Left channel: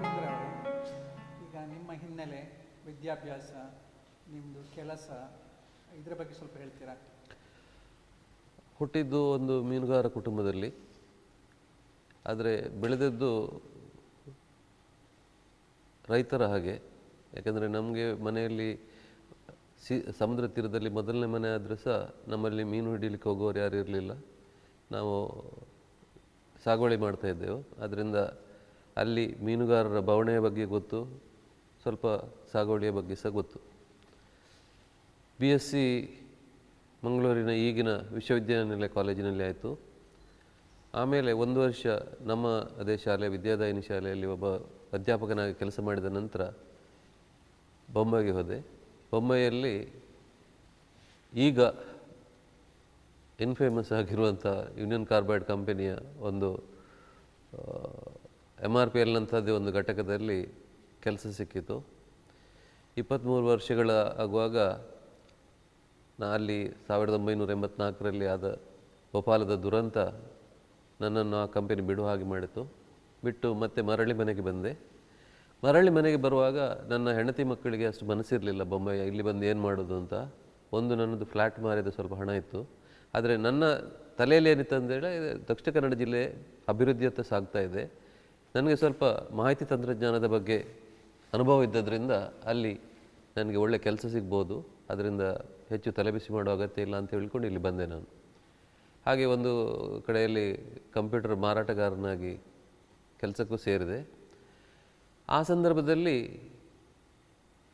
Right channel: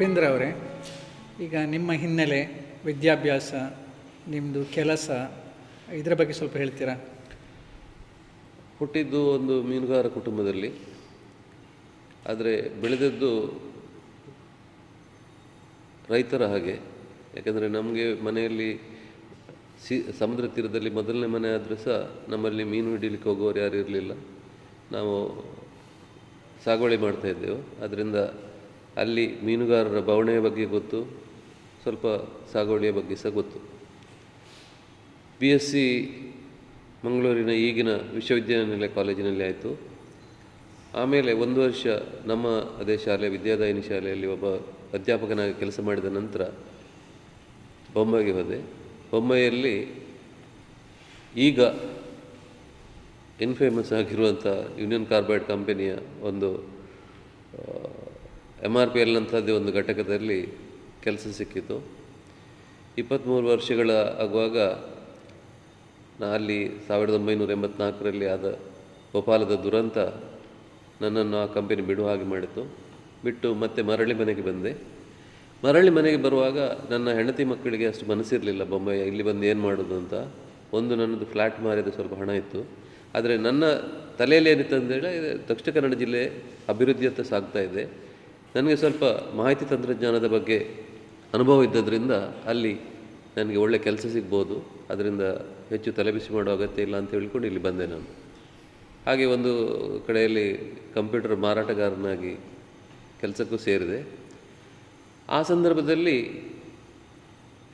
ಉಪೇಂದ್ರ ಅವರೇ, ಈಗ ನಿಮ್ಮ ಹಿನ್ನೆಲೆ, ವಿದ್ಯಾಭ್ಯಾಸ, ನಿಮ್ಮದು ಕೆಲಸ, ಇದರ ಬಗ್ಗೆ ಸ್ವಲ್ಪ ಹೇಳ್ತೀರಾ? ಹುಟ್ಟಿದ್ದು ಒಂದು ಮೀನುಗಾರ ಕುಟುಂಬದಲ್ಲಿ, ಆದರೆ ಬೆಳೆದದ್ದು ರೈತರ ಹಾಗೆ. ಯಾಕಂದರೆ ನಮಗೆ ಮನೆಯಲ್ಲಿ ಸಮುದ್ರ ತೀರದಲ್ಲಿ ಮೊದಲನೇ ಮನೆ ಆದರೂ ಸಹ ನಮ್ಮಲ್ಲಿ ಮೀನು ಹಿಡೀಲಿಕ್ಕೆ ಹೋಗೋರು ಯಾರು ಇರಲಿಲ್ಲ. ನಾವು ಸಾಗುವಳಿ ಮಾಡ್ತಾಯಿದ್ದೆವು. ಅದರಿಂದ ಅಲ್ಲಿ ಮೀನುಗಾರರ ಬವಣೆಯ ಬಗ್ಗೆ ಗೊತ್ತು, ಸ್ವಲ್ಪ ಸಾಗುವಳಿಯ ಬಗ್ಗೆ ಸಹ ಗೊತ್ತು. BSc ಮಂಗಳೂರಿನ ಈಗಿನ ವಿಶ್ವವಿದ್ಯಾನಿಲಯ ಕಾಲೇಜಿನಲ್ಲಿ ಆಯಿತು. ಆಮೇಲೆ 1 ವರ್ಷ ನಮ್ಮ ಅದೇ ಶಾಲೆ ವಿದ್ಯಾದಾಯಿನಿ ಶಾಲೆಯಲ್ಲಿ ಒಬ್ಬ ಅಧ್ಯಾಪಕನಾಗಿ ಕೆಲಸ ಮಾಡಿದ ನಂತರ ಬೊಂಬೈಗೆ ಹೋದೆ. ಬೊಂಬೈಯಲ್ಲಿ ಈಗ ಇನ್ಫೇಮಸ್ ಆಗಿರುವಂಥ ಯೂನಿಯನ್ ಕಾರ್ಬೈಡ್ ಕಂಪನಿಯ ಒಂದು MRPL ನಂಥದ್ದೇ ಒಂದು ಘಟಕದಲ್ಲಿ ಕೆಲಸ ಸಿಕ್ಕಿತು. 23 ವರ್ಷಗಳ ಆಗುವಾಗ ಅಲ್ಲಿ 1984ರಲ್ಲಿ ಆದ ಭೋಪಾಲದ ದುರಂತ ನನ್ನನ್ನು ಆ ಕಂಪನಿ ಬಿಡುವ ಹಾಗೆ ಮಾಡಿತು. ಬಿಟ್ಟು ಮತ್ತೆ ಮರಳಿ ಮನೆಗೆ ಬಂದೆ. ಮರಳಿ ಮನೆಗೆ ಬರುವಾಗ ನನ್ನ ಹೆಂಡತಿ ಮಕ್ಕಳಿಗೆ ಅಷ್ಟು ಮನಸ್ಸಿರಲಿಲ್ಲ ಬೊಂಬೈ ಇಲ್ಲಿ ಬಂದು ಏನು ಮಾಡೋದು ಅಂತ. ಒಂದು ನನ್ನದು ಫ್ಲ್ಯಾಟ್ ಮಾರಿದ ಸ್ವಲ್ಪ ಹಣ ಇತ್ತು. ಆದರೆ ನನ್ನ ತಲೆಯಲ್ಲಿ ಏನಿತ್ತು ಅಂತೇಳಿ ದಕ್ಷಿಣ ಕನ್ನಡ ಜಿಲ್ಲೆ ಅಭಿವೃದ್ಧಿಯತ್ತ ಸಾಗ್ತಾ ಇದೆ. ನನಗೆ ಸ್ವಲ್ಪ ಮಾಹಿತಿ ತಂತ್ರಜ್ಞಾನದ ಬಗ್ಗೆ ಅನುಭವ ಇದ್ದದ್ರಿಂದ ಅಲ್ಲಿ ನನಗೆ ಒಳ್ಳೆ ಕೆಲಸ ಸಿಗ್ಬೋದು, ಅದರಿಂದ ಹೆಚ್ಚು ತಲೆಬಿಸಿ ಮಾಡೋ ಅಗತ್ಯ ಇಲ್ಲ ಅಂತ ಹೇಳ್ಕೊಂಡು ಇಲ್ಲಿ ಬಂದೆ ನಾನು. ಹಾಗೆ ಒಂದು ಕಡೆಯಲ್ಲಿ ಕಂಪ್ಯೂಟರ್ ಮಾರಾಟಗಾರನಾಗಿ ಕೆಲಸಕ್ಕೂ ಸೇರಿದೆ. ಆ ಸಂದರ್ಭದಲ್ಲಿ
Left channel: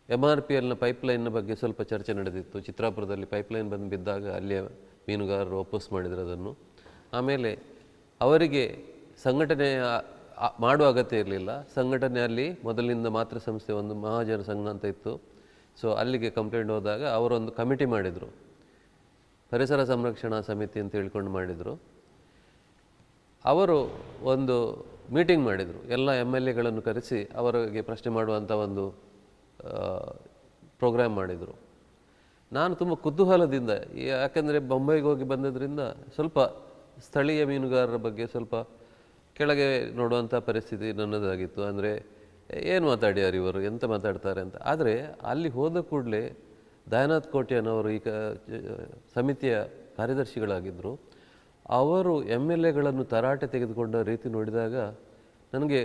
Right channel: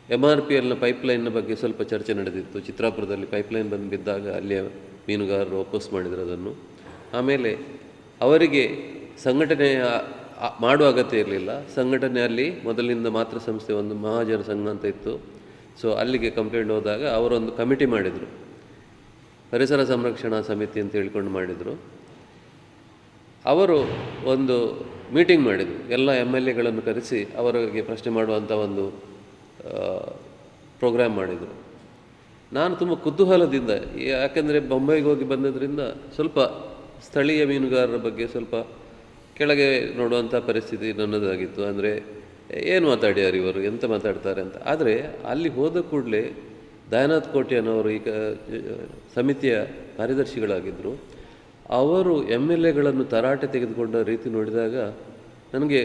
MRPLನ ಪೈಪ್ಲೈನ್ನ ಬಗ್ಗೆ ಸ್ವಲ್ಪ ಚರ್ಚೆ ನಡೆದಿತ್ತು. ಚಿತ್ರಾಪುರದಲ್ಲಿ ಪೈಪ್ಲೈನ್ ಬಂದು ಬಿದ್ದಾಗ ಅಲ್ಲಿಯ ಮೀನುಗಾರರು ಒಪ್ಪೋಸ್ ಮಾಡಿದರು ಅದನ್ನು. ಆಮೇಲೆ ಅವರಿಗೆ ಸಂಘಟನೆ ಮಾಡುವ ಅಗತ್ಯ ಇರಲಿಲ್ಲ. ಸಂಘಟನೆ ಅಲ್ಲಿ ಮೊದಲಿನಿಂದ ಮಾತೃ ಸಂಸ್ಥೆ ಒಂದು ಮಹಾಜನ ಸಂಘ ಅಂತ ಇತ್ತು. ಸೊ ಅಲ್ಲಿಗೆ ಕಂಪ್ಲೇಂಟ್ ಹೋದಾಗ ಅವರೊಂದು ಕಮಿಟಿ ಮಾಡಿದರು, ಪರಿಸರ ಸಂರಕ್ಷಣಾ ಸಮಿತಿ ಅಂತ ಹೇಳ್ಕೊಂಡು ಮಾಡಿದರು. ಅವರು ಒಂದು ಮೀಟಿಂಗ್ ಮಾಡಿದರು, ಎಲ್ಲ MLAಗಳನ್ನು ಕರೆಸಿ ಅವರಿಗೆ ಪ್ರಶ್ನೆ ಮಾಡುವಂಥ ಒಂದು ಪ್ರೋಗ್ರಾಮ್ ಮಾಡಿದರು. ನಾನು ತುಂಬ ಕುತೂಹಲದಿಂದ, ಯಾಕೆಂದರೆ ಬೊಂಬೈಗೆ ಹೋಗಿ ಬಂದದ್ರಿಂದ ಸ್ವಲ್ಪ ಸ್ಥಳೀಯ ಮೀನುಗಾರರ ಬಗ್ಗೆ ಸ್ವಲ್ಪ ಕೆಳಗೆ ನೋಡುವಂಥ ಪರಿಸ್ಥಿತಿ ನನ್ನದಾಗಿತ್ತು. ಅಂದರೆ ಏನು ಮಾತಾಡ್ಯಾರು ಇವರು, ಎಂತ ಮಾತಾಡ್ತಾರೆ ಅಂತ. ಆದರೆ ಅಲ್ಲಿ ಹೋದ ಕೂಡಲೇ ದಯಾನಂದ್ ಕೋಟ್ಯಾನವರು ಈಗ ಸಮಿತಿಯ ಕಾರ್ಯದರ್ಶಿಗಳಾಗಿದ್ದರು. ಅವರು MLAಗಳನ್ನು ತರಾಟೆ ತೆಗೆದುಕೊಂಡ ರೀತಿ ನೋಡಿದಾಗ ನನಗೆ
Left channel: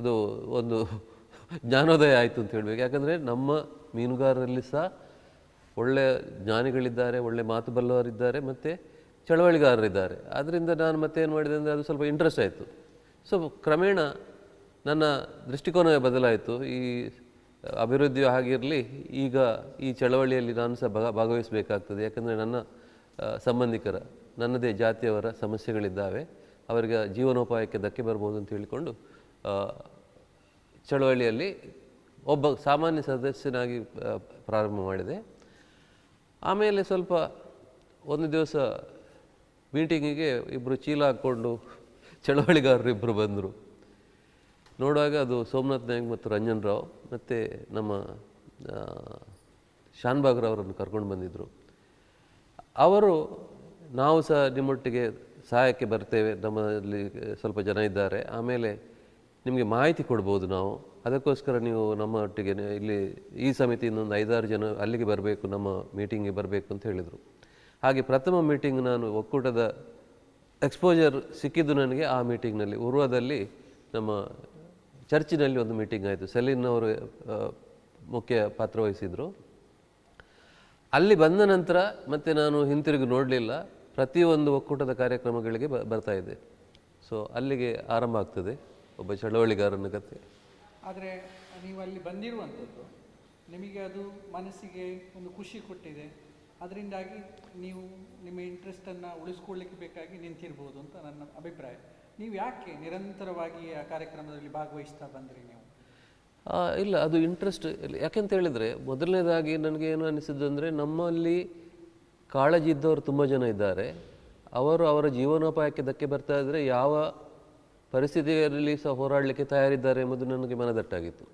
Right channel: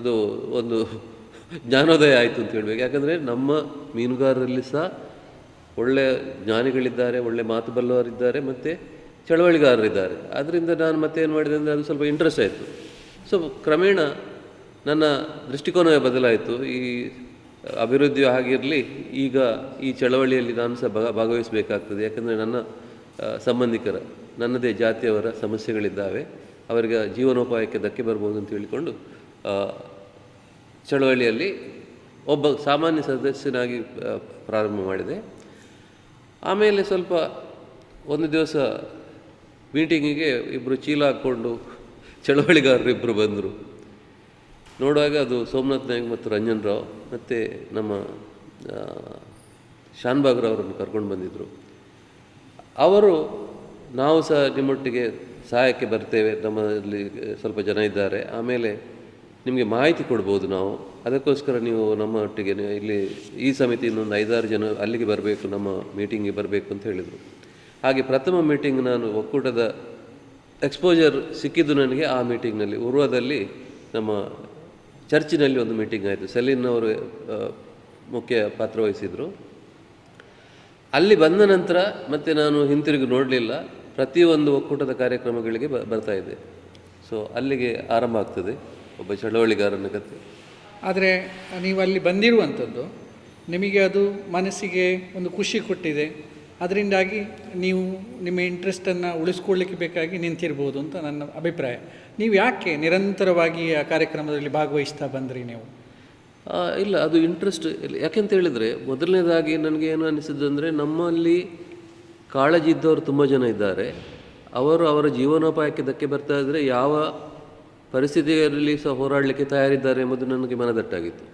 ಅದು ಒಂದು ಜ್ಞಾನೋದಯ ಆಯಿತು ಅಂತ ಹೇಳಬೇಕು. ಯಾಕಂದರೆ ನಮ್ಮ ಮೀನುಗಾರರಲ್ಲಿ ಸಹ ಒಳ್ಳೆಯ ಜ್ಞಾನಿಗಳಿದ್ದಾರೆ, ಒಳ್ಳೆ ಮಾತು ಬಲ್ಲವರಿದ್ದಾರೆ, ಮತ್ತು ಚಳವಳಿಗಾರರಿದ್ದಾರೆ. ಅದರಿಂದ ನಾನು ಮತ್ತೇನು ಮಾಡಿದೆ ಅಂದರೆ ಅದು ಸ್ವಲ್ಪ ಇಂಟ್ರೆಸ್ಟ್ ಆಯಿತು. ಸೊ ಕ್ರಮೇಣ ನನ್ನ ದೃಷ್ಟಿಕೋನವೇ ಬದಲಾಯಿತು. ಈ ಅಭಿವೃದ್ಧಿಯು ಆಗಿರಲಿ, ಈಗ ಈ ಚಳವಳಿಯಲ್ಲಿ ನಾನು ಸಹ ಭಾಗವಹಿಸಬೇಕಾಗ್ತದೆ. ಯಾಕಂದರೆ ನನ್ನ ಸಂಬಂಧಿಕರ, ನನ್ನದೇ ಜಾತಿಯವರ ಸಮಸ್ಯೆಗಳಿದ್ದಾವೆ, ಅವರಿಗೆ ಜೀವನೋಪಾಯಕ್ಕೆ ಧಕ್ಕೆ ಬರ್ಬೋದು ಅಂತ ಹೇಳಿಕೊಂಡು ಚಳವಳಿಯಲ್ಲಿ ಒಬ್ಬ ಸಾಮಾನ್ಯ ಸದಸ್ಯನಾಗಿ ಪ್ರಾರಂಭ ಮಾಡಿದೆ. ಆಮೇಲೆ ಸ್ವಲ್ಪ ಒಂದು ದಿವಸ ಮೀಟಿಂಗಿಗೆ ಇಬ್ಬರು ಚೀಲ ಹಾಕ್ಕೊಂಡು ಚಳವಳಿಗಾರರು ಇಬ್ಬರು ಬಂದರು. ನೋಡುವಾಗ ಅದು ಸೋಮನಾಥ್ ನಾಯ್ಕ್ ಮತ್ತು ರಂಜನ್ ರಾವ್ ಮತ್ತು ನಮ್ಮ ಶಾನ್ಭಾಗ್ರವರನ್ನು ಕರ್ಕೊಂಡು ಬಂದಿದ್ದರು. ಅವರು ನಾವು ಸಹ ನಿಮ್ಮೊಟ್ಟಿಗೆ ಸಹಾಯಕ್ಕೆ ಬರ್ತೇವೆ, ನಮ್ಮಲ್ಲಿ ಸ್ವಲ್ಪ ಜನ ಇದ್ದಾರೆ, ಆಮೇಲೆ ನಿಮಗೆ ಮಾಹಿತಿ ಕೊಡ್ಬೋದು ನಾವು, ಅದಕ್ಕೋಸ್ಕರ ನೀವು ನಮ್ಮ ಒಟ್ಟಿಗೆ ಇಲ್ಲಿ ಈ ಸಮಿತಿಯಿಂದ ಒಂದು 5-6 ಜನ ಅಲ್ಲಿಗೆ ಬರಬೇಕು, ನಮ್ಮ ಮೀಟಿಂಗಿಗೆ ಬರಬೇಕು ಅಂತ ಹೇಳಿದರು. ಹಾಗೆ ಪ್ರಥಮ ಮೀಟಿಂಗ್ ನಾನು ಒಕ್ಕೂಟದ ಎಕ್ಸ್ಪೋಜರ್ ಸಿಕ್ಕಿದ್ದು ನನಗೆ ಆ ಮೀಟಿಂಗ್ನಲ್ಲಿ. ಉರ್ವದಲ್ಲಿ ನಮ್ಮ ಚರ್ಚಿನಲ್ಲಿ ಒಂದು ಮೀಟಿಂಗ್ ಆಯಿತು. ಸೆಲಿನ್ ಅವರು ಮುಖ್ಯ ಪಾತ್ರ ವಹಿಸಿದರು. ಅಲ್ಲಿ ಬಂದ ನಂತರ ಮತ್ತೆ ನಾನು ಹಿಂತಿರುಗಿ ನೋಡಲಿಲ್ಲ. ಪ್ರತಿಯೊಂದು ಒಕ್ಕೂಟದ ಕಾರ್ಯಕ್ರಮಗಳಿಗೆ ಬರ್ತಾಯಿದ್ದೆ. ಸೊ ಅಲ್ಲಿಗೆ ಆರಂಭ ಆಗ್ತದೆ ಒಬ್ಬ ಚಳವಳಿಗಾರನ ಕಥೆ. ಆದರೆ ನೀವು ಅಲ್ಲಿ ಬಂದಿರುವಂಥದ್ದು ನಿಮಗೆ ಅದು ಮನಸ್ಸಿಗೆ ಒಂದು ಖುಷಿ ಕೊಟ್ಟಿದೆ, ಅದರಿಂದಾಗಿ ನೀವು ನಿಮ್ಮ ಇಂಟ್ರೆಸ್ಟನ್ನು ಉಳಿಸ್ಕೊಳ್ಳಿಕ್ಕೆ ಬೇಕಾಗಿ ನಿಂತಿರ್ಬೋದು ಅಂತ ನನ್ನ ಅಭಿಪ್ರಾಯ. ನೀವು ಯಾಕೆ ನಿರಂತರವಾಗಿ ಆ ಕಾರ್ಯಕ್ರಮದಲ್ಲಿ ಭಾಗವಹಿಸ್ತಾ ಬಂದ್ರಿ ನೀವು? ಇಲ್ಲ, ಅದು ಇಂಟ್ರೆಸ್ಟ್. ಯಾಕೆಂತ ಹೇಳಿದರೆ, ಮೊದಲನೇದಾಗಿ ನನಗೆ ಏನು ಅನಿಸಿದ್ದು ಅಂದರೆ, ನಮ್ಮಲ್ಲಿ ಕಾಳಜಿ ಇದ್ದವರು ತುಂಬ ಜನ ಇದ್ದಾರೆ. ಅವರು ಅವರ ಜೀವನೋಪಾಯಕ್ಕೆ ಧಕ್ಕೆ ಬರ್ತಾ ಇದ್ದರೆ ಯಾವ ಪರಿಸ್ಥಿತಿಯಲ್ಲಿ ಸಹ ಹೋರಾಡಲಿಕ್ಕೆ ತಯಾರಿದ್ದಾರೆ ಎಂಬುದು ನನಗೆ ಮನದಟ್ಟಾಗಿತ್ತು.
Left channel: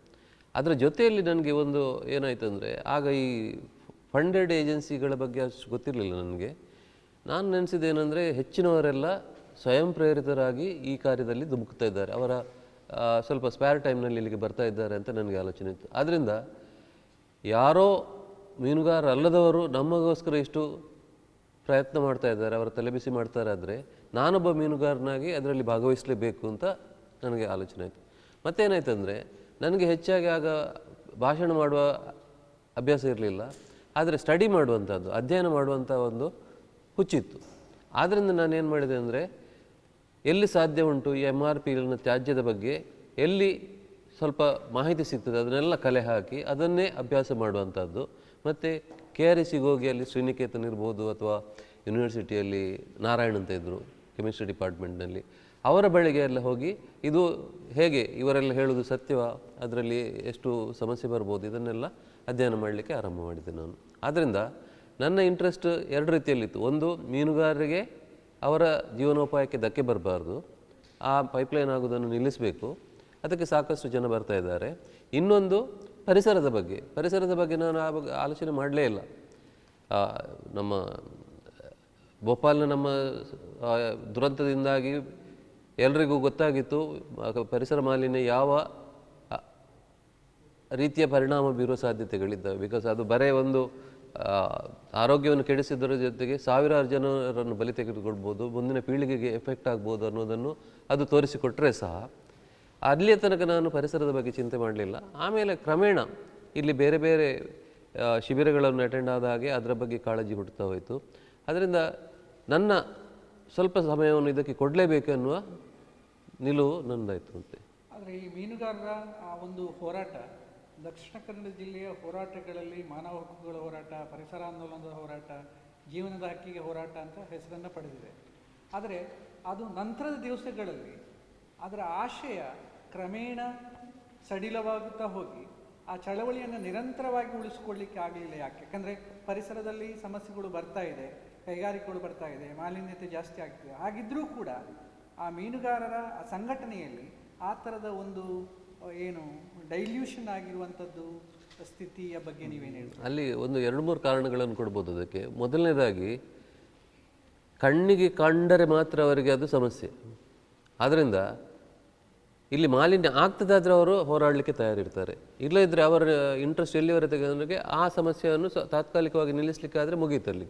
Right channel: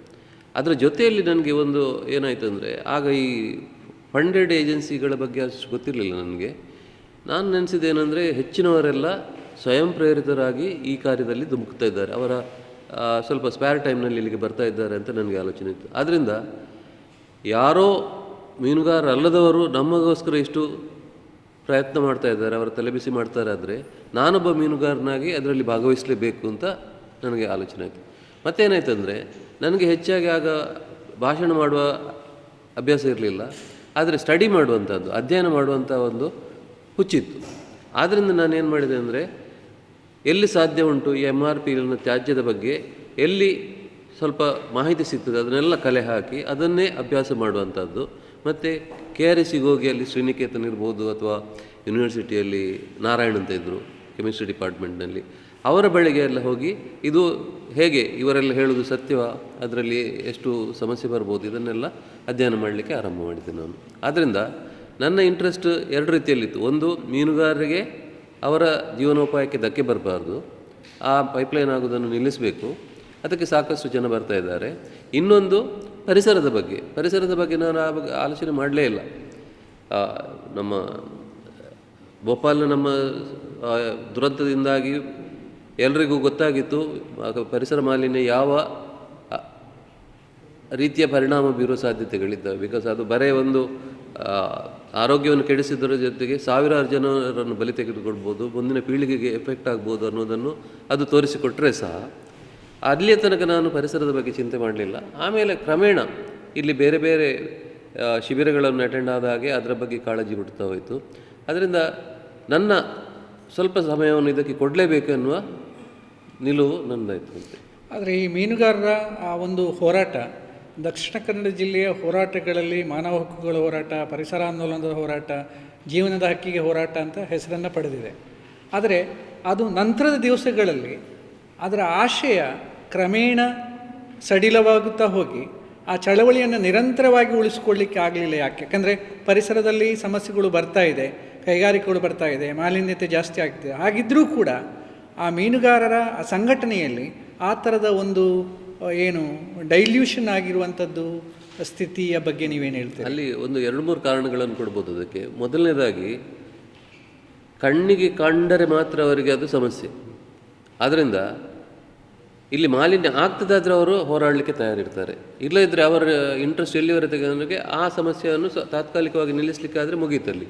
ಅದರ ಜೊತೆಯಲ್ಲಿ ನನಗೆ ಒಂದು ಏನಾಯಿತು ಅಂದರೆ, ಆಗ ಈ ಫಂಡೆಡ್ ಏಜೆನ್ಸಿಗಳ ಬಗ್ಗೆ ಅಷ್ಟು ಗೊತ್ತಿರಲಿಲ್ಲ ನನಗೆ. ನಾನು ನೆನೆಸಿದ್ದೇನೆಂದರೆ, ಹೆಚ್ಚಿನವರೆಲ್ಲ ಸ್ವಯಂ ಪ್ರೇರಿತರಾಗಿ ಈ ಕಾರ್ಯದಲ್ಲಿ ಧುಮುಕ್ತಾ ಇದ್ದಾರೆ. ಅವರ ಸ್ವಲ್ಪ ಸ್ಪೇರ್ ಟೈಮ್ನಲ್ಲಿ ಇಲ್ಲಿಗೆ ಬರ್ತಾ ಇದ್ದಾರೆ ಅಂತ ನನಗೆ ಆಲೋಚನೆ ಇತ್ತು. ಆದ್ದರಿಂದ ಯಾರೋ ಮೀನುಗಾರ ಅಲ್ಲದವರು ನಮಗೋಸ್ಕರ ಇಷ್ಟು ಪ್ರಯತ್ನ ಮಾಡ್ತಾ ಇದ್ದಾರೆ, ಅವರ ತಲೆಬಿಸಿ ಮಾಡ್ತಾರೆ ಆದರೆ ನಾನೊಬ್ಬ ಮೀನುಗಾರನಾಗಿ ಅದರಲ್ಲಿ ಭಾಗವಹಿಸಲೇಬೇಕು ಅಂತ ನನಗೆ ಆಲೋಚನೆ ಆಯಿತು. ಮತ್ತೇನಾಯ್ತಂದರೆ ನನಗೆ ಹೆಚ್ಚಾಗಿ ಆಗ ಭಾಷಣ ಮಾಡುವ ಅಭ್ಯಾಸ ಇರಲಿಲ್ಲ, ಆದರೆ ಸ್ಟಡಿ ಮಾಡುವಂಥದ್ದು, ಅಧ್ಯಯನ ಮಾಡುವಂಥ ಒಂದು ಹುಚ್ಚಿತ್ತು. ಆದ್ದರಿಂದ ನಾನೇನು ಮಾಡಿದೆ ಅಂದರೆ ಎಲ್ಲಿ ಸಾಧ್ಯ ಉಂಟು ಈ MRPLನ ತ್ಯಾಜ್ಯದ ಬಗ್ಗೆ ಎಲ್ಲಿ ಸ್ವಲ್ಪ ಮಾಹಿತಿ ಸಿಗ್ತದೆ ಅದನ್ನೆಲ್ಲ ಕಲೆ ಹಾಕಿ ಅದನ್ನೇ ಅಭ್ಯಾಸ ಮಾಡುವಂಥದ್ದು. ಮತ್ತು KRSಗೆ ಹೋಗಿ ಅಲ್ಲಿ ಶ್ರೀನಿಕೇತನ್ ಇರ್ಬೋದು ಅಥವಾ ಯೂನಿವರ್ಸಿಟಿಯಲ್ಲಿ ನಾರಾಯಣ್ ಅಂತ ಇದ್ದರು ಕೆಮಿಸ್ಟ್ರಿ ಡಿಪಾರ್ಟ್ಮೆಂಟ್ನಲ್ಲಿ, ಅವರ ಬಳಿಗೆ ಎಲ್ಲ ಹೋಗಿ ಇದು ಹೇಗೆ ಇವರೆಲ್ಲ ಹೇಳೋದು ಸತ್ಯವಾ, ಅದರಲ್ಲಿ ಎಷ್ಟು ಸಮಸ್ಯೆ ಬರ್ಬೋದು, ಇದನ್ನೆಲ್ಲ ಅಧ್ಯಯನ ಮಾಡಲಿಕ್ಕೆ ಆರಂಭ ಮಾಡಿದ್ದೆ ನಾನು. ಆದ್ದರಿಂದ ನನ್ನ ಇಂಟ್ರೆಸ್ಟ್ ಎರಡು ರೀತಿಯಲ್ಲಿತ್ತು. ಒಂದು, ಮೀನುಗಾರರಿಗೆ ಅವರ ಜೀವನೋಪಾಯಕ್ಕೆ ಧಕ್ಕೆ ಬರಬಾರ್ದು, ಆ ಪೈಪ್ಲೈನ್ ಆಗೋದನ್ನು ನಿಲ್ಲಿಸಬೇಕು, ಅದಕ್ಕೆ ಸಾಕಷ್ಟು ಜನ ಬರ್ತಾ ಇದ್ದಾರೆ. ಇನ್ನೊಂದು, ಪರಿಸರದ ಬಗ್ಗೆ ನಾನು ಆಲೋಚನೆ ಮಾಡಲೇ ಇಲ್ಲ. ನಮ್ಮ ಭೋಪಾಲ್ನ ನಮ್ಮ ದುರಂತದಿಂದಾಗಿ ಎಲ್ರಿಗೂ ಗೊತ್ತಾಗಿತ್ತು ಪರಿಸರ ಮಾಲಿನ್ಯ ಯಾವ ರೀತಿಯ ಪರಿಣಾಮ ಬೀರುವ ಸಾಧ್ಯತೆಗಳಿದ್ದಾವೆ. ಬಿಕಾಸ್ ಅದು ಬರೇ ಒಂದು ಆರೋಗ್ಯವನ್ನು ಕೆಡಿಸಿದರ ಜೊತೆಗೆ ಸಾವಿರಾರು ಜನರನ್ನು ಬಲಿ ತೆಗೆದುಕೊಳ್ಬೋದು, ಮುಂದಿನ ಪೀಳಿಗೆಗೆ ಎಫೆಕ್ಟ್ ಆಗ್ಬೋದು ಅನ್ನೋದನ್ನು ಅದು ತೋರಿಸಿಕೊಟ್ರೆ ಸಹ ಅಲ್ಲಿಯ ತನಕ ನಾನು ಪರಿಸರದ ಬಗ್ಗೆ ಚಿಂತೆ ಮಾಡಲಿಲ್ಲ. ಆಮೇಲೆ ಕ್ರಮೇಣ ಇಲ್ಲಿ ಬೇರೆ ಬೇರೆ ಶಿಬಿರಗಳನ್ನು ಅಟೆಂಡ್ ಆದ ಹಾಗೆ ಅದರ ಬಗ್ಗೆ ಕಾಳಜಿ ಹುಟ್ಟುತ್ತಾ ಹೋಯಿತು. ಅದರಿಂದ ನನ್ನ ಸ್ವಲ್ಪ ಸಮಯವನ್ನು ಇದಕ್ಕೆ ಕೊಡಲೇಬೇಕು ಎನ್ನುವ ನಿಲುವು ನನ್ನದಾಯಿತು ಅಂತೆ. ಆದರೆ ಈ ಮೀನುಗಾರರ ಆ ಒಂದು ಹೋರಾಟ ದಕ್ಷಿಣ ಕನ್ನಡ ಜಿಲ್ಲೆಯ ಹೋರಾಟಗಳಲ್ಲಿ ಮಾನವ ಹಕ್ಕುಗಳ ಹೋರಾಟ, ಪರಿಸರ ಆಂದೋಲನದ ಹೋರಾಟ, ಜೀವನದ ಹಕ್ಕಿಗೆ ಹೋರಾಟ ಅಂತ ಹೆಸರನ್ನು ಪಡೆದಿದೆ. ಆದರೆ ಅದು ನಂತರದ ದಿವಸಗಳಲ್ಲಿ ಅದರ ಆಶಯ ಕ್ರಮೇಣ ಸಡಿಲವಾಗುತ್ತಾ ಹೋಗಿ ಆ ಚಳವಳಿಯನ್ನು ನಿರಂತರವಾಗಿ ಉಳಿಸ್ಕೊಳ್ಳಿಕ್ಕೆ ಆಗಲಿಲ್ಲ. ಯಾಕೆಂದರೆ ಪರಿಸರದಲ್ಲಿ ಸಮಸ್ಯೆಗಳು ಬರ್ತಾ ಇದೆ, ಕೈಗಾರಿಕೆಗಳು ಬರ್ತಾ ಇದೆ, ಮಾಲಿನ್ಯತೆ ಜಾಸ್ತಿ ಆಗ್ತಿದೆ. ಹಾಗಿದ್ದರೂ ಕೂಡ ಆ ಮೀನುಗಾರರ ಆ ಸಂಘಟನೆಯಲ್ಲಿ ಆ ಥರದ ಒಂದು ಏನು ಡೈಲ್ಯೂಷನ್ ಆಗಿರುವಂಥದ್ದು ಸ್ಥಿತಿಯ ಬಗ್ಗೆ ನೀವೇನು ಹೇಳ್ತೀರಿ? ಅಲ್ಲಿ ಒಂದು 2-3 ಕಾರಣಗಳನ್ನು ಕೊಡ್ಬೋದು ಅದಕ್ಕೆ. ಮೊದಲನೇದಾಗಿ, ಕಣ್ಣಿಗೆ ಕಂಡರೆ ಮಾತ್ರ ಅವರಿಗೆ ಅದು ಸಮಸ್ಯೆ. ಆದ್ದರಿಂದ ಇಲ್ಲಿ ಮಾಲಿನ್ಯ ಆಗ್ತದಾದರೆ ಅವರು ಹೋರಾಡಲಿಕ್ಕೆ ತಯಾರಿರ್ತಾರೆ. ಇಲ್ಲದಿದ್ದರೆ ಅವರ ಇಂಟ್ರೆಸ್ಟ್ ಎಲ್ಲಿವರೆಗೆ ಅಂದರೆ ಆ ಸಮಸ್ಯೆಯನ್ನು ತಾತ್ಕಾಲಿಕವಾಗಿ ನಿಲ್ಲಿಸಲಿಕ್ಕಾದರೆ ಮುಗೀತಲ್ಲಿ.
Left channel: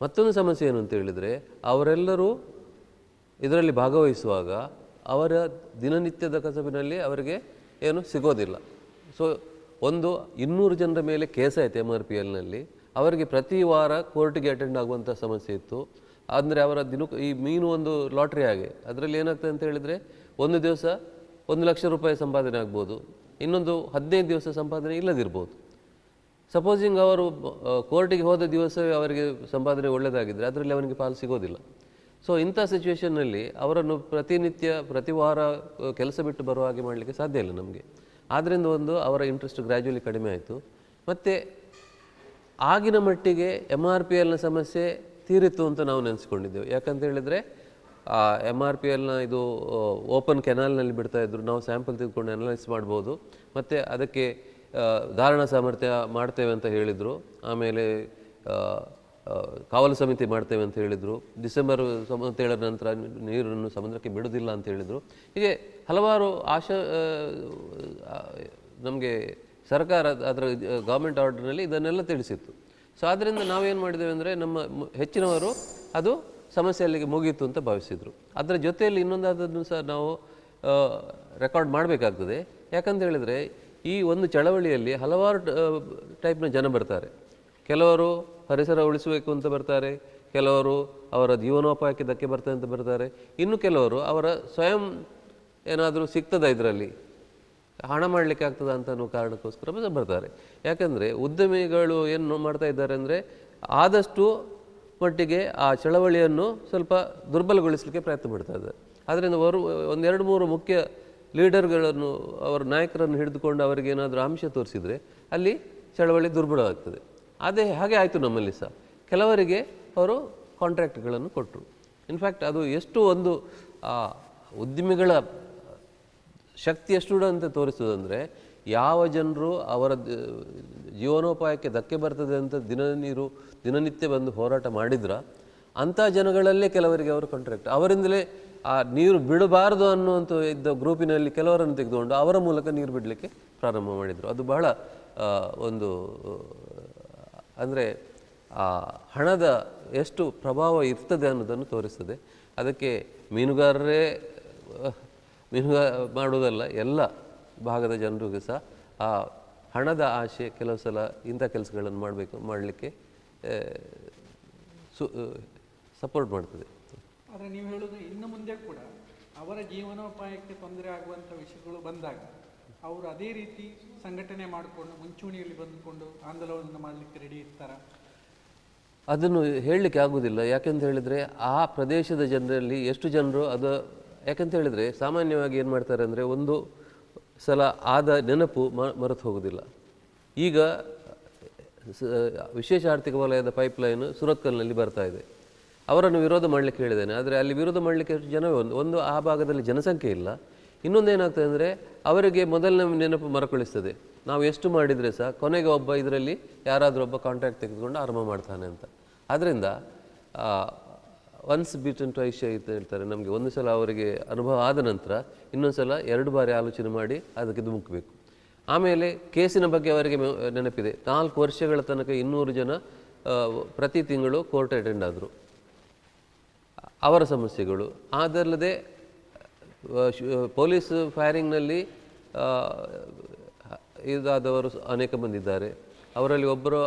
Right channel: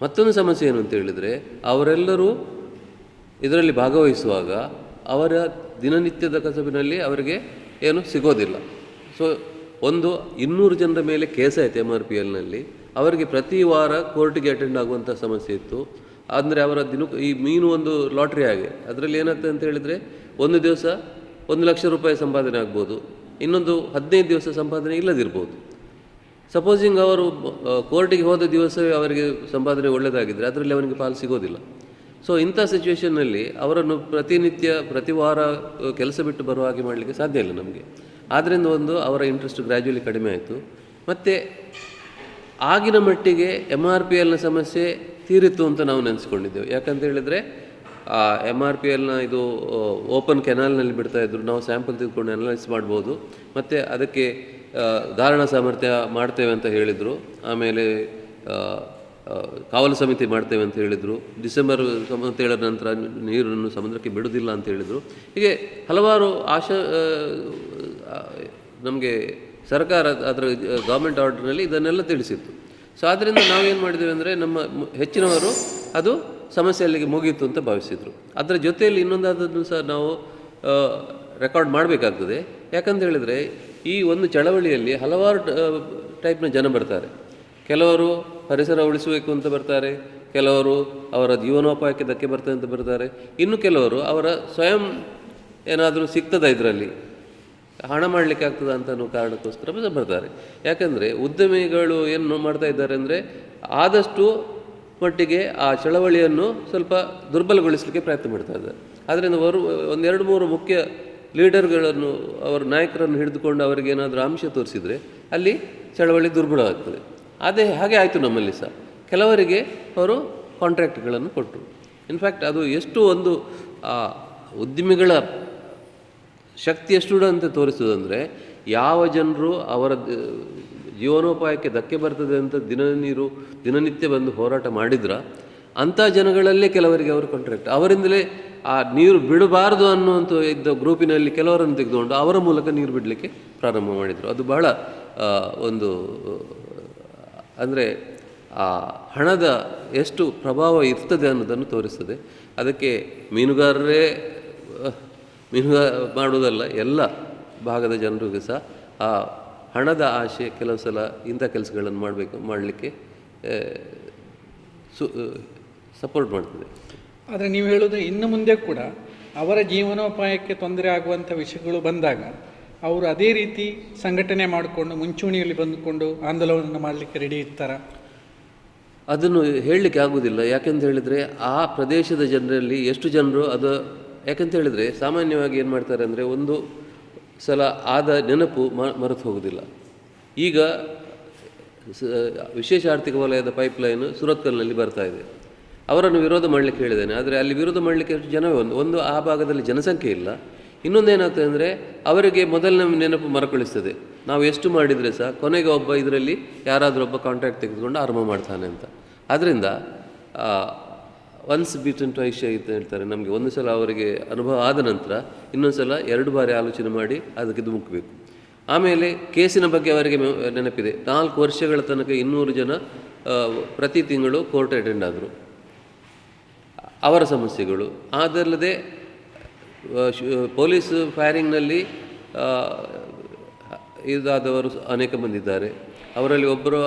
ಮತ್ತೊಂದು ಸಮಸ್ಯೆ ಏನು ಅಂತ ಹೇಳಿದರೆ, ಅವರೆಲ್ಲರೂ ಇದರಲ್ಲಿ ಭಾಗವಹಿಸುವಾಗ ಅವರ ದಿನನಿತ್ಯದ ಕಸಬಿನಲ್ಲಿ ಅವರಿಗೆ ಏನು ಸಿಗೋದಿಲ್ಲ. ಸೊ ಒಂದು 200 ಜನರ ಮೇಲೆ ಕೇಸ್ ಆಯಿತು MRPLನಲ್ಲಿ. ಅವರಿಗೆ ಪ್ರತಿ ವಾರ ಕೋರ್ಟಿಗೆ ಅಟೆಂಡ್ ಆಗುವಂಥ ಸಮಸ್ಯೆ ಇತ್ತು. ಅಂದರೆ ಅವರ ಈ ಮೀನು ಒಂದು ಲಾಟ್ರಿ ಆಗಿ ಅದರಲ್ಲಿ ಏನಾಗ್ತದೆ ಅಂತ ಹೇಳಿದರೆ, ಒಂದು ದಿವಸ 1 ಲಕ್ಷ ರೂಪಾಯಿ ಸಂಪಾದನೆ ಆಗ್ಬೋದು, ಇನ್ನೊಂದು 15 ದಿವಸ ಸಂಪಾದನೆ ಇಲ್ಲದಿರ್ಬೋದು. ಸಪೋಸಿಂಗ್ ಅವರು ಕೋರ್ಟಿಗೆ ಹೋದ ದಿವಸವೇ ಅವರಿಗೆ ಸಂಪಾದನೆ ಒಳ್ಳೆಯದಾಗಿದ್ದರೆ ಅದರಲ್ಲಿ ಅವನಿಗೆ ಪಾಲು ಸಿಗೋದಿಲ್ಲ. ಸೊ ಇಂಥ ಸಿಚುವೇಷನ್ನಲ್ಲಿ ಅವರನ್ನು ಪ್ರತಿ ವಾರ ಕೆಲಸ ಬಿಟ್ಟು ಬರುವ ಹಾಗೆ ಮಾಡಲಿಕ್ಕೆ ಸಾಧ್ಯ ಇಲ್ಲ ನಮಗೆ. ಆದ್ದರಿಂದ ಒಂದು ಅವರ ಇಂಟ್ರೆಸ್ಟ್ ಗ್ರ್ಯಾಜುವಲಿ ಕಡಿಮೆ ಆಯಿತು. ಮತ್ತು ಆಗಿನ ಮಟ್ಟಿಗೆ MRPLನ ಸಮಸ್ಯೆ ತೀರಿತ್ತು ಅಂತ ನಾವು ನೆನೆಸ್ಕೊಂಡಿದ್ದೆವು. ಯಾಕಂತ ಹೇಳಿದರೆ MRPLನ ಇದು ಓಪನ್ ಕೆನಾಲ್ನಲ್ಲಿ ಬಿಡ್ತಾಯಿದ್ರು, ನಾವು ಸ್ಯಾಂಪಲ್ ತೆಗೆದುಕೊಂಡು ಅನಲೈಸ್ ಮಾಡ್ಬೋದು, ಮತ್ತು ಅದಕ್ಕೆ ಧಾರಣಾ ಸಾಮರ್ಥ್ಯ ಮಾಡ್ತೇವೆ ಅಂತ ಹೇಳಿದರು. ಆಮೇಲೆ ಕಾವಲು ಸಮಿತಿ ಮಾಡ್ತೇವೆ ಅಂತ ಹೇಳಿದರು. ಡಿಸೆಂಬರ್ 27 ನಂತರ ನೀರನ್ನು ಸಮುದ್ರಕ್ಕೆ ಬಿಡುವುದಿಲ್ಲ ಅಂತ ಹೇಳಿದರು. ಹೀಗೆ ಹಲವಾರು ನಮಗೆ ಸರ್ಕಾರ ಅದರ ಗೌರ್ಮೆಂಟ್ ಆರ್ಡರ್ನಲ್ಲಿ ಇದನ್ನೆಲ್ಲ ತಿಳಿಸಿತ್ತು. ಸೊ ಆದ್ದರಿಂದ ನಾವೇನು ಮಾಡಿದ್ದೇವೆ ಅಂದರೆ, ನಮ್ಮ ಹೆಚ್ಚಿನವರು ಅದು ಸಮಸ್ಯೆ ಅಲ್ಲಿಗೆ ಮುಗೀತು ಅಂತ ಭಾವಿಸಿದರು. ಅದರ ಜೊತೆಯಲ್ಲಿ ಇನ್ನೊಂದಾದನ್ನು ಸಹ ನಾವು ರೆಕಾರ್ಡ್ ಮಾಡಬೇಕಾಗ್ತದೆ. ಯಾಕಂತ ಹೇಳಿದರೆ, ಈ ಒಂದು ಚಳವಳಿಯಲ್ಲಿ ಹಲವಾರು ಟೈಪ್ನ ಜನ ಬರ್ತಾರೆ. ಕೆಲವರು ಪರಿಸರ ಉಳಿಸಬೇಕು ಅಂತ ಬರ್ತಾರೆ, ಕೆಲವರು ಅವರ ಜೀವನೋಪಾಯಕ್ಕೆ ಧಕ್ಕೆ ಬರ್ತದೆ ಅಂತ ಬರ್ತಾರೆ, ಇನ್ನು ಕೆಲವರು ಅವರ ಸ್ವಯಂ ಏನಾದರೂ ಸಿಗ್ತದ ಇದರಲ್ಲಿ ಹಣ ಮಾಡಲಿಕ್ಕೆ ಆಗ್ತದ ಅಂತ ಅನ್ನೋ ಕಾರಣಕ್ಕೋಸ್ಕರ ಬರ್ತಾರೆ. ಯಾಕಂದರೆ ಉದ್ಯಮಿಗಳು ಏನು ಮಾಡ್ತಾ ಇದ್ದಾರೆ ಅಂದರೆ, ಆದಷ್ಟು ಮಟ್ಟಿಗೆ ಆ ಚಳವಳಿಯನ್ನು ಸ್ವಲ್ಪ ದುರ್ಬಲಗೊಳಿಸಲಿಕ್ಕೆ ಪ್ರಯತ್ನ ಮಾಡ್ತಾ ಇದ್ದಾರೆ. ಆದ್ದರಿಂದ ಅವರು 1-2-3 ಮುಖ್ಯ ಲೀಡರ್ಗಳನ್ನು, ಅವರ ನಾಯಕರನ್ನು ಹಿಡಿದುಕೊಂಡು ಅವರಿಗೆ ಏನಾದರೂ ಆಮಿಷ ತೋರಿಸಿದರೆ ಅಲ್ಲಿ ಚಳವಳಿ ದುರ್ಬಲವಾಗ್ತದೆ. ಹಾಗೆ ಆಯಿತು ನಮ್ಮಲ್ಲಿ ಸಹ. ಕೆಲವರಿಗೆ ಅವರು ಕಾಂಟ್ರಾಕ್ಟ್ಗಳನ್ನು ಕೊಟ್ಟರು. ಇನ್ಫ್ಯಾಕ್ಟ್ ಅದು ಎಷ್ಟು ಒಂದು ಉದ್ಯಮಿಗಳ ಶಕ್ತಿ ಎಷ್ಟು ಅಂತ ತೋರಿಸೋದಂದರೆ, ಯಾವ ಜನರು ಅವರ ಜೀವನೋಪಾಯಕ್ಕೆ ಧಕ್ಕೆ ಬರ್ತದೆ ಅಂತ ದಿನನಿತ್ಯ ಬಂದು ಹೋರಾಟ ಮಾಡಿದ್ರೆ ಅಂಥ ಜನಗಳಲ್ಲೇ ಕೆಲವರಿಗೆ ಅವರು ಕಾಂಟ್ರಾಕ್ಟ್, ಅವರಿಂದಲೇ ಆ ನೀರು ಬಿಡಬಾರ್ದು ಅನ್ನುವಂಥ ಇದ್ದ ಗ್ರೂಪಿನಲ್ಲಿ ಕೆಲವರನ್ನು ತೆಗೆದುಕೊಂಡು ಅವರ ಮೂಲಕ ನೀರು ಬಿಡಲಿಕ್ಕೆ ಪ್ರಾರಂಭ ಮಾಡಿದರು. ಅದು ಬಹಳ ಒಂದು ಅಂದರೆ ಆ ಹಣದ ಎಷ್ಟು ಪ್ರಭಾವ ಇರ್ತದೆ ಅನ್ನೋದನ್ನು ತೋರಿಸ್ತದೆ. ಅದಕ್ಕೆ ಮೀನುಗಾರರೇ ಮಾಡುವುದಲ್ಲ, ಎಲ್ಲ ಭಾಗದ ಜನರಿಗೂ ಸಹ ಆ ಹಣದ ಆಶೆ ಕೆಲವು ಸಲ ಇಂಥ ಕೆಲಸಗಳನ್ನು ಮಾಡಲಿಕ್ಕೆ ಸಪೋರ್ಟ್ ಮಾಡ್ತದೆ. ಆದರೆ ನೀವು ಹೇಳೋದು ಇನ್ನು ಮುಂದೆ ಕೂಡ ಅವರ ಜೀವನೋಪಾಯಕ್ಕೆ ತೊಂದರೆ ಆಗುವಂಥ ವಿಷಯಗಳು ಬಂದಾಗ ಅವರು ಅದೇ ರೀತಿ ಸಂಘಟನೆ ಮಾಡಿಕೊಂಡು ಮುಂಚೂಣಿಯಲ್ಲಿ ಬಂದುಕೊಂಡು ಆಂದೋಲನವನ್ನು ಮಾಡಲಿಕ್ಕೆ ರೆಡಿ ಇರ್ತಾರ? ಅದನ್ನು ಹೇಳಲಿಕ್ಕೆ ಆಗೋದಿಲ್ಲ. ಯಾಕೆಂತ ಹೇಳಿದರೆ ಆ ಪ್ರದೇಶದ ಜನರಲ್ಲಿ ಎಷ್ಟು ಜನರು ಅದು, ಯಾಕೆಂತ ಹೇಳಿದರೆ ಸಾಮಾನ್ಯವಾಗಿ ಏನು ಮಾಡ್ತಾರೆ ಅಂದರೆ ಒಂದು ಸಲ ಆದ ನೆನಪು ಮರೆತು ಹೋಗೋದಿಲ್ಲ. ಈಗ ವಿಶೇಷ ಆರ್ಥಿಕ ವಲಯದ ಪೈಪ್ಲೈನು ಸುರತ್ಕಲ್ನಲ್ಲಿ ಬರ್ತಾ ಇದೆ. ಅವರನ್ನು ವಿರೋಧ ಮಾಡಲಿಕ್ಕೆ ಹೇಳಿದ್ದೇನೆ, ಆದರೆ ಅಲ್ಲಿ ವಿರೋಧ ಮಾಡಲಿಕ್ಕೆ ಜನವೇ ಒಂದು ಆ ಭಾಗದಲ್ಲಿ ಜನಸಂಖ್ಯೆ ಇಲ್ಲ. ಇನ್ನೊಂದೇನಾಗ್ತದೆ ಅಂದರೆ ಅವರಿಗೆ ಮೊದಲನೇ ನೆನಪು ಮರುಕಳಿಸ್ತದೆ. ನಾವು ಎಷ್ಟು ಮಾಡಿದರೆ ಸಹ ಕೊನೆಗೆ ಒಬ್ಬ ಇದರಲ್ಲಿ ಯಾರಾದರೂ ಒಬ್ಬ ಕಾಂಟ್ರಾಕ್ಟ್ ತೆಗೆದುಕೊಂಡು ಆರಂಭ ಮಾಡ್ತಾನೆ ಅಂತ. ಆದ್ದರಿಂದ ಒನ್ಸ್ ಬೀಟನ್ ಟ್ವೈಸ್ ಶೈ ಅಂತ ಹೇಳ್ತಾರೆ. ನಮಗೆ ಒಂದು ಸಲ ಅವರಿಗೆ ಅನುಭವ ಆದ ನಂತರ ಇನ್ನೊಂದು ಸಲ 2 ಬಾರಿ ಆಲೋಚನೆ ಮಾಡಿ ಅದಕ್ಕೆ ಧುಮುಕಬೇಕು. ಆಮೇಲೆ ಕೇಸಿನ ಬಗ್ಗೆ ಅವರಿಗೆ ನೆನಪಿದೆ. 4 ವರ್ಷಗಳ ತನಕ 200 ಜನ ಪ್ರತಿ ತಿಂಗಳು ಕೋರ್ಟ್ ಅಟೆಂಡ್ ಆದರು. ಅವರ ಸಮಸ್ಯೆಗಳು ಅದಲ್ಲದೆ ಪೊಲೀಸ್ ಫೈರಿಂಗ್ನಲ್ಲಿ ಇದಾದವರು ಅನೇಕ ಮಂದಿ ಇದ್ದಾರೆ. ಅವರಲ್ಲಿ ಒಬ್ಬರು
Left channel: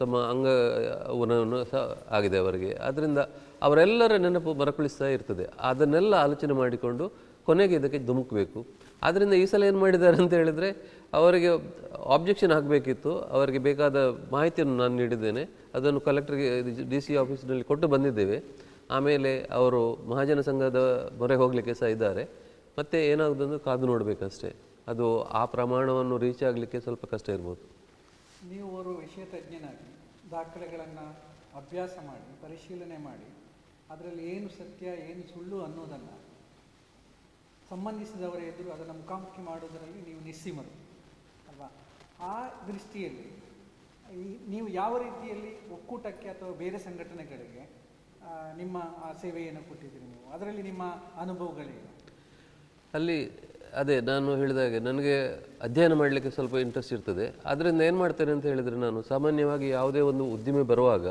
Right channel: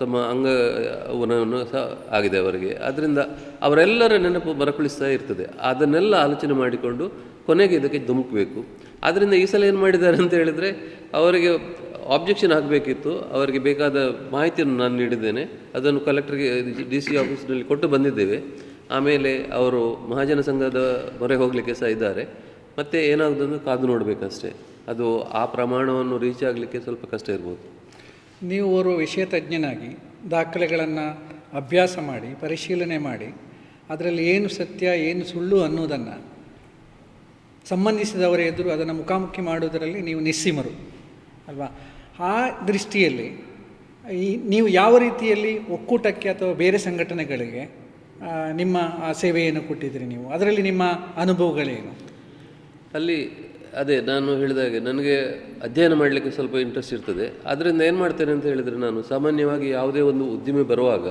ತಮ್ಮ ಅಂಗವನ್ನು ಸಹ ಆಗಿದೆ ಅವರಿಗೆ. ಆದ್ದರಿಂದ ಅವರೆಲ್ಲರ ನೆನಪು ಮರುಕಳಿಸ್ತಾ ಇರ್ತದೆ. ಅದನ್ನೆಲ್ಲ ಆಲೋಚನೆ ಮಾಡಿಕೊಂಡು ಕೊನೆಗೆ ಇದಕ್ಕೆ ಧುಮುಕಬೇಕು. ಆದ್ದರಿಂದ ಈ ಸಲ ಏನು ಮಾಡಿದ್ದಾರೆ ಅಂತ ಹೇಳಿದರೆ ಅವರಿಗೆ ಆಬ್ಜೆಕ್ಷನ್ ಹಾಕಬೇಕಿತ್ತು. ಅವರಿಗೆ ಬೇಕಾದ ಮಾಹಿತಿಯನ್ನು ನಾನು ನೀಡಿದ್ದೇನೆ. ಅದನ್ನು ಕಲೆಕ್ಟರ್ಗೆ DC ಆಫೀಸ್ನಲ್ಲಿ ಕೊಟ್ಟು ಬಂದಿದ್ದೇವೆ. ಆಮೇಲೆ ಅವರು ಮಹಾಜನ ಸಂಘದ ಮೊರೆ ಹೋಗಲಿಕ್ಕೆ ಸಹ ಇದ್ದಾರೆ. ಮತ್ತು ಏನಾಗೋದನ್ನು ಕಾದು ನೋಡಬೇಕಷ್ಟೇ. ಅದು ಆ ಪ್ರಮಾಣವನ್ನು ರೀಚ್ ಆಗಲಿಕ್ಕೆ ಸ್ವಲ್ಪ ಕಷ್ಟ ಇರ್ಬೋದು. ನೀವು ಓರ್ವ ವಿಷಯ ತಜ್ಞನಾಗಿ ದಾಖಲೆಗಳನ್ನು ಅಭ್ಯಾಸ ಮಾಡಿ ಪರಿಶೀಲನೆ ಮಾಡಿ ಅದರಲ್ಲಿ ಏನು ಸತ್ಯ ಏನು ಸುಳ್ಳು ಅನ್ನೋದನ್ನು ಸಂಬಂಧಿಸಿದವರ ಎದುರು ಅದನ್ನು ಮುಖಾಮುಖಿ ಮಾಡುವುದರಲ್ಲಿ ನೀವು ನಿಸ್ಸೀಮರು ಅಲ್ವಾ? ಆ ದೃಷ್ಟಿಯಲ್ಲಿ ನೀವು ಯಾವ ರೀತಿಯಲ್ಲಿ ಒಕ್ಕೂಟಕ್ಕೆ ಅಥವಾ ಬೇರೆ ಸಂಘಟನೆಗಳಿಗೆ ನಿಮ್ಮ ಸೇವೆಯನ್ನು ಕೊಟ್ಟಿದ್ದೀರಿ ನೀವು? ಅದರಲ್ಲಿ ನಿಮ್ಮ ಅನುಭವಗಳೇನು? ಅಲ್ಲಿ ಅದೇ ನಾನು ಹೇಳಿದಾಗೆ ನನಗೆ ಅಧ್ಯಯನ ಮಾಡಲಿಕ್ಕೆ ಸ್ವಲ್ಪ ಇಂಟ್ರೆಸ್ಟ್ ಇರ್ತದೆ. ಅದರಿಂದ ಏನು ಮಾಡ್ತೇನೆ ಅಂತ ಹೇಳಿದರೆ, ನಾನು ಸಾಮಾನ್ಯವಾಗಿ ಯಾವುದೇ ಒಂದು ಉದ್ದಿಮೆ ಬರುವಾಗ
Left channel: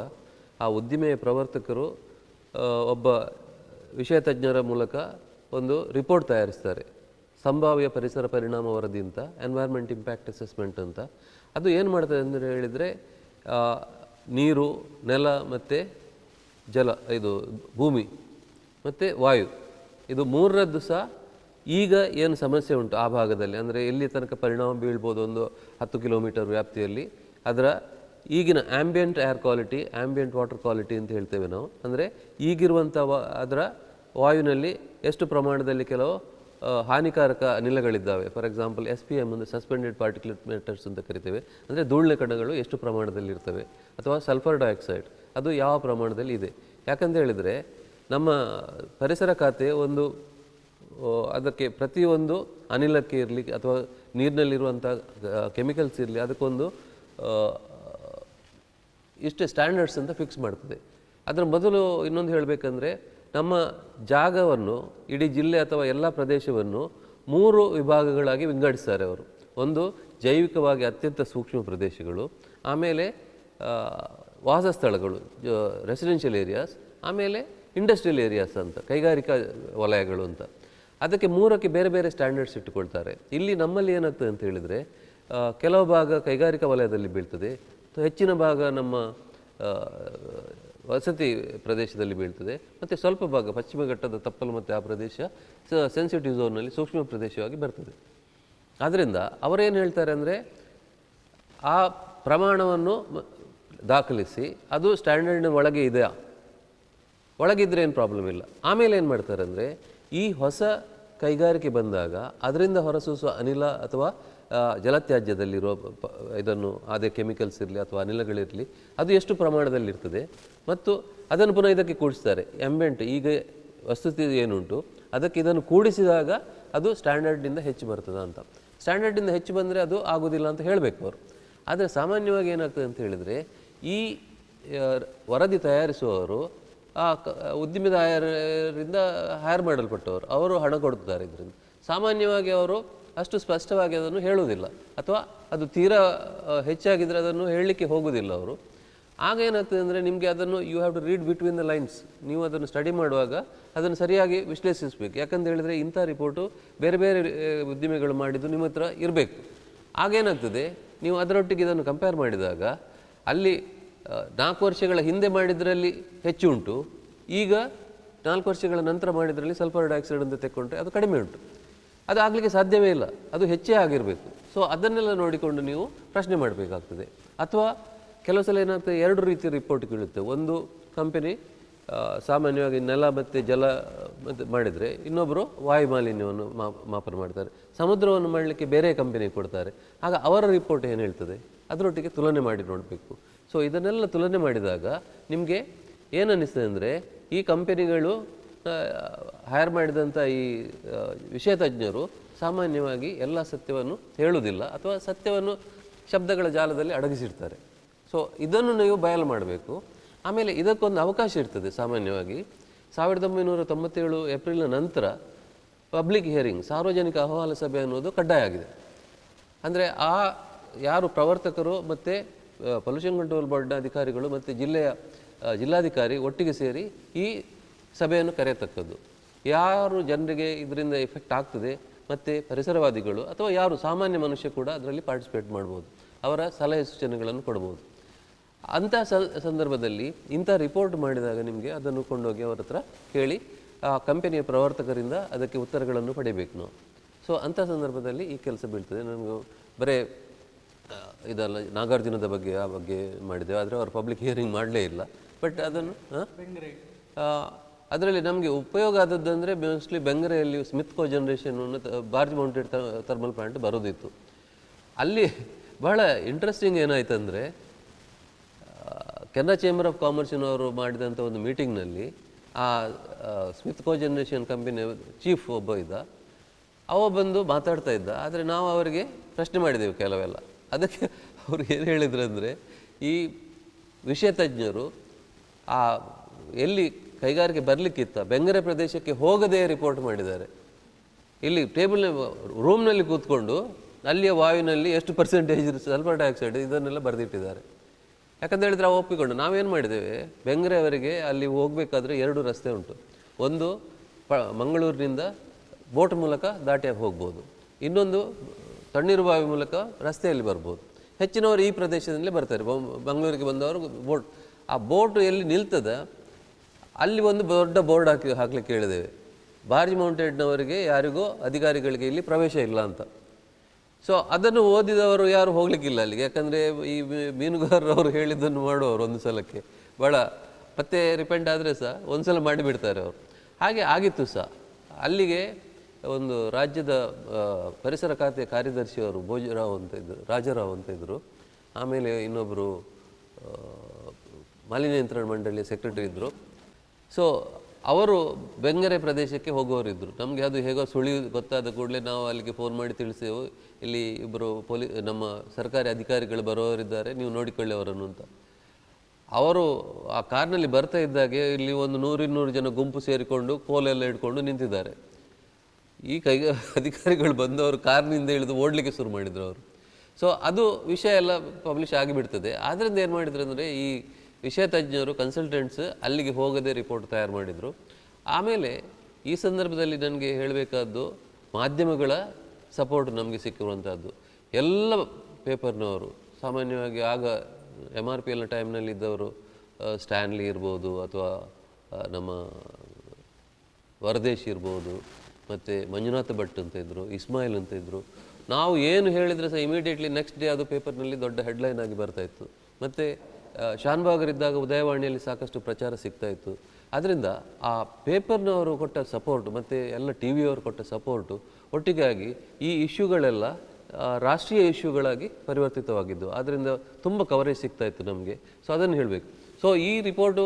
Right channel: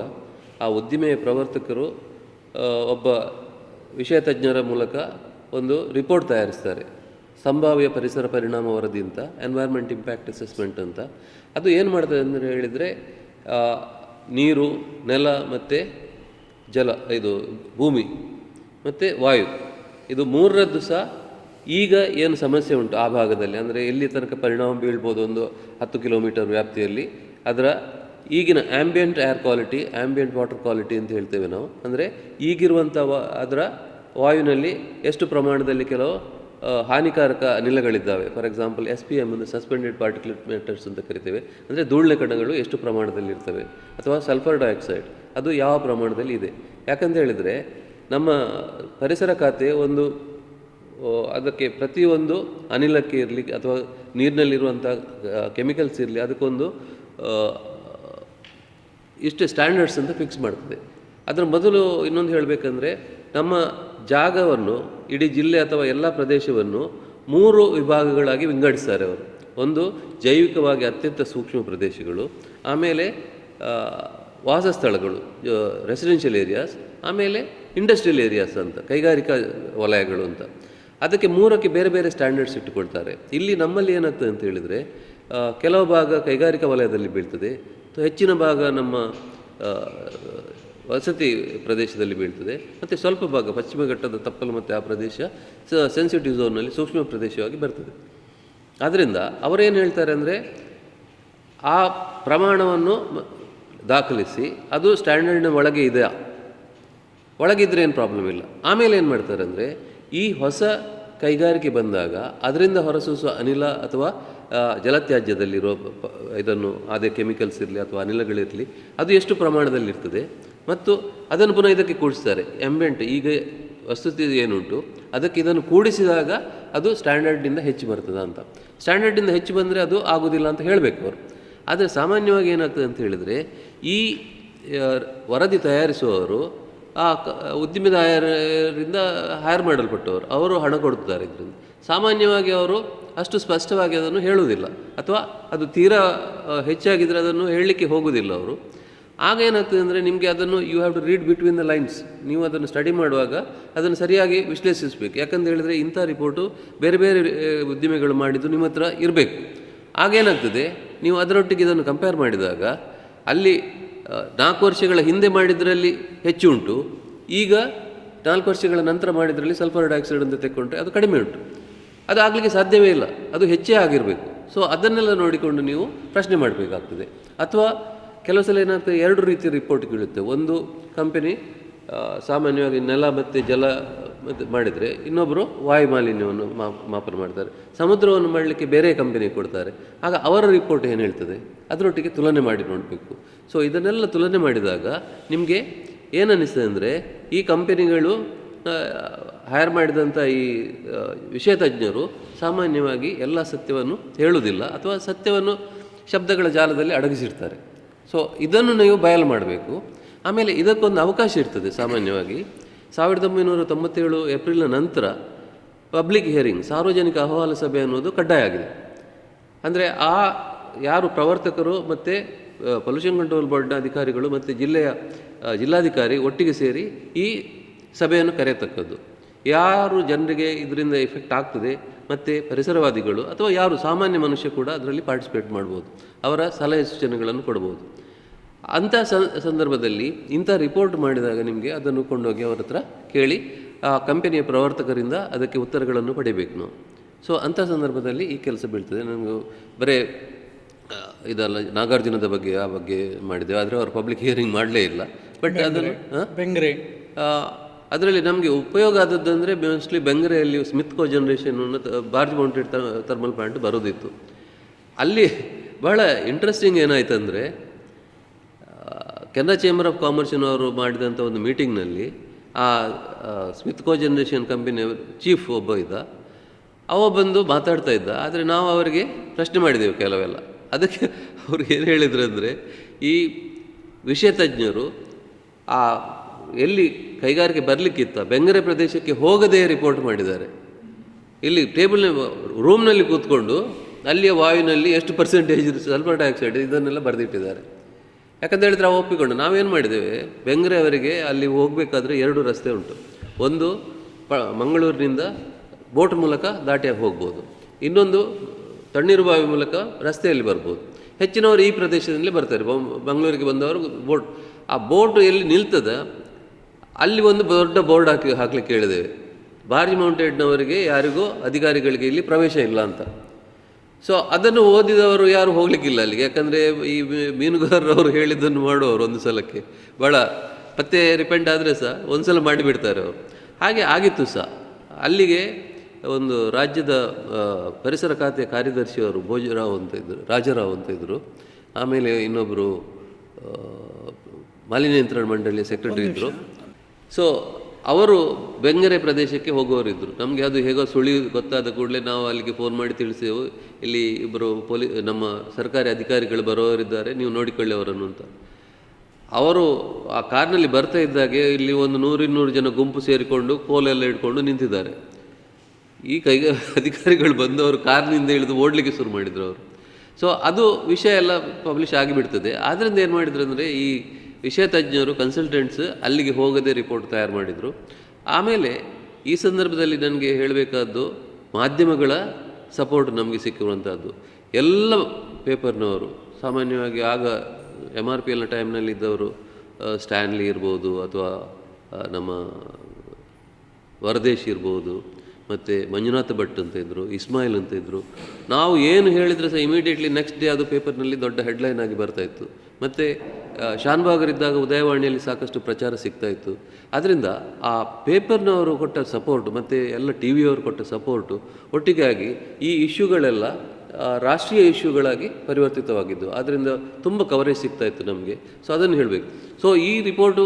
ಆ ಉದ್ದಿಮೆಯ ಪ್ರವರ್ತಕರು ಒಬ್ಬ ವಿಷಯ ತಜ್ಞರ ಮೂಲಕ ಒಂದು ರಿಪೋರ್ಟ್ ತಯಾರಿಸ್ತಾರೆ. ಸಂಭಾವ್ಯ ಪರಿಸರ ಪರಿಣಾಮ ವರದಿ ಅಂತ, ಎನ್ವೈರ್ಮೆಂಟ್ ಇಂಪ್ಯಾಕ್ಟ್ ಅಸೆಸ್ಮೆಂಟ್ ಅಂತ. ಅದು ಏನು ಮಾಡ್ತದೆ ಅಂತ ಹೇಳಿದರೆ ನೀರು, ನೆಲ ಮತ್ತು ಜಲ, ಇದು ಭೂಮಿ ಮತ್ತು ವಾಯು, ಇದು 3ರದ್ದು ಸಹ ಈಗ ಏನು ಸಮಸ್ಯೆ ಉಂಟು ಆ ಭಾಗದಲ್ಲಿ, ಅಂದರೆ ಎಲ್ಲಿ ತನಕ ಪರಿಣಾಮ ಬೀಳ್ಬೋದು, ಒಂದು 10 ಕಿಲೋಮೀಟರ್ ವ್ಯಾಪ್ತಿಯಲ್ಲಿ ಅದರ ಈಗಿನ ambient air quality, ambient water quality ಅಂತ ಹೇಳ್ತೇವೆ ನಾವು. ಅಂದರೆ ಈಗಿರುವಂಥ ಅದರ ವಾಯುವಿನಲ್ಲಿ ಎಷ್ಟು ಪ್ರಮಾಣದಲ್ಲಿ ಕೆಲವು ಹಾನಿಕಾರಕ ಅನಿಲಗಳಿದ್ದಾವೆ. ಫಾರ್ ಎಕ್ಸಾಂಪಲ್ SPM ಅಂದರೆ ಸಸ್ಪೆಂಡೆಡ್ ಪಾರ್ಟಿಕ್ಯುಲೇಟ್ ಮ್ಯಾಟರ್ಸ್ ಅಂತ ಕರಿತೇವೆ. ಅಂದರೆ ಧೂಳಿನ ಕಣಗಳು ಎಷ್ಟು ಪ್ರಮಾಣದಲ್ಲಿ ಇರ್ತವೆ, ಅಥವಾ ಸಲ್ಫರ್ ಡೈಆಕ್ಸೈಡ್ ಅದು ಯಾವ ಪ್ರಮಾಣದಲ್ಲಿ ಇದೆ. ಯಾಕಂತ ಹೇಳಿದರೆ ನಮ್ಮ ಪರಿಸರ ಖಾತೆ ಒಂದು ಅದಕ್ಕೆ ಪ್ರತಿಯೊಂದು ಅನಿಲಕ್ಕೆ ಇರಲಿ ಅಥವಾ ನೀರಿನಲ್ಲಿರುವಂಥ ಕೆಮಿಕಲ್ಸ್ ಇರಲಿ ಅದಕ್ಕೊಂದು ಇಷ್ಟು ಸ್ಟ್ಯಾಂಡರ್ಡ್ಸ್ ಅಂತ ಫಿಕ್ಸ್ ಮಾಡ್ತದೆ. ಅದರ ಮೊದಲು ಇನ್ನೊಂದು ಹೇಳಬೇಕಂದ್ರೆ, ನಮ್ಮ ಜಾಗವನ್ನು, ಇಡೀ ಜಿಲ್ಲೆ ಅಥವಾ ಎಲ್ಲ ಪ್ರದೇಶವನ್ನು 3 ವಿಭಾಗಗಳಾಗಿ ವಿಂಗಡಿಸ್ತಾರೆ ಅವರು. ಒಂದು ಜೈವಿಕವಾಗಿ ಅತ್ಯಂತ ಸೂಕ್ಷ್ಮ ಪ್ರದೇಶಗಳು, ಆಮೇಲೆ ವಾಸಸ್ಥಳಗಳು ರೆಸಿಡೆನ್ಷಿಯಲ್ ಏರಿಯಾಸ್, ಆಮೇಲೆ ಇಂಡಸ್ಟ್ರಿಯಲ್ ಏರಿಯಾಸ್ ಅಂತ, ಕೈಗಾರಿಕಾ ವಲಯಗಳು ಅಂತ. ಅದಕ್ಕೆ 3ಕ್ಕೆ ಬೇರೆ ಬೇರೆ ಸ್ಟ್ಯಾಂಡರ್ಡ್ಸ್ ಇಟ್ಟುಕೊಳ್ತಾರೆ. ಇಲ್ಲಿ ನಮ್ಮಲ್ಲಿ ಏನಾಗ್ತದೆ ಅಂತ ಹೇಳಿದರೆ, ಕೆಲವು ಭಾಗ ಕೈಗಾರಿಕಾ ವಲಯದಲ್ಲಿ ಬೀಳ್ತದೆ, ಹೆಚ್ಚಿನ ಭಾಗ ನಮ್ಮ ವಸತಿ ಪ್ರದೇಶದಲ್ಲಿ ಬೀಳ್ತದೆ, ಮತ್ತು ಸ್ವಲ್ಪ ಭಾಗ ಪಶ್ಚಿಮ ಘಟ್ಟದ ತಪ್ಪಲು ಮತ್ತು ಆ ಪ್ರದೇಶ ಸೆನ್ಸಿಟಿವ್ ಝೋನ್ನಲ್ಲಿ ಸೂಕ್ಷ್ಮ ಪ್ರದೇಶವಾಗಿ ಬರ್ತದೆ. ಆದ್ದರಿಂದ ಅವರೇನು ಹೇಳ್ತಾರೆ ಅಂದರೆ, ಆ ಪ್ರಮಾಣವನ್ನು ದಾಖಲಿಸಿ ಅದು ಸ್ಟ್ಯಾಂಡರ್ಡ್ನ ಒಳಗೆ ಇದೆಯಾ, ಒಳಗಿದ್ರೆ ಏನು ಪ್ರಾಬ್ಲಮ್ ಇಲ್ಲ. ಆಮೇಲೆ ಏನು ಮಾಡ್ತಾರೆ ಅಂದರೆ, ಈ ಹೊಸ ಕೈಗಾರಿಕೆ ಬಂದಾಗ ಅದರಿಂದ ಹೊರಸೂಸುವ ಅನಿಲ ಅಥವಾ ಜಲತ್ಯಾಜ್ಯದಲ್ಲಿರೋ ಇದನ್ನು ಅದೇ ಕೆಮಿಕಲ್ಸ್ ಇರಲಿ ಅಥವಾ ಅನಿಲಗಳಿರಲಿ ಅದು ಎಷ್ಟು ಪ್ರಮಾಣದಲ್ಲಿ ಇರ್ತದೆ, ಮತ್ತು ಅದನ್ನು ಪುನಃ ಇದಕ್ಕೆ ಕೂಡಿಸ್ತಾರೆ. ಆ್ಯಂಬಿಯಂಟ್ ಈಗ ವಸ್ತುಸ್ಥಿತಿ ಏನುಂಟು ಅದಕ್ಕೆ ಇದನ್ನು ಕೂಡಿಸಿದಾಗ ಅದು ಸ್ಟ್ಯಾಂಡರ್ಡಿಂದ ಹೆಚ್ಚು ಬರ್ತದೆ ಅಂತ. ಸ್ಟ್ಯಾಂಡರ್ಡಿಂದ ಹೆಚ್ಚು ಬಂದರೆ ಅದು ಆಗೋದಿಲ್ಲ ಅಂತ ಹೇಳಬೇಕು ಅವರು. ಆದರೆ ಸಾಮಾನ್ಯವಾಗಿ ಏನಾಗ್ತದೆ ಅಂತ ಹೇಳಿದರೆ, ಈ ವರದಿ ತಯಾರಿಸುವವರು ಆ ಉದ್ಯಮೆದಾರರಿಂದ ಹೈರ್ ಮಾಡಲ್ಪಟ್ಟವರು, ಅವರು ಹಣ ಕೊಡ್ತಾರೆ. ಇದರಿಂದ ಸಾಮಾನ್ಯವಾಗಿ ಅವರು ಅಷ್ಟು ಸ್ಪಷ್ಟವಾಗಿ ಅದನ್ನು ಹೇಳುವುದಿಲ್ಲ, ಅಥವಾ ಅದು ತೀರಾ ಹೆಚ್ಚಾಗಿದ್ದರೆ ಅದನ್ನು ಹೇಳಲಿಕ್ಕೆ ಹೋಗುವುದಿಲ್ಲ ಅವರು. ಆಗ ಏನಾಗ್ತದೆ ಅಂದರೆ ನಿಮಗೆ ಅದನ್ನು you have to read between the lines. ನೀವು ಅದನ್ನು ಸ್ಟಡಿ ಮಾಡುವಾಗ ಅದನ್ನು ಸರಿಯಾಗಿ ವಿಶ್ಲೇಷಿಸಬೇಕು. ಯಾಕಂತ ಹೇಳಿದರೆ ಇಂಥ ರಿಪೋರ್ಟು ಬೇರೆ ಬೇರೆ ಉದ್ಯಮಿಗಳು ಮಾಡಿದ್ದು ನಿಮ್ಮ ಹತ್ರ ಇರಬೇಕು. ಆಗೇನಾಗ್ತದೆ, ನೀವು ಅದರೊಟ್ಟಿಗೆ ಇದನ್ನು ಕಂಪೇರ್ ಮಾಡಿದಾಗ ಅಲ್ಲಿ 4 ವರ್ಷಗಳ ಹಿಂದೆ ಮಾಡಿದ್ರಲ್ಲಿ ಹೆಚ್ಚು ಉಂಟು, ಈಗ 4 ವರ್ಷಗಳ ನಂತರ ಮಾಡಿದ್ರಲ್ಲಿ ಸಲ್ಫರ್ ಡೈಆಕ್ಸೈಡ್ ಅಂತ ತೆಕ್ಕೊಂಡ್ರೆ ಅದು ಕಡಿಮೆ ಉಂಟು. ಅದು ಆಗಲಿಕ್ಕೆ ಸಾಧ್ಯವೇ ಇಲ್ಲ, ಅದು ಹೆಚ್ಚೇ ಆಗಿರಬೇಕು. ಸೊ ಅದನ್ನೆಲ್ಲ ನೋಡಿಕೊಂಡು ನೀವು ಪ್ರಶ್ನೆ ಮಾಡಬೇಕಾಗ್ತದೆ. ಅಥವಾ ಕೆಲವು ಸಲ ಏನಾಗ್ತದೆ, 2 ರೀತಿಯ ರಿಪೋರ್ಟ್ಗಳಿರುತ್ತೆ. ಒಂದು ಕಂಪನಿ ಸಾಮಾನ್ಯವಾಗಿ ನೆಲ ಮತ್ತು ಜಲ ಮಾಡಿದರೆ, ಇನ್ನೊಬ್ಬರು ವಾಯು ಮಾಲಿನ್ಯವನ್ನು ಮಾಪನ ಮಾಡ್ತಾರೆ. ಸಮುದ್ರವನ್ನು ಮಾಡಲಿಕ್ಕೆ ಬೇರೆ ಕಂಪನಿ ಕೊಡ್ತಾರೆ. ಆಗ ಅವರ ರಿಪೋರ್ಟ್ ಏನು ಹೇಳ್ತದೆ ಅದರೊಟ್ಟಿಗೆ ತುಲನೆ ಮಾಡಿ ನೋಡಬೇಕು. ಸೊ ಇದನ್ನೆಲ್ಲ ತುಲನೆ ಮಾಡಿದಾಗ ನಿಮಗೆ ಏನನ್ನಿಸ್ತದೆ ಅಂದರೆ, ಈ ಕಂಪನಿಗಳು ಹೈರ್ ಮಾಡಿದಂಥ ಈ ವಿಷಯ ತಜ್ಞರು ಸಾಮಾನ್ಯವಾಗಿ ಎಲ್ಲ ಸತ್ಯವನ್ನು ಹೇಳುವುದಿಲ್ಲ, ಅಥವಾ ಸತ್ಯವನ್ನು ಶಬ್ದಗಳ ಜಾಲದಲ್ಲಿ ಅಡಗಿಸಿರ್ತಾರೆ. ಸೊ ಇದನ್ನು ನೀವು ಬಯಲು ಮಾಡಬೇಕು. ಆಮೇಲೆ ಇದಕ್ಕೊಂದು ಅವಕಾಶ ಇರ್ತದೆ. ಸಾಮಾನ್ಯವಾಗಿ 1997 ಏಪ್ರಿಲ್ನ ನಂತರ ಪಬ್ಲಿಕ್ ಹಿಯರಿಂಗ್, ಸಾರ್ವಜನಿಕ ಅಹವಾಲು ಸಭೆ ಅನ್ನೋದು ಕಡ್ಡಾಯ ಆಗಿದೆ. ಅಂದರೆ ಯಾರು ಪ್ರವರ್ತಕರು ಮತ್ತು ಪೊಲ್ಯೂಷನ್ ಕಂಟ್ರೋಲ್ ಬೋರ್ಡ್ನ ಅಧಿಕಾರಿಗಳು ಮತ್ತು ಜಿಲ್ಲಾಧಿಕಾರಿ ಒಟ್ಟಿಗೆ ಸೇರಿ ಈ ಸಭೆಯನ್ನು ಕರೆಯತಕ್ಕದ್ದು. ಯಾರು ಜನರಿಗೆ ಇದರಿಂದ ಎಫೆಕ್ಟ್ ಆಗ್ತದೆ, ಮತ್ತು ಪರಿಸರವಾದಿಗಳು ಅಥವಾ ಯಾರು ಸಾಮಾನ್ಯ ಮನುಷ್ಯ ಕೂಡ ಅದರಲ್ಲಿ ಪಾರ್ಟಿಸಿಪೇಟ್ ಮಾಡ್ಬೋದು, ಅವರ ಸಲಹೆ ಸೂಚನೆಗಳನ್ನು ಕೊಡ್ಬೋದು. ಅಂಥ ಸಂದರ್ಭದಲ್ಲಿ ಇಂಥ ರಿಪೋರ್ಟ್ ಮಾಡಿದಾಗ ನಿಮಗೆ ಅದನ್ನು ಕೊಂಡೋಗಿ ಅವರ ಹತ್ರ ಕೇಳಿ ಆ ಕಂಪನಿಯ ಪ್ರವರ್ತಕರಿಂದ ಅದಕ್ಕೆ ಉತ್ತರಗಳನ್ನು ಪಡಿಬೇಕು ನಾವು. ಸೊ ಅಂಥ ಸಂದರ್ಭದಲ್ಲಿ ಈ ಕೆಲಸ ಬೀಳ್ತದೆ. ನನಗೆ ಬರೀ ಇದಲ್ಲ, ನಾಗಾರ್ಜುನದ ಬಗ್ಗೆ ಆ ಬಗ್ಗೆ ಮಾಡಿದ್ದೇವೆ, ಆದರೆ ಅವರು ಪಬ್ಲಿಕ್ ಹಿಯರಿಂಗ್ ಮಾಡಲೇ ಇಲ್ಲ. ಬಟ್ ಅದನ್ನು ಬೆಂಗ್ರೆ ಅದರಲ್ಲಿ ನಮಗೆ ಉಪಯೋಗ ಆದದ್ದು ಅಂದರೆ ಮೋಸ್ಟ್ಲಿ ಬೆಂಗರೆಯಲ್ಲಿ Smith co generation barge mounted thermal plant ಬರೋದಿತ್ತು. ಅಲ್ಲಿ ಬಹಳ ಇಂಟ್ರೆಸ್ಟಿಂಗ್ ಏನಾಯ್ತು ಅಂದರೆ, ಕೆನರಾ ಚೇಂಬರ್ ಆಫ್ ಕಾಮರ್ಸಿನವರು ಮಾಡಿದಂಥ ಒಂದು ಮೀಟಿಂಗ್ನಲ್ಲಿ ಆ ಸ್ಮಿತ್ ಕೋ ಜನರೇಷನ್ ಕಂಪನಿಯ ಚೀಫ್ ಒಬ್ಬ ಇದ್ದ, ಅವ ಬಂದು ಮಾತಾಡ್ತಾ ಇದ್ದ. ಆದರೆ ನಾವು ಅವರಿಗೆ ಪ್ರಶ್ನೆ ಮಾಡಿದೆವು ಕೆಲವೆಲ್ಲ. ಅದಕ್ಕೆ ಅವ್ರು ಏನು ಹೇಳಿದ್ರು ಅಂದರೆ, ಈ ವಿಷಯ ತಜ್ಞರು ಎಲ್ಲಿ ಕೈಗಾರಿಕೆ ಬರಲಿಕ್ಕಿತ್ತ ಬೆಂಗರೆ ಪ್ರದೇಶಕ್ಕೆ ಹೋಗದೇ ರಿಪೋರ್ಟ್ ಮಾಡಿದ್ದಾರೆ. ಇಲ್ಲಿ ರೂಮ್ನಲ್ಲಿ ಕೂತ್ಕೊಂಡು ಅಲ್ಲಿಯ ವಾಯುವಿನಲ್ಲಿ ಎಷ್ಟು ಪರ್ಸೆಂಟೇಜ್ ಸಲ್ಫರ್ ಡೈಆಕ್ಸೈಡ್ ಇದನ್ನೆಲ್ಲ ಬರೆದಿಟ್ಟಿದ್ದಾರೆ. ಯಾಕಂತ ಹೇಳಿದರೆ ನಾವು ಒಪ್ಪಿಕೊಂಡು ನಾವೇನು ಮಾಡಿದ್ದೇವೆ, ಬೆಂಗರೆ ಅವರಿಗೆ ಅಲ್ಲಿ ಹೋಗಬೇಕಾದ್ರೆ 2 ರಸ್ತೆ ಉಂಟು. ಒಂದು ಮಂಗಳೂರಿನಿಂದ ಬೋಟ್ ಮೂಲಕ ದಾಟಿಯಾಗಿ ಹೋಗ್ಬೋದು, ಇನ್ನೊಂದು ತಣ್ಣೀರುಬಾವಿ ಮೂಲಕ ರಸ್ತೆಯಲ್ಲಿ ಬರ್ಬೋದು. ಹೆಚ್ಚಿನವರು ಈ ಪ್ರದೇಶದಲ್ಲಿ ಬರ್ತಾರೆ. ಮಂಗಳೂರಿಗೆ ಬಂದವರು ಆ ಬೋಟ್ ಎಲ್ಲಿ ನಿಲ್ತದ ಅಲ್ಲಿ ಒಂದು ದೊಡ್ಡ ಬೋರ್ಡ್ ಹಾಕ್ಲಿಕ್ಕೆ ಹೇಳಿದ್ದೇವೆ, ಬಾರ್ಜ್ ಮೌಂಟೆಡ್ನವರಿಗೆ ಯಾರಿಗೂ ಅಧಿಕಾರಿಗಳಿಗೆ ಇಲ್ಲಿ ಪ್ರವೇಶ ಇಲ್ಲ ಅಂತ. ಸೊ ಅದನ್ನು ಓದಿದವರು ಯಾರು ಹೋಗ್ಲಿಕ್ಕಿಲ್ಲ ಅಲ್ಲಿಗೆ. ಯಾಕಂದರೆ ಈ ಮೀನುಗಾರರವರು ಹೇಳಿದ್ದನ್ನು ಮಾಡುವವರು ಒಂದು ಸಲಕ್ಕೆ ಭಾಳ ಮತ್ತೆ ರಿಪೆಂಡ್ ಆದರೆ ಸಹ ಒಂದು ಸಲ ಮಾಡಿಬಿಡ್ತಾರೆ ಅವರು. ಹಾಗೆ ಆಗಿತ್ತು ಸಹ. ಅಲ್ಲಿಗೆ ಒಂದು ರಾಜ್ಯದ ಪರಿಸರ ಖಾತೆ ಕಾರ್ಯದರ್ಶಿಯವರು ರಾಜಾರಾವ್ ಅಂತ ಇದ್ದರು. ಆಮೇಲೆ ಇನ್ನೊಬ್ಬರು ಮಾಲಿನ್ಯ ನಿಯಂತ್ರಣ ಮಂಡಳಿಯ ಸೆಕ್ರೆಟರಿ ಇದ್ದರು. ಸೊ ಅವರು ಬೆಂಗರೆ ಪ್ರದೇಶಕ್ಕೆ ಹೋಗೋರಿದ್ದರು. ನಮಗೆ ಅದು ಹೇಗೋ ಸುಳಿ ಗೊತ್ತಾದ ಕೂಡಲೇ ನಾವು ಅಲ್ಲಿಗೆ ಫೋನ್ ಮಾಡಿ ತಿಳಿಸೇವು, ಇಲ್ಲಿ ಇಬ್ಬರು ನಮ್ಮ ಸರ್ಕಾರಿ ಅಧಿಕಾರಿಗಳು ಬರೋರಿದ್ದಾರೆ, ನೀವು ನೋಡಿಕೊಳ್ಳಿ ಅವರನ್ನು ಅಂತ. ಅವರು ಆ ಕಾರ್ನಲ್ಲಿ ಬರ್ತಾ ಇದ್ದಾಗೆ ಇಲ್ಲಿ ಒಂದು 100-200 ಜನ ಗುಂಪು ಸೇರಿಕೊಂಡು ಕೋಲೆಲ್ಲ ಇಟ್ಕೊಂಡು ನಿಂತಿದ್ದಾರೆ. ಈ ಅಧಿಕಾರಿಗಳು ಬಂದವರು ಕಾರ್ನಿಂದ ಇಳಿದು ಓಡಲಿಕ್ಕೆ ಶುರು ಮಾಡಿದರು ಅವರು. ಸೊ ಅದು ವಿಷಯ ಎಲ್ಲ ಪಬ್ಲಿಷ್ ಆಗಿಬಿಡ್ತದೆ. ಆದ್ದರಿಂದ ಏನು ಮಾಡಿದ್ರು ಅಂದರೆ, ಈ ವಿಷಯ ತಜ್ಞರು ಕನ್ಸಲ್ಟೆಂಟ್ಸ್ ಅಲ್ಲಿಗೆ ಹೋಗದೆ ರಿಪೋರ್ಟ್ ತಯಾರು ಮಾಡಿದರು. ಆಮೇಲೆ ಈ ಸಂದರ್ಭದಲ್ಲಿ ನನಗೆ ಹೇಳಬೇಕಾದ್ದು, ಮಾಧ್ಯಮಗಳ ಸಪೋರ್ಟ್ ನಮಗೆ ಸಿಕ್ಕಿರುವಂಥದ್ದು. ಎಲ್ಲ ಪೇಪರ್ನವರು ಸಾಮಾನ್ಯವಾಗಿ ಆಗ MRPLನ ಟೈಮ್ನಲ್ಲಿ ಇದ್ದವರು ಸ್ಟ್ಯಾನ್ಲಿ ಇರ್ಬೋದು, ಅಥವಾ ನಮ್ಮ ವರದೇಶ್ ಇರ್ಬೋದು, ಮತ್ತು ಮಂಜುನಾಥ ಭಟ್ ಅಂತ ಇದ್ದರು, ಇಸ್ಮಾಯಿಲ್ ಅಂತ ಇದ್ದರು. ನಾವು ಏನು ಹೇಳಿದರೆ ಸಹ ಇಮಿಡಿಯೇಟ್ಲಿ ನೆಕ್ಸ್ಟ್ ಡೇ ಅದು ಪೇಪರ್ನಲ್ಲಿ ದೊಡ್ಡ ಹೆಡ್ಲೈನ್ ಆಗಿ ಬರ್ತಾಯಿತ್ತು. ಮತ್ತು ಶಾನ್ಭಾಗರಿದ್ದಾಗ ಉದಯವಾಣಿಯಲ್ಲಿ ಸಾಕಷ್ಟು ಪ್ರಚಾರ ಸಿಗ್ತಾಯಿತ್ತು. ಆದ್ದರಿಂದ ಆ ಪೇಪರ್ನವರು ಕೊಟ್ಟ ಸಪೋರ್ಟು ಮತ್ತು ಎಲ್ಲ ಟಿ ವಿಯವರು ಕೊಟ್ಟ ಸಪೋರ್ಟು ಒಟ್ಟಿಗಾಗಿ ಈ ಇಶ್ಯೂಗಳೆಲ್ಲ ರಾಷ್ಟ್ರೀಯ ಇಶ್ಯೂಗಳಾಗಿ ಪರಿವರ್ತಿತವಾಗಿದ್ದು. ಆದ್ದರಿಂದ ತುಂಬ ಕವರೇಜ್ ಸಿಗ್ತಾಯಿತ್ತು ನಮಗೆ. ಸೊ ಅದನ್ನು ಹೇಳಬೇಕು. ಸೊ ಈ ರಿಪೋರ್ಟು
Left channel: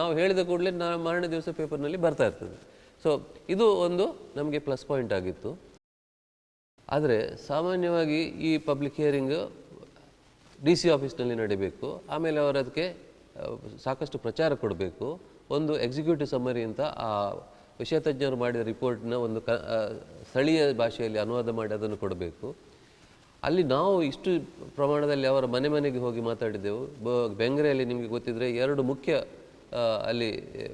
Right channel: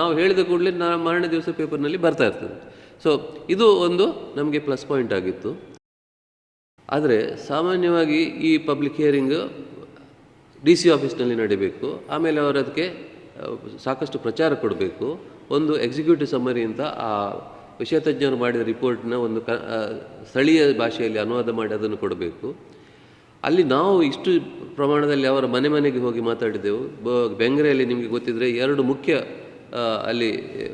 ನಾವು ಹೇಳಿದ ಕೂಡಲೇ ಮಾರನೇ ದಿವಸ ಪೇಪರ್ನಲ್ಲಿ ಬರ್ತಾ ಇರ್ತದೆ. ಸೊ ಇದು ಒಂದು ನಮಗೆ ಪ್ಲಸ್ ಪಾಯಿಂಟ್ ಆಗಿತ್ತು. ಆದರೆ ಸಾಮಾನ್ಯವಾಗಿ ಈ ಪಬ್ಲಿಕ್ ಹಿಯರಿಂಗ್ DC ಆಫೀಸ್ನಲ್ಲಿ ನಡೀಬೇಕು. ಆಮೇಲೆ ಅವರು ಅದಕ್ಕೆ ಸಾಕಷ್ಟು ಪ್ರಚಾರ ಕೊಡಬೇಕು. ಒಂದು ಎಕ್ಸಿಕ್ಯೂಟಿವ್ ಸಮ್ಮರಿ ಅಂತ ಆ ವಿಷಯ ತಜ್ಞರು ಮಾಡಿದ ರಿಪೋರ್ಟ್ನ ಒಂದು ಸ್ಥಳೀಯ ಭಾಷೆಯಲ್ಲಿ ಅನುವಾದ ಮಾಡಿ ಅದನ್ನು ಕೊಡಬೇಕು. ಅಲ್ಲಿ ನಾವು ಇಷ್ಟು ಪ್ರಮಾಣದಲ್ಲಿ ಅವರ ಮನೆ ಮನೆಗೆ ಹೋಗಿ ಮಾತಾಡಿದೆವು. ಬೆಂಗ್ರೆಯಲ್ಲಿ ನಿಮಗೆ ಗೊತ್ತಿದ್ದರೆ 2 ಮುಖ್ಯ ಅಲ್ಲಿ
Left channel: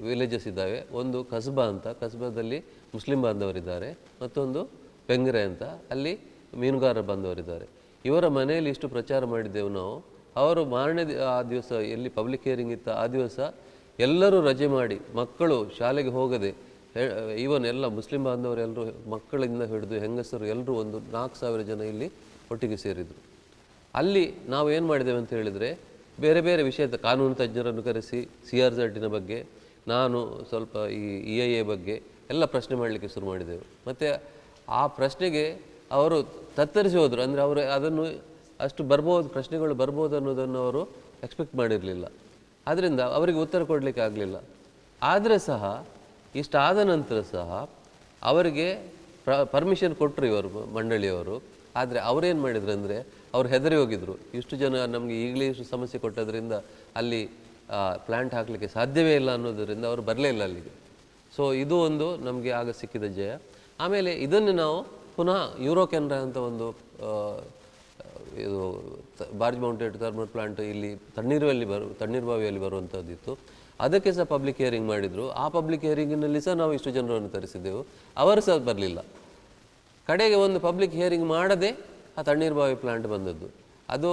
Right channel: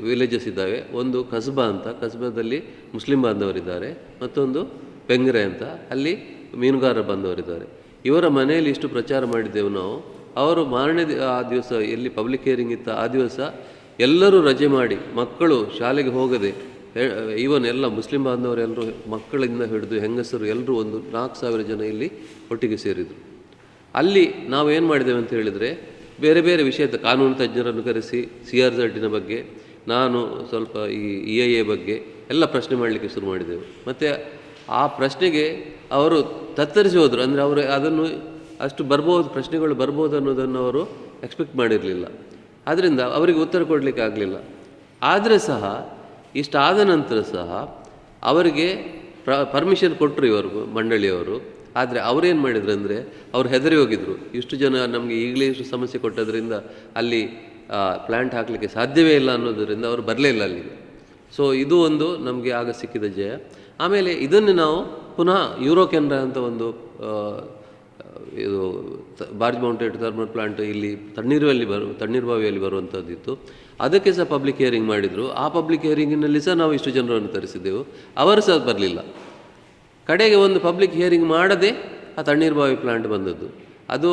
ವಿಲೇಜಸ್ ಇದ್ದಾವೆ. ಒಂದು ಕಸ್ಬಾ ಅಂತ, ಕಸ್ಬಾದಲ್ಲಿ ಮುಸ್ಲಿಂ ಬಾಂಧವರಿದ್ದಾರೆ, ಮತ್ತೊಂದು ಬೆಂಗ್ರೆ ಅಂತ, ಅಲ್ಲಿ ಮೀನುಗಾರರ ಬಾಂಧವರಿದ್ದಾರೆ. ಇವರ ಮನೆಯಲ್ಲಿ ಇಷ್ಟು ಪ್ರಚಾರ ಮಾಡಿದ್ದೆವು ನಾವು. ಅವರು ಮಾರನೇ ಆ ದಿವಸ ಎಲ್ಲಿ ಪಬ್ಲಿಕ್ ಹಿಯರಿಂಗ್ ಇತ್ತು ಆ ದಿವಸ ಎಲ್ಲರೂ ರಜೆ ಮಾಡಿ ಮಕ್ಕಳು ಶಾಲೆಗೆ ಹೋಗದೆ, ಈವನ್ ಎಲ್ಲ ಮುಸ್ಲಿಂ ಬಾಂಧವರೆಲ್ಲರೂ ಮಕ್ಕಳಿಂದ ಹಿಡಿದು ಹೆಂಗಸರು ಎಲ್ಲರೂ ಒಂದು 4,000 ಜನ ಇಲ್ಲಿ ಒಟ್ಟಿಗೆ ಸೇರಿದರು. ಅಲ್ಲಿ ನಾವೇನು ಮಾಡಿದ್ದೇವೆ ಅಂತ ಹೇಳಿದರೆ, ಬೇರೆ ಬೇರೆ ವಿಷಯದ ಕಾನೂನು ತಜ್ಞರನ್ನು ಕರೆಸಿ CRZನ ಬಗ್ಗೆ, ನಾನು ಸ್ವಲ್ಪ ಈ EIA ಬಗ್ಗೆ ಎಲ್ಲ ಪ್ರಶ್ನೆ ಮಾಡಲಿಕ್ಕೆ ಶುರು ಮಾಡಿದೆವು. ಮತ್ತು ಆ ಪ್ರಶ್ನೆಗೆ ಅವರು ತತ್ತರಿಸಿ ಹೋದರು. ಅಂದರೆ ಅವರು ಅದನ್ನು ಅಷ್ಟು ಬರ್ಬೋದು, ಪ್ರಶ್ನೆಗಳು ಬರ್ಬೋದು ಅನ್ನೋದನ್ನು ಅವರು ಎಕ್ಸ್ಪೆಕ್ಟ್ ಮಾಡಿರಲಿಲ್ಲ. ಆದ್ದರಿಂದ ಅವರಿಗೆ ಉತ್ತರ ಕೊಡಲಿಕ್ಕೆ ಆಗಲಿಲ್ಲ. ಆದರೆ ಸಹ ಇಷ್ಟಾದ ನಂತರ ಸಹ ಅವರಿಗೆ ಪರ್ಮಿಷನ್ ಕೊಟ್ಟರು ಇವರು ಮಂಡಳಿಯವರು. ಆದರೆ ಅವರೇನು ಮಾಡಿದ್ರು ಅಂದರೆ, ಅವ್ರು ಹೆದರಿ ಹೋಗಿದ್ರು. ಇಷ್ಟು ಜನ ನಮಗೆ ಈಗಲೇ ಇಷ್ಟು ಸಮಸ್ಯೆ ಕೊಟ್ಟದ್ರಿಂದ ಅಲ್ಲಿ ಪ್ಲ್ಯಾಂಟ್ ಹಾಕಲಿಕ್ಕೆ ಸಾಧ್ಯವೇ ಇಲ್ಲ ಅನ್ನೋದರಿಂದ ಅವರು ಬರಲೇ ಇಲ್ಲ ಅಲ್ಲಿಗೆ. ಸೊ ಇದು ಒಂದು ನಮಗೆ ಆಗ ಸಿಕ್ಕಿದ ಜಯ. ಆಮೇಲೆ ಇದನ್ನು ನಾವು ಪುನಃ ಯೂರೋ ಕೆನರಾ ಅಂತ ಒಂದು ಇದು ಬಾರ್ಜ್ ಮೌಂಟೆಡ್ ಥರ್ಮಲ್ ಪ್ಲಾಂಟ್ ಇಲ್ಲಿ ತಣ್ಣೀರ್ಬಾವಿಯಲ್ಲಿ ಬರುವಂಥದ್ದಿತ್ತು. ಅದಕ್ಕೆ ಸಹ ಪಬ್ಲಿಕ್ ಹಿಯರಿಂಗ್ ಮಾಡಿದರು. ಆ ಪಬ್ಲಿಕ್ ಹಿಯರಿಂಗಿನಲ್ಲಿ ಸಹ ನಾವು ಇಷ್ಟು ಜನರನ್ನು ತರಿಸಿದ್ದೆವು. ಅವರು ಸಹ ಬರಲಿಲ್ಲ. ಕಡೆಗೆ ಒಂದು ಪಬ್ಲಿಕ್ ಹಿಯರಿಂಗ್ ಮಾಡದೆ ಆ ತಣ್ಣೀರ್ಬಾವಿ ಪ್ಲಾಂಟ್ ಬಂದದ್ದು. ಅದು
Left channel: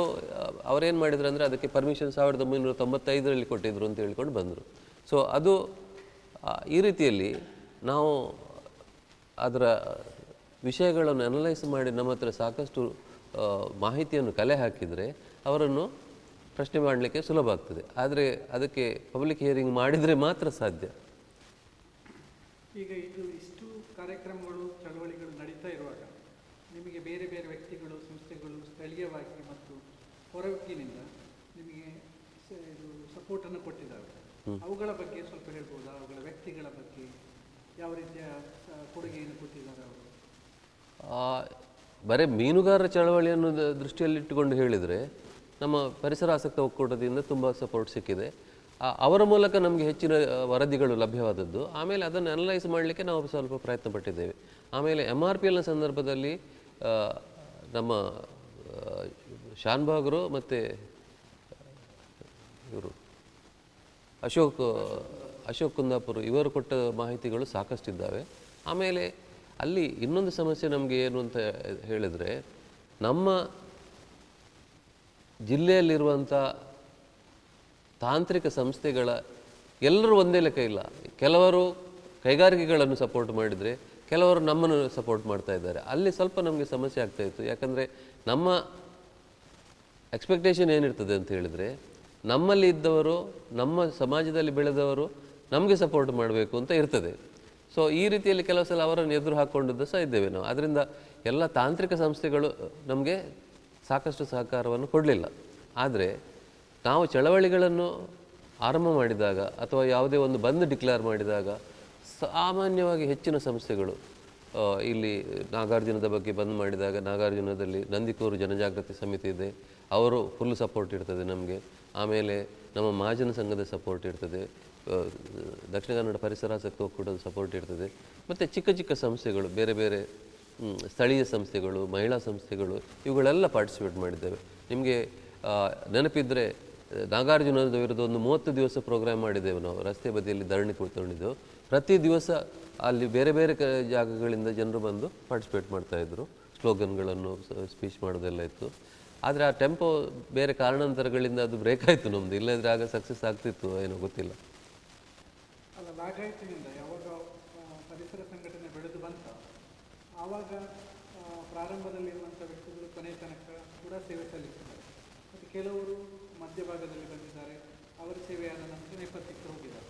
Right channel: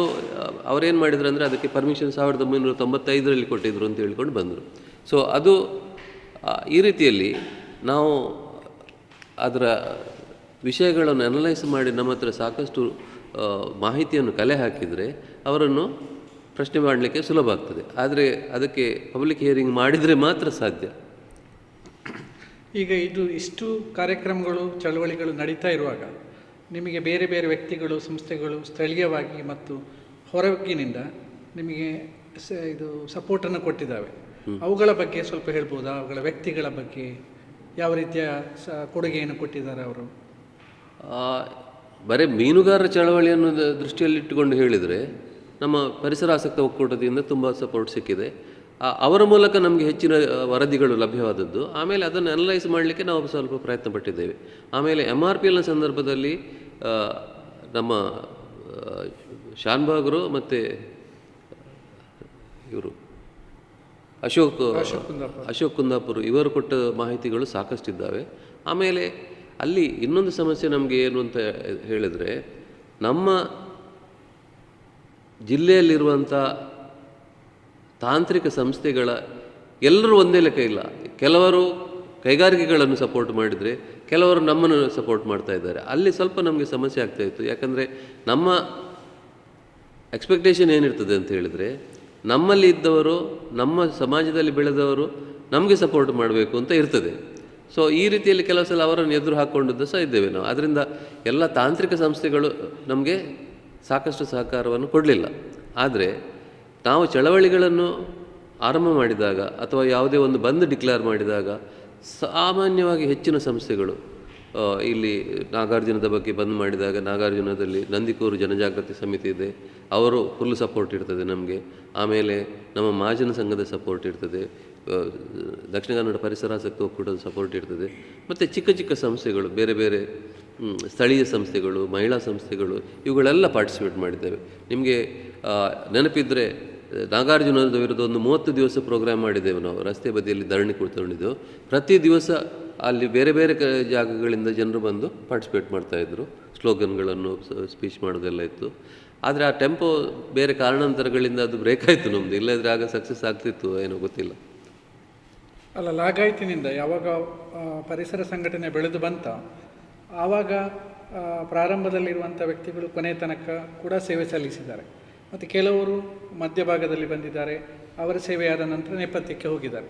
ಅವರೇನು ಮಾಡಿದ್ರು ಅಂದರೆ, ಅದಕ್ಕೆ ಪರ್ಮಿಷನ್ 1995ರಲ್ಲಿ ಕೊಟ್ಟಿದ್ರು ಅಂತ ಹೇಳ್ಕೊಂಡು ಬಂದರು. ಸೊ ಅದು ಈ ರೀತಿಯಲ್ಲಿ ನಾವು ಅದರ ವಿಷಯಗಳನ್ನು ಅನಲೈಸ್ ಮಾಡಿ ನಮ್ಮ ಹತ್ರ ಸಾಕಷ್ಟು ಮಾಹಿತಿಯನ್ನು ಕಲೆ ಹಾಕಿದರೆ ಅವರನ್ನು ಪ್ರಶ್ನೆ ಮಾಡಲಿಕ್ಕೆ ಸುಲಭ ಆಗ್ತದೆ. ಆದರೆ ಅದಕ್ಕೆ ಪಬ್ಲಿಕ್ ಹಿಯರಿಂಗ್ ಮಾಡಿದರೆ ಮಾತ್ರ ಸಾಧ್ಯ. ಈಗ ಇಷ್ಟು ಕಾರ್ಯಕ್ರಮಗಳು, ಚಳವಳಿಗಳು ನಡೀತಾ ಇರುವಾಗ ನಿಮಗೆ ಬೇರೆ ಬೇರೆ ವ್ಯಕ್ತಿಗಳು, ಸಂಸ್ಥೆಗಳು ಸ್ಥಳೀಯವಾಗಿ ಮತ್ತು ಹೊರಗಿನಿಂದ ನಿಮಗೆ ಇದು ಸಪೋರ್ಟನ್ನು ಕೊಟ್ಟಿದ್ದಾವೆ. ಅವುಗಳ ಬಗ್ಗೆ ಸ್ವಲ್ಪ ಹೇಳ್ಬೋದಾ? ಅವುಗಳ ವ್ಯಕ್ತಿಗಳ ಬಗ್ಗೆ ಯಾವ ರೀತಿಯ ಕೊಡುಗೆಯನ್ನು ಕೊಟ್ಟಿದ್ದಾರೆ ಅವರು? ಬರೀ ಮೀನುಗಾರರ ಚಳವಳಿಯನ್ನು ದೃಷ್ಟಿಯಲ್ಲಿಟ್ಟುಕೊಂಡು ಹೇಳಿದರೆ, ನಮ್ಮ ಪರಿಸರ ಆಸಕ್ತ ಒಕ್ಕೂಟದಿಂದ ತುಂಬ ಸಪೋರ್ಟ್ ಸಿಕ್ಕಿದೆ. ಅವರ ಮೂಲಕ ನಮಗೆ ಹೆಚ್ಚಿನ ವರದಿಗಳು ಲಭ್ಯವಾದದ್ದು. ಆಮೇಲೆ ಅದನ್ನು ಅನಲೈಸ್ ಮಾಡಲಿಕ್ಕೆ ನಾವು ಸ್ವಲ್ಪ ಪ್ರಯತ್ನ ಪಟ್ಟಿದ್ದೇವೆ. ಆಮೇಲೆ MRPLನ ಸಂದರ್ಭದಲ್ಲಿ ನಮ್ಮ ಶಾನ್ಭಾಗರು ಮತ್ತು ಇವರು ಅಶೋಕ್ ಕುಂದಾಪುರ್ ಇವರು ಕೊಟ್ಟ ಮಾಹಿತಿಗಳು ಸಾಕಷ್ಟಿದ್ದಾವೆ. ಆಮೇಲೆ ಅಲ್ಲಿ ಇನ್ನೊಂದು ಸಮಸ್ಯೆ ನಮಗೆ ಏನು ಅಂತ ಹೇಳಿದರೆ, ನಮ್ಮ ಜಿಲ್ಲೆಯಲ್ಲಿರುವಂಥ ತಾಂತ್ರಿಕ ಸಂಸ್ಥೆಗಳ ಎಲ್ಲರೂ ಒಂದೇ ಲೆಕ್ಕ ಇಲ್ಲ. ಕೆಲವರು ಕೈಗಾರಿಕೆಗಳನ್ನು ಸಪೋರ್ಟ್ ಮಾಡಿದರೆ, ಕೆಲವರು ನಮ್ಮನ್ನು ಸಪೋರ್ಟ್ ಮಾಡ್ತಾ ಇದ್ದಾರೆ. ಅಲ್ಲಿ ಸ್ವಲ್ಪ ನಮಗೆ ಸಮಸ್ಯೆ ಆಗ್ತಾಯಿತ್ತು. ಯಾಕಂದರೆ ನಮ್ಮ ಎಕ್ಸ್ಪೆಕ್ಟೇಷನ್ ಏನಿರ್ತದೆ ಅಂತ ಹೇಳಿದರೆ, ನಮ್ಮಲ್ಲಿ ಇದ್ದವರು, ನಮ್ಮ ಸಮಾಜದಲ್ಲಿ ಬೆಳೆದವರು ನಮಗೆ ಸಪೋರ್ಟ್ ಮಾಡಬೇಕು ಅಂತ ಇರ್ತದೆ. ಸೊ ಈ ರೀತಿಯಲ್ಲಿ ಕೆಲವು ಸಲ ಅವರನ್ನು ಎದುರು ಹಾಕ್ಕೊಂಡಿದ್ದು ಸಹ ಇದ್ದೇವೆ ನಾವು. ಆದ್ದರಿಂದ ಎಲ್ಲ ತಾಂತ್ರಿಕ ಸಂಸ್ಥೆಗಳು ನಮಗೆ ಸಾಕಷ್ಟು ಸಹಕಾರವನ್ನು ಕೊಡಲಿಲ್ಲ. ಆದರೆ ನಾವು ಚಳವಳಿಗಳನ್ನು ಆರಂಭ ಮಾಡಿದಾಗ ಅಥವಾ ಯಾವುದೇ ಒಂದು ಬಂದ್ ಡಿಕ್ಲೇರ್ ಮಾಡಿದಾಗ ಸಾಮಾನ್ಯವಾಗಿ ಹೆಚ್ಚಿನ ಸಂಸ್ಥೆಗಳು ಇಲ್ಲಿ ನಾಗಾರ್ಜುನದ ಬಗ್ಗೆ ಬಂದ್ ಮಾಡಿದಾಗ, ನಾಗಾರ್ಜುನದಲ್ಲಿ ನಂದಿಕೂರು ಜನಜಾಗೃತಿ ಸಮಿತಿ ಇದೆ, ಅವರು ಫುಲ್ ಸಪೋರ್ಟ್ ಇರ್ತದೆ ನಮಗೆ. ಆಮೇಲೆ ನಮ್ಮ ಮಹಾಜನ ಸಂಘದ ಸಪೋರ್ಟ್ ಇರ್ತದೆ, ದಕ್ಷಿಣ ಕನ್ನಡ ಪರಿಸರಾಸಕ್ತ ಒಕ್ಕೂಟದ ಸಪೋರ್ಟ್ ಇರ್ತದೆ. ಮತ್ತು ಚಿಕ್ಕ ಚಿಕ್ಕ ಸಂಸ್ಥೆಗಳು, ಬೇರೆ ಬೇರೆ ಸ್ಥಳೀಯ ಸಂಸ್ಥೆಗಳು, ಮಹಿಳಾ ಸಂಸ್ಥೆಗಳು, ಇವುಗಳೆಲ್ಲ ಪಾರ್ಟಿಸಿಪೇಟ್ ಮಾಡಿದ್ದೇವೆ. ನಿಮಗೆ ನೆನಪಿದ್ದರೆ ನಾಗಾರ್ಜುನದ ವಿರುದ್ಧ ಒಂದು 30 ದಿವಸ ಪ್ರೋಗ್ರಾಮ್ ಮಾಡಿದ್ದೇವೆ ನಾವು. ರಸ್ತೆ ಬದಿಯಲ್ಲಿ ಧರಣಿ ಕುಳಿತುಕೊಂಡಿದ್ದೆವು. ಪ್ರತಿ ದಿವಸ ಅಲ್ಲಿ ಬೇರೆ ಬೇರೆ ಜಾಗಗಳಿಂದ ಜನರು ಬಂದು ಪಾರ್ಟಿಸಿಪೇಟ್ ಮಾಡ್ತಾಯಿದ್ರು. ಸ್ಲೋಗನ್ಗಳನ್ನು ಸ್ಪೀಚ್ ಮಾಡೋದೆಲ್ಲ ಇತ್ತು. ಆದರೆ ಆ ಟೆಂಪೋ ಬೇರೆ ಕಾರಣಾಂತರಗಳಿಂದ ಅದು ಬ್ರೇಕ್ ಆಯಿತು ನಮ್ಮದು. ಇಲ್ಲದ್ರೆ ಆಗ ಸಕ್ಸಸ್ ಆಗ್ತಿತ್ತು ಏನೋ ಗೊತ್ತಿಲ್ಲ. ಅಲ್ಲ, ಲಾಗಾಯತಿನಿಂದ ಯಾವಾಗ ಪರಿಸರ ಸಂಘಟನೆ ಬೆಳೆದು ಬಂತ, ಆವಾಗ ಪ್ರಾರಂಭದಲ್ಲಿರುವಂಥ ವ್ಯಕ್ತಿಗಳು ಕೊನೆಯ ತನಕ ಕೂಡ ಸೇವೆ ಸಲ್ಲಿಸಿದ್ದಾರೆ. ಮತ್ತು ಕೆಲವರು ಮಧ್ಯಭಾಗದಲ್ಲಿ ಬಂದಿದ್ದಾರೆ, ಅವರ ಸೇವೆಯಾದ ನಂತರ ನೇಪಥ್ಯಕ್ಕೆ ಹೋಗಿದ್ದಾರೆ.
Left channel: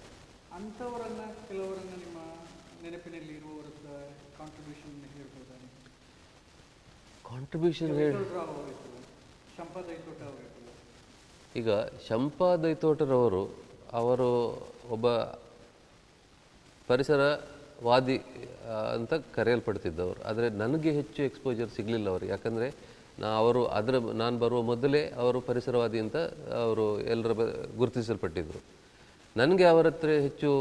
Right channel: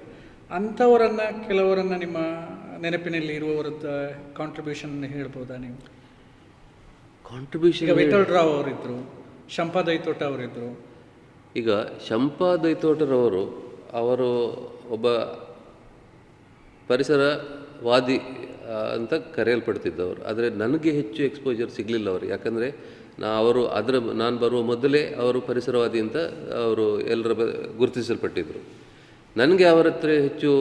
ಕೆಲವರನ್ನು ನಿಮ್ಮ ನೆನಪಿನಲ್ಲಿ ಇರುವವರದ್ದು ಕಾಂಟ್ರಿಬ್ಯೂಷನ್ ಹೇಳ್ಬೋದಾ ನೀವು? ಕಾಂಟ್ರಿಬ್ಯೂಷನ್ ವಿಠಲ್ ರಾವ್ ಅವರಿದ್ದರು, ಶಂಪಾ ದೈತೋಟ ಅವರಿದ್ದರು. ಈಗ ಶಂಪಾ ದೈತೋಟರವರು ಅವರು ಒಬ್ಬ ಪರಿಸರವಾದಿ ಅಂತ ಕರೆಯಲ್ಪಡ್ತಿದ್ದವರು. ಆದರೆ ನನಗೆ ಹೆಚ್ಚು ಎಕ್ಸ್ಪೋಜರ್ ಸಿಗಲಿಲ್ಲ ಅವರು, ಯಾಕಂದರೆ ಅವರು ನಾನು ಬರುವ ಮೊದಲೇ ಅವರು ಪರಿಸರವಾದಿ ಅಂತ ಅವರು ಎಲ್ಲರ ಗುರುತಿಸಲ್ಪಟ್ಟಿದ್ದರು. ನನಗೆ ಅವರ ಹತ್ರ ಹೆಚ್ಚು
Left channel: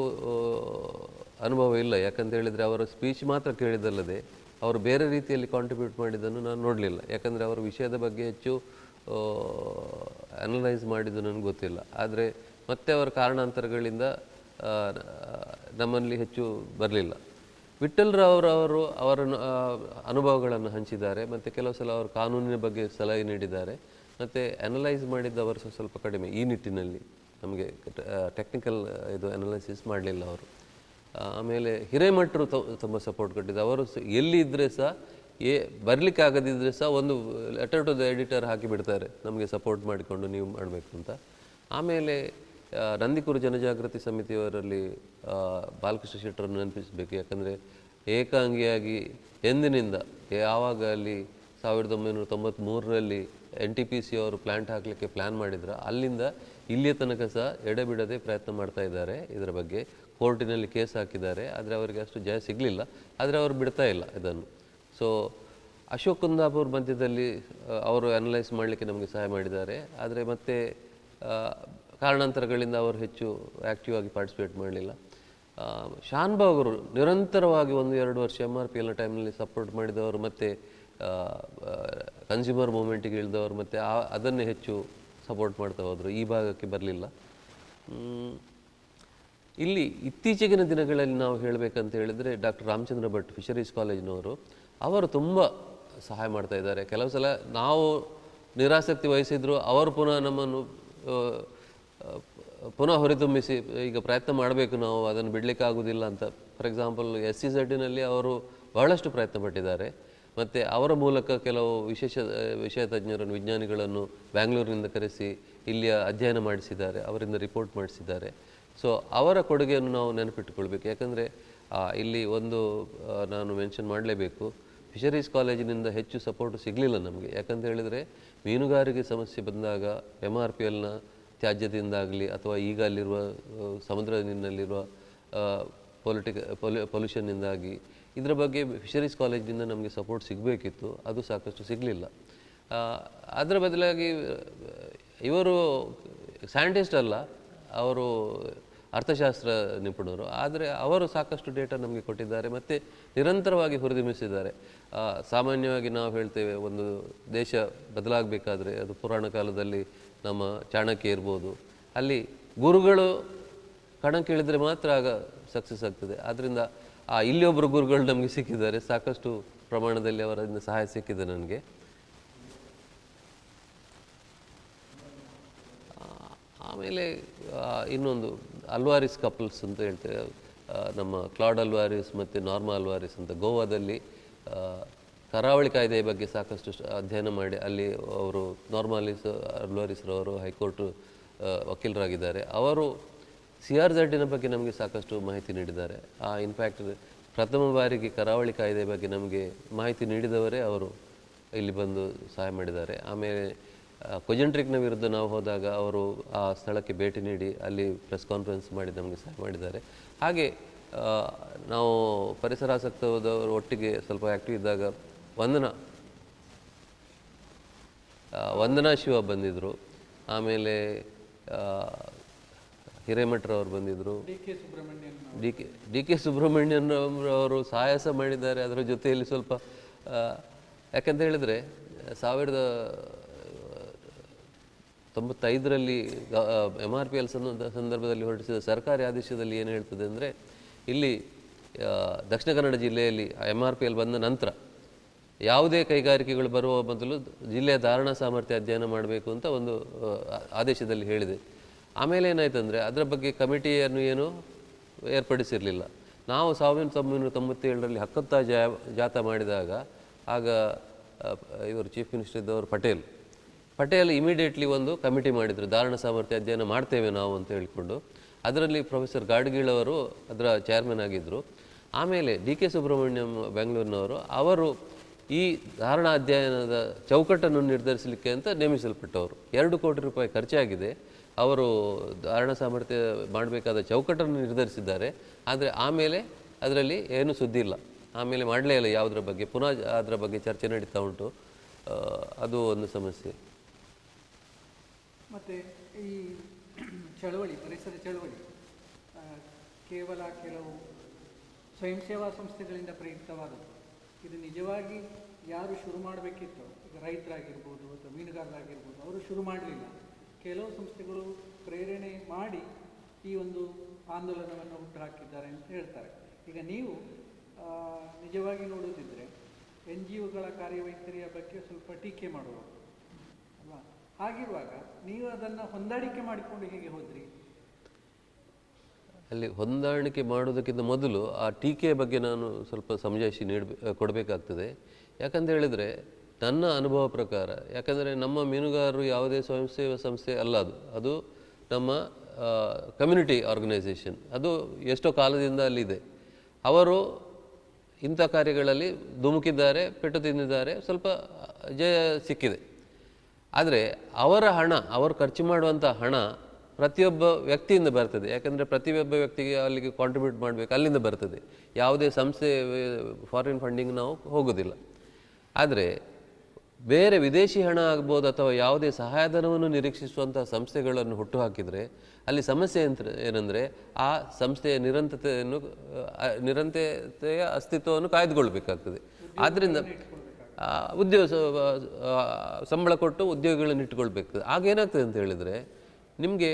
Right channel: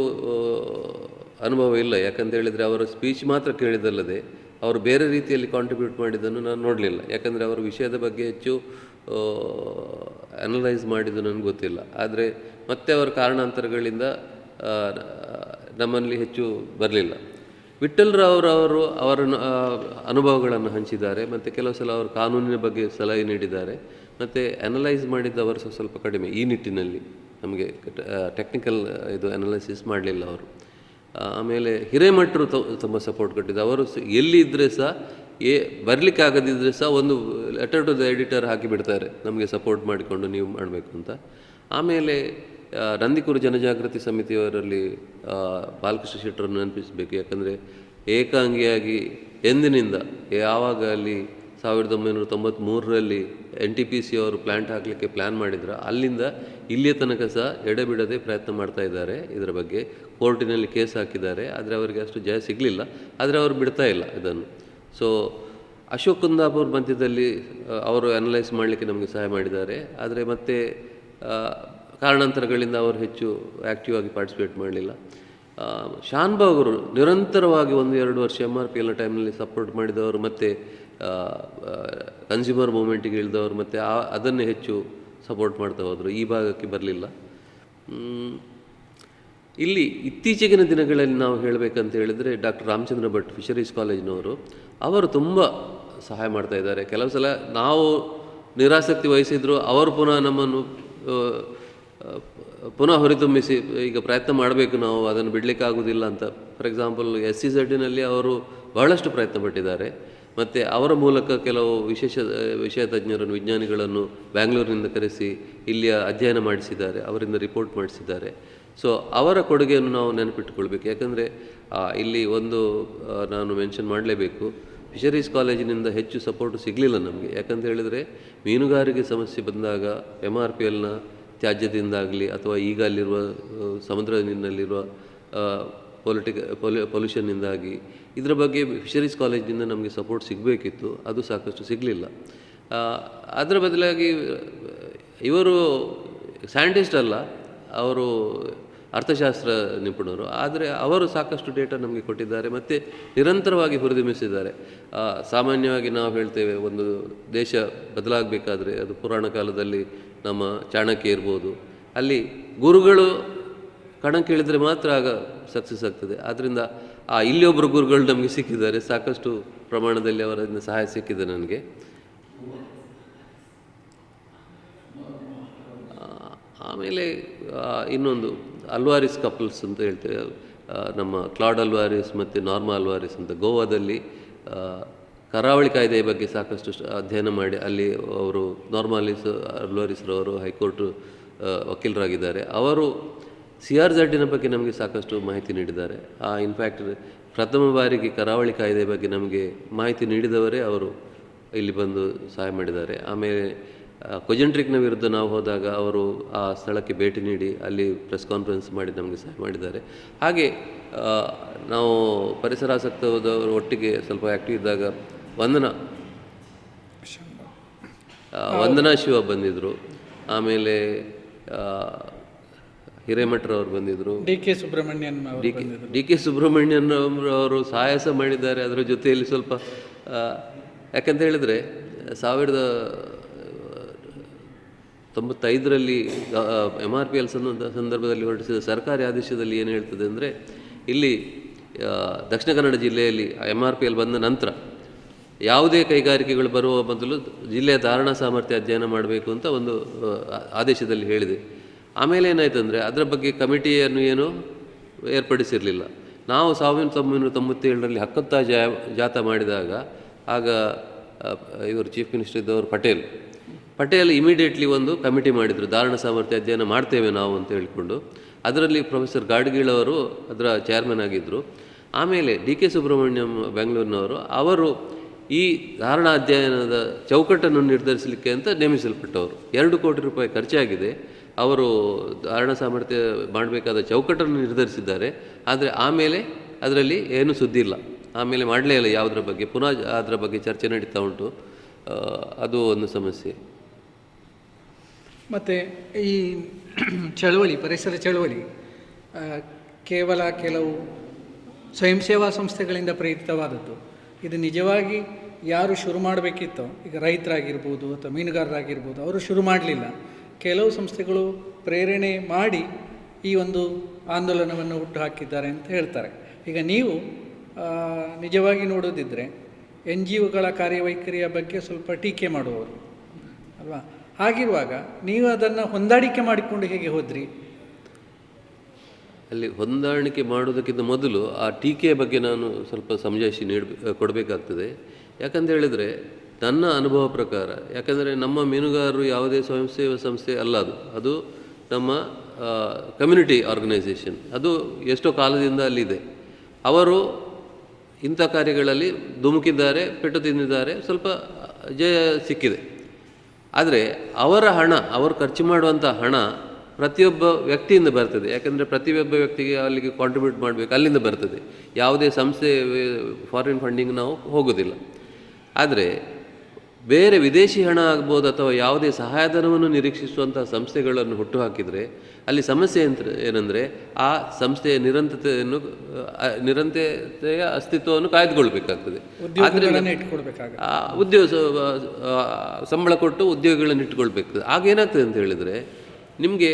ಅನುಭವ ಇಲ್ಲ, ಯಾಕಂತ ಹೇಳಿದರೆ ಅವರ ಸ್ಪೀಚ್ ಮಾತ್ರ ಕೇಳಿದಲ್ಲದೆ ಅವರು ಬೇರೆ ರೀತಿಯಲ್ಲಿ ಕಾಂಟ್ರಿಬ್ಯೂಟ್ ಮಾಡಿದ್ದನ್ನು ನಾನು ನೋಡಲಿಲ್ಲ. ಯಾಕಂದರೆ ಅವರ ವಿಷಯದ ಬಗ್ಗೆ ಹೆಚ್ಚು ಅನಲೈಸ್ ಮಾಡಿದ್ದು ನನಗೆ ಗೊತ್ತಿಲ್ಲ. ಆದರೆ ಮತ್ತೆ ಅವರ ಕಾರಣಾಂತರಗಳಿಂದ ನಮ್ಮಲ್ಲಿ ಹೆಚ್ಚು ಬರಲಿಲ್ಲ. ವಿಠ್ಠಲರಾವ್ ಅವರ ಅನುಭವಗಳನ್ನು ಹಂಚಿದ್ದಾರೆ, ಮತ್ತು ಕೆಲವು ಸಲ ಅವರು ಕಾನೂನಿನ ಬಗ್ಗೆ ಸಲಹೆ ನೀಡಿದ್ದಾರೆ. ಮತ್ತು ಅನಲೈಸ್ ಮಾಡಿದ್ದವರು ಸ್ವಲ್ಪ ಕಡಿಮೆ ಈ ನಿಟ್ಟಿನಲ್ಲಿ, ನಮಗೆ ಟೆಕ್ನಿಕಲ್ ಇದು ಅನಲೈಸಿಸ್ ಮಾಡಲಿಲ್ಲ ಅವರು. ಆಮೇಲೆ ಹಿರೇಮಠರು ತುಂಬ ಸಪೋರ್ಟ್ ಕೊಟ್ಟಿದ್ದು. ಅವರು ಎಲ್ಲಿ ಇದ್ದರೆ ಸಹ ಬರಲಿಕ್ಕೆ ಆಗದಿದ್ದರೆ ಸಹ ಒಂದು ಲೆಟರ್ ಟು ದ ಎಡಿಟರ್ ಹಾಕಿಬಿಡ್ತಾರೆ, ನಮಗೆ ಸಪೋರ್ಟ್ ಮಾಡಿಕೊಂಡು ನೀವು ಮಾಡಬೇಕು ಅಂತ. ಆಮೇಲೆ ನಂದಿಕೂರು ಜನಜಾಗೃತಿ ಸಮಿತಿಯವರಲ್ಲಿ ಬಾಲಕೃಷ್ಣ ಶೆಟ್ಟರನ್ನು ನೆನಪಿಸಬೇಕು. ಯಾಕಂದರೆ ಏಕಾಂಗಿಯಾಗಿ ಎಂದಿನಿಂದ ಯಾವಾಗ ಅಲ್ಲಿ 1993ರಲ್ಲಿ NTPC ಅವರು ಪ್ಲ್ಯಾಂಟ್ ಹಾಕಲಿಕ್ಕೆ ಪ್ಲ್ಯಾನ್ ಮಾಡಿದ್ರು, ಅಲ್ಲಿಂದ ಇಲ್ಲಿಯ ತನಕ ಸಹ ಎಡೆಬಿಡದೆ ಪ್ರಯತ್ನ ಮಾಡ್ತಾ ಇದ್ದಾರೆ. ಇದರ ಬಗ್ಗೆ ಕೋರ್ಟಿನಲ್ಲಿ ಕೇಸ್ ಹಾಕಿದ್ದಾರೆ, ಆದರೆ ಅವರಿಗೆ ಅಷ್ಟು ಜಯ ಸಿಗಲಿಲ್ಲ. ಆದರೆ ಅವರು ಬಿಡ್ತಾ ಇಲ್ಲ ಇದನ್ನು. ಸೊ ಅಶೋಕ್ ಕುಂದಾಪುರ್ ಮಧ್ಯದಲ್ಲಿ ಅವರು ಅನಲೈಸ್ ಮಾಡಲಿಕ್ಕೆ ನಮಗೆ ಸಹಾಯ ಮಾಡಿದ್ದಾರೆ. ಆದರೆ ಮತ್ತೆ ಕಾರಣಾಂತರಗಳಿಂದ ಅವರು ಹೆಚ್ಚು ಆ್ಯಕ್ಟಿವ್ ಆಗಿ ಪಾರ್ಟಿಸಿಪೇಟ್ ಮಾಡಲಿಲ್ಲ. ಶಾನ್ಭಾಗ್ ಅವರು ನಿರಂತರವಾಗಿ 1-2 ವರ್ಷ MRPLನ ಟೈಮ್ನಲ್ಲಿ ಸಪೋರ್ಟ್ ಮಾಡಿದವರು, ಮತ್ತು ಕನ್ಸ್ಯೂಮರ್ ಮೂವ್ಮೆಂಟಿಗೆ ಇಳಿದವರು, ಮತ್ತು ಅದನ್ನೇ ಹೆಚ್ಚು ಸಪೋರ್ಟ್ ಮಾಡ್ತಾ ಹೋದರು. ಈ ಭಾಗಕ್ಕೆ ಬರಲಿಲ್ಲ. ಇಲ್ಲಿ ಇತ್ತೀಚೆಗಿನ ದಿನಗಳಲ್ಲಿ ನಾವು ಹೇಳಬೇಕಂತ ಹೇಳಿದರೆ ಡಾಕ್ಟರ್ ರಾಮಚಂದ್ರ ಭಟ್ ಫಿಶರೀಸ್ ಕಾಲೇಜಿನವರು, ಅವರು ತುಂಬ ಸಹಾಯ ಮಾಡ್ತಾ ಇದ್ದಾರೆ. ಕೆಲವು ಸಲ ನಾವು ನಿರಾಸಕ್ತಿ ವಹಿಸಿದ್ರು ಅವರು ಪುನಃ ನಮ್ಮನ್ನು ಪುನಃ ಹೊರತುಂಬಿಸಿ ಈಗ ಪ್ರಯತ್ನ ಮಾಡಬೇಕು, ನಾವು ಅದನ್ನು ಬಿಡಲಿಕ್ಕೆ ಆಗೋದಿಲ್ಲ ಅಂತ. ಫಾರ್ ಎಕ್ಸಾಂಪಲ್ SCZನಲ್ಲಿ ಅವರು ಬಹಳಷ್ಟು ಪ್ರಯತ್ನ ಪಟ್ಟಿದ್ದಾರೆ. ಮತ್ತು ಅವರ ಮೂಲಕ ಕೆಲವು ವಿಷಯ ತಜ್ಞರನ್ನು, ವಿಜ್ಞಾನಿಗಳನ್ನು ಬ್ಯಾಂಗ್ಳೂರಿನಿಂದ ಕರೆಸಿ ಇಲ್ಲಿಯ ಅಧ್ಯಯನ ಮಾಡಿಸಿದ್ದಾರೆ, ಅವರಿಂದ ರಿಪೋರ್ಟ್ ಮಾಡಿಸಿದ್ದಾರೆ. ಸೊ ಅವರ ಕೊಡುಗೆಯನ್ನು ನಾವು ನೆನಪಿಟ್ಟುಕೊಳ್ಬೇಕು. ಯಾಕಂದರೆ ಇಲ್ಲಿ ಒಂದು ನಾನು ಮೆನ್ಷನ್ ಮಾಡಲೇಬೇಕು, ಫಿಶರೀಸ್ ಕಾಲೇಜಿನಿಂದ ಹೆಚ್ಚು ಸಪೋರ್ಟು ಸಿಗಲಿಲ್ಲ ನಮಗೆ. ಯಾಕಂತ ಹೇಳಿದರೆ ಮೀನುಗಾರಿಕೆ ಸಮಸ್ಯೆ ಬಂದಾಗ MRPLನ ತ್ಯಾಜ್ಯದಿಂದಾಗಲಿ ಅಥವಾ ಈಗ ಅಲ್ಲಿರುವ ಸಮುದ್ರ ನೀರಿನಲ್ಲಿರುವ ಪೊಲ್ಯೂಷನ್ನಿಂದಾಗಿ ಇದರ ಬಗ್ಗೆ ಫಿಶರೀಸ್ ಕಾಲೇಜಿನಿಂದ ನಮಗೆ ಸಪೋರ್ಟ್ ಸಿಗಬೇಕಿತ್ತು, ಅದು ಸಾಕಷ್ಟು ಸಿಗಲಿಲ್ಲ. ಅದರ ಬದಲಾಗಿ ಇವರು ಸೈಂಟಿಸ್ಟ್ ಅಲ್ಲ, ಅವರು ಅರ್ಥಶಾಸ್ತ್ರ ನಿಪುಣರು, ಆದರೆ ಅವರು ಸಾಕಷ್ಟು ಡೇಟಾ ನಮಗೆ ಕೊಟ್ಟಿದ್ದಾರೆ ಮತ್ತು ನಿರಂತರವಾಗಿ ಹುರಿದುಂಬಿಸಿದ್ದಾರೆ. ಸಾಮಾನ್ಯವಾಗಿ ನಾವು ಹೇಳ್ತೇವೆ, ಒಂದು ದೇಶ ಬದಲಾಗಬೇಕಾದ್ರೆ ಅದು ಪುರಾಣ ಕಾಲದಲ್ಲಿ ನಮ್ಮ ಚಾಣಕ್ಯ ಇರ್ಬೋದು, ಅಲ್ಲಿ ಗುರುಗಳು ಕಣ ಕೇಳಿದರೆ ಮಾತ್ರ ಆಗ ಸಕ್ಸಸ್ ಆಗ್ತದೆ. ಆದ್ದರಿಂದ ಇಲ್ಲಿ ಒಬ್ಬರು ಗುರುಗಳು ನಮಗೆ ಸಿಕ್ಕಿದ್ದಾರೆ, ಸಾಕಷ್ಟು ಪ್ರಮಾಣದಲ್ಲಿ ಅವರಿಂದ ಸಹಾಯ ಸಿಕ್ಕಿದೆ ನನಗೆ. ಆಮೇಲೆ ಇನ್ನೊಂದು ಅಲ್ವಾರಿಸ್ ಕಪಲ್ಸ್ ಅಂತ ಹೇಳ್ತೇವೆ, ನಮ್ಮ ಕ್ಲಾಡ್ ಅಲ್ವಾರಿಸ್ ಮತ್ತು ನಾರ್ಮಾ ಅಲ್ವಾರಿಸ್ ಅಂತ ಗೋವಾದಲ್ಲಿ ಕರಾವಳಿ ಕಾಯ್ದೆಯ ಬಗ್ಗೆ ಸಾಕಷ್ಟು ಅಧ್ಯಯನ ಮಾಡಿ ಅಲ್ಲಿ ಅವರು ಅಲ್ವಾರಿಸ್ರವರು ಹೈಕೋರ್ಟ್ ವಕೀಲರಾಗಿದ್ದಾರೆ. ಅವರು CRZನ ಬಗ್ಗೆ ನಮಗೆ ಸಾಕಷ್ಟು ಮಾಹಿತಿ ನೀಡಿದ್ದಾರೆ. ಇನ್ಫ್ಯಾಕ್ಟ್ ಪ್ರಥಮ ಬಾರಿಗೆ ಕರಾವಳಿ ಕಾಯ್ದೆಯ ಬಗ್ಗೆ ನಮಗೆ ಮಾಹಿತಿ ನೀಡಿದವರೇ ಅವರು ಇಲ್ಲಿ ಬಂದು ಸಹಾಯ ಮಾಡಿದ್ದಾರೆ. ಆಮೇಲೆ ಕೊಜೆಂಟ್ರಿಕ್ನ ವಿರುದ್ಧ ನಾವು ಹೋದಾಗ ಅವರು ಆ ಸ್ಥಳಕ್ಕೆ ಭೇಟಿ ನೀಡಿ ಅಲ್ಲಿ ಪ್ರೆಸ್ ಕಾನ್ಫರೆನ್ಸ್ ಮಾಡಿ ನಮಗೆ ಸಹಾಯ ಮಾಡಿದ್ದಾರೆ. ಹಾಗೆ ನಾವು ಪರಿಸರಾಸಕ್ತ ಹೋದವರು ಒಟ್ಟಿಗೆ ಸ್ವಲ್ಪ ಆ್ಯಕ್ಟಿವ್ ಇದ್ದಾಗ ವಂದನಾ ಶಿವ ಬಂದಿದ್ದರು, ಆಮೇಲೆ ಹಿರೇಮಠರವರು ಬಂದಿದ್ದರು, DK ಸುಬ್ರಹ್ಮಣ್ಯನ್ ಅವರು ಸಹಾಯ ಮಾಡಿದ್ದಾರೆ. ಅದರ ಜೊತೆಯಲ್ಲಿ ಸ್ವಲ್ಪ ಯಾಕಂತ ಹೇಳಿದರೆ 1995ರಲ್ಲಿ MRPL ಸಂದರ್ಭದಲ್ಲಿ ಹೊರಡಿಸಿದ ಸರ್ಕಾರಿ ಆದೇಶದಲ್ಲಿ ಏನು ಹೇಳ್ತದೆ ಅಂದರೆ, ಇಲ್ಲಿ ದಕ್ಷಿಣ ಕನ್ನಡ ಜಿಲ್ಲೆಯಲ್ಲಿ MRPL ಬಂದ ನಂತರ ಯಾವುದೇ ಕೈಗಾರಿಕೆಗಳು ಬರುವ ಮೊದಲು ಜಿಲ್ಲೆಯ ಧಾರಣಾ ಸಾಮರ್ಥ್ಯ ಅಧ್ಯಯನ ಮಾಡಬೇಕು ಅಂತ ಒಂದು ಆದೇಶದಲ್ಲಿ ಹೇಳಿದೆ. ಆಮೇಲೆ ಏನಾಯ್ತು ಅಂದರೆ ಅದರ ಬಗ್ಗೆ ಕಮಿಟಿಯನ್ನು ಏನು ಏರ್ಪಡಿಸಿರಲಿಲ್ಲ. ನಾವು 1997ರಲ್ಲಿ ಹಕ್ಕುತ್ತಾ ಜಾಥಾ ಮಾಡಿದಾಗ ಆಗ ಇವರು ಚೀಫ್ ಮಿನಿಸ್ಟರ್ ಇದ್ದವರು ಪಟೇಲ್ ಇಮಿಡಿಯೇಟ್ಲಿ ಒಂದು ಕಮಿಟಿ ಮಾಡಿದರು, ಧಾರಣ ಸಾಮರ್ಥ್ಯ ಅಧ್ಯಯನ ಮಾಡ್ತೇವೆ ನಾವು ಅಂತ ಹೇಳಿಕೊಂಡು. ಅದರಲ್ಲಿ ಪ್ರೊಫೆಸರ್ ಗಾಡ್ಗೀಳವರು ಅದರ ಚೇರ್ಮನ್ ಆಗಿದ್ದರು. ಆಮೇಲೆ DK ಸುಬ್ರಹ್ಮಣ್ಯಂ ಬೆಂಗಳೂರಿನವರು ಅವರು ಈ ಧಾರಣಾ ಅಧ್ಯಯನದ ಚೌಕಟ್ಟನ್ನು ನಿರ್ಧರಿಸಲಿಕ್ಕೆ ಅಂತ ನೇಮಿಸಲ್ಪಟ್ಟವರು. 2 ಕೋಟಿ ರೂಪಾಯಿ ಖರ್ಚಾಗಿದೆ. ಅವರು ಧಾರಣಾ ಸಾಮರ್ಥ್ಯ ಮಾಡಬೇಕಾದ ಚೌಕಟ್ಟನ್ನು ನಿರ್ಧರಿಸಿದ್ದಾರೆ, ಆದರೆ ಆಮೇಲೆ ಅದರಲ್ಲಿ ಏನೂ ಸುದ್ದಿ ಇಲ್ಲ. ಆಮೇಲೆ ಮಾಡಲೇ ಇಲ್ಲ ಯಾವುದರ ಬಗ್ಗೆ, ಪುನಃ ಅದರ ಬಗ್ಗೆ ಚರ್ಚೆ ನಡೀತಾ ಉಂಟು. ಅದು ಒಂದು ಸಮಸ್ಯೆ. ಮತ್ತು ಈ ಚಳವಳಿ, ಪರಿಸರ ಚಳವಳಿ ಕೇವಲ ಕೆಲವು ಸ್ವಯಂ ಸೇವಾ ಸಂಸ್ಥೆಗಳಿಂದ ಪ್ರೇರಿತವಾದದ್ದು. ಇದು ನಿಜವಾಗಿ ಯಾರು ಶುರು ಮಾಡಬೇಕಿತ್ತೋ, ಈಗ ರೈತರಾಗಿರ್ಬೋದು ಅಥವಾ ಮೀನುಗಾರರಾಗಿರ್ಬೋದು, ಅವರು ಶುರು ಮಾಡಲಿಲ್ಲ. ಕೆಲವು ಸಂಸ್ಥೆಗಳು ಪ್ರೇರಣೆ ಮಾಡಿ ಈ ಒಂದು ಆಂದೋಲನವನ್ನು ಹುಟ್ಟು ಹಾಕಿದ್ದಾರೆ ಅಂತ ಹೇಳ್ತಾರೆ. ಈಗ ನೀವು ನಿಜವಾಗಿ ನೋಡೋದಿದ್ದರೆ NGOಗಳ ಕಾರ್ಯವೈಖರಿಯ ಬಗ್ಗೆ ಸ್ವಲ್ಪ ಟೀಕೆ ಮಾಡುವವರು ಅಲ್ವಾ? ಹಾಗಿರುವಾಗ ನೀವು ಅದನ್ನು ಹೊಂದಾಣಿಕೆ ಮಾಡಿಕೊಂಡು ಹೇಗೆ ಹೋದ್ರಿ? ಅಲ್ಲಿ ಹೊಂದಾಣಿಕೆ ಮಾಡೋದಕ್ಕಿಂತ ಮೊದಲು ಆ ಟೀಕೆಯ ಬಗ್ಗೆ ನಾನು ಸ್ವಲ್ಪ ಸಮಜಾಯಿಷಿ ಕೊಡಬೇಕಾಗ್ತದೆ. ಯಾಕಂತ ಹೇಳಿದರೆ ನನ್ನ ಅನುಭವ ಪ್ರಕಾರ, ಯಾಕಂದರೆ ನಮ್ಮ ಮೀನುಗಾರರು ಯಾವುದೇ ಸ್ವಯಂ ಸೇವಾ ಸಂಸ್ಥೆ ಅಲ್ಲ, ಅದು ನಮ್ಮ ಕಮ್ಯುನಿಟಿ ಆರ್ಗನೈಸೇಷನ್. ಅದು ಎಷ್ಟೋ ಕಾಲದಿಂದ ಅಲ್ಲಿದೆ. ಅವರು ಇಂಥ ಕಾರ್ಯಗಳಲ್ಲಿ ಧುಮುಕಿದ್ದಾರೆ, ಪೆಟ್ಟು ತಿಂದಿದ್ದಾರೆ, ಸ್ವಲ್ಪ ಜಯ ಸಿಕ್ಕಿದೆ. ಆದರೆ ಅವರ ಹಣ, ಅವರು ಖರ್ಚು ಮಾಡುವಂಥ ಹಣ ಪ್ರತಿಯೊಬ್ಬ ವ್ಯಕ್ತಿಯಿಂದ ಬರ್ತದೆ. ಯಾಕಂದರೆ ಪ್ರತಿಯೊಬ್ಬ ವ್ಯಕ್ತಿಗೆ ಅಲ್ಲಿಗೆ ಕಾಂಟ್ರಿಬ್ಯೂಟ್ ಮಾಡಬೇಕು, ಅಲ್ಲಿಂದ ಬರ್ತದೆ. ಯಾವುದೇ ಸಂಸ್ಥೆ ಫಾರಿನ್ ಫಂಡಿಂಗ್ ನಾವು ಹೋಗೋದಿಲ್ಲ. ಆದರೆ ಬೇರೆ ವಿದೇಶಿ ಹಣ ಆಗ್ಬೋದು ಅಥವಾ ಯಾವುದೇ ಸಹಾಯಧನವನ್ನು ನಿರೀಕ್ಷಿಸುವಂಥ ಸಂಸ್ಥೆಗಳನ್ನು ಹುಟ್ಟುಹಾಕಿದರೆ ಅಲ್ಲಿ ಸಮಸ್ಯೆ ಏನಂದರೆ ಆ ಸಂಸ್ಥೆಯ ನಿರಂತರತೆಯ ಅಸ್ತಿತ್ವವನ್ನು ಕಾಯ್ದುಕೊಳ್ಬೇಕಾಗ್ತದೆ. ಉದ್ಯೋಗ ಸಂಬಳ ಕೊಟ್ಟು ಉದ್ಯೋಗಗಳನ್ನು ಇಟ್ಕೊಳ್ಬೇಕಾಗ್ತದೆ. ಆಗೇನಾಗ್ತದೆ ಅಂತ ಹೇಳಿದರೆ, ನಿಮಗೆ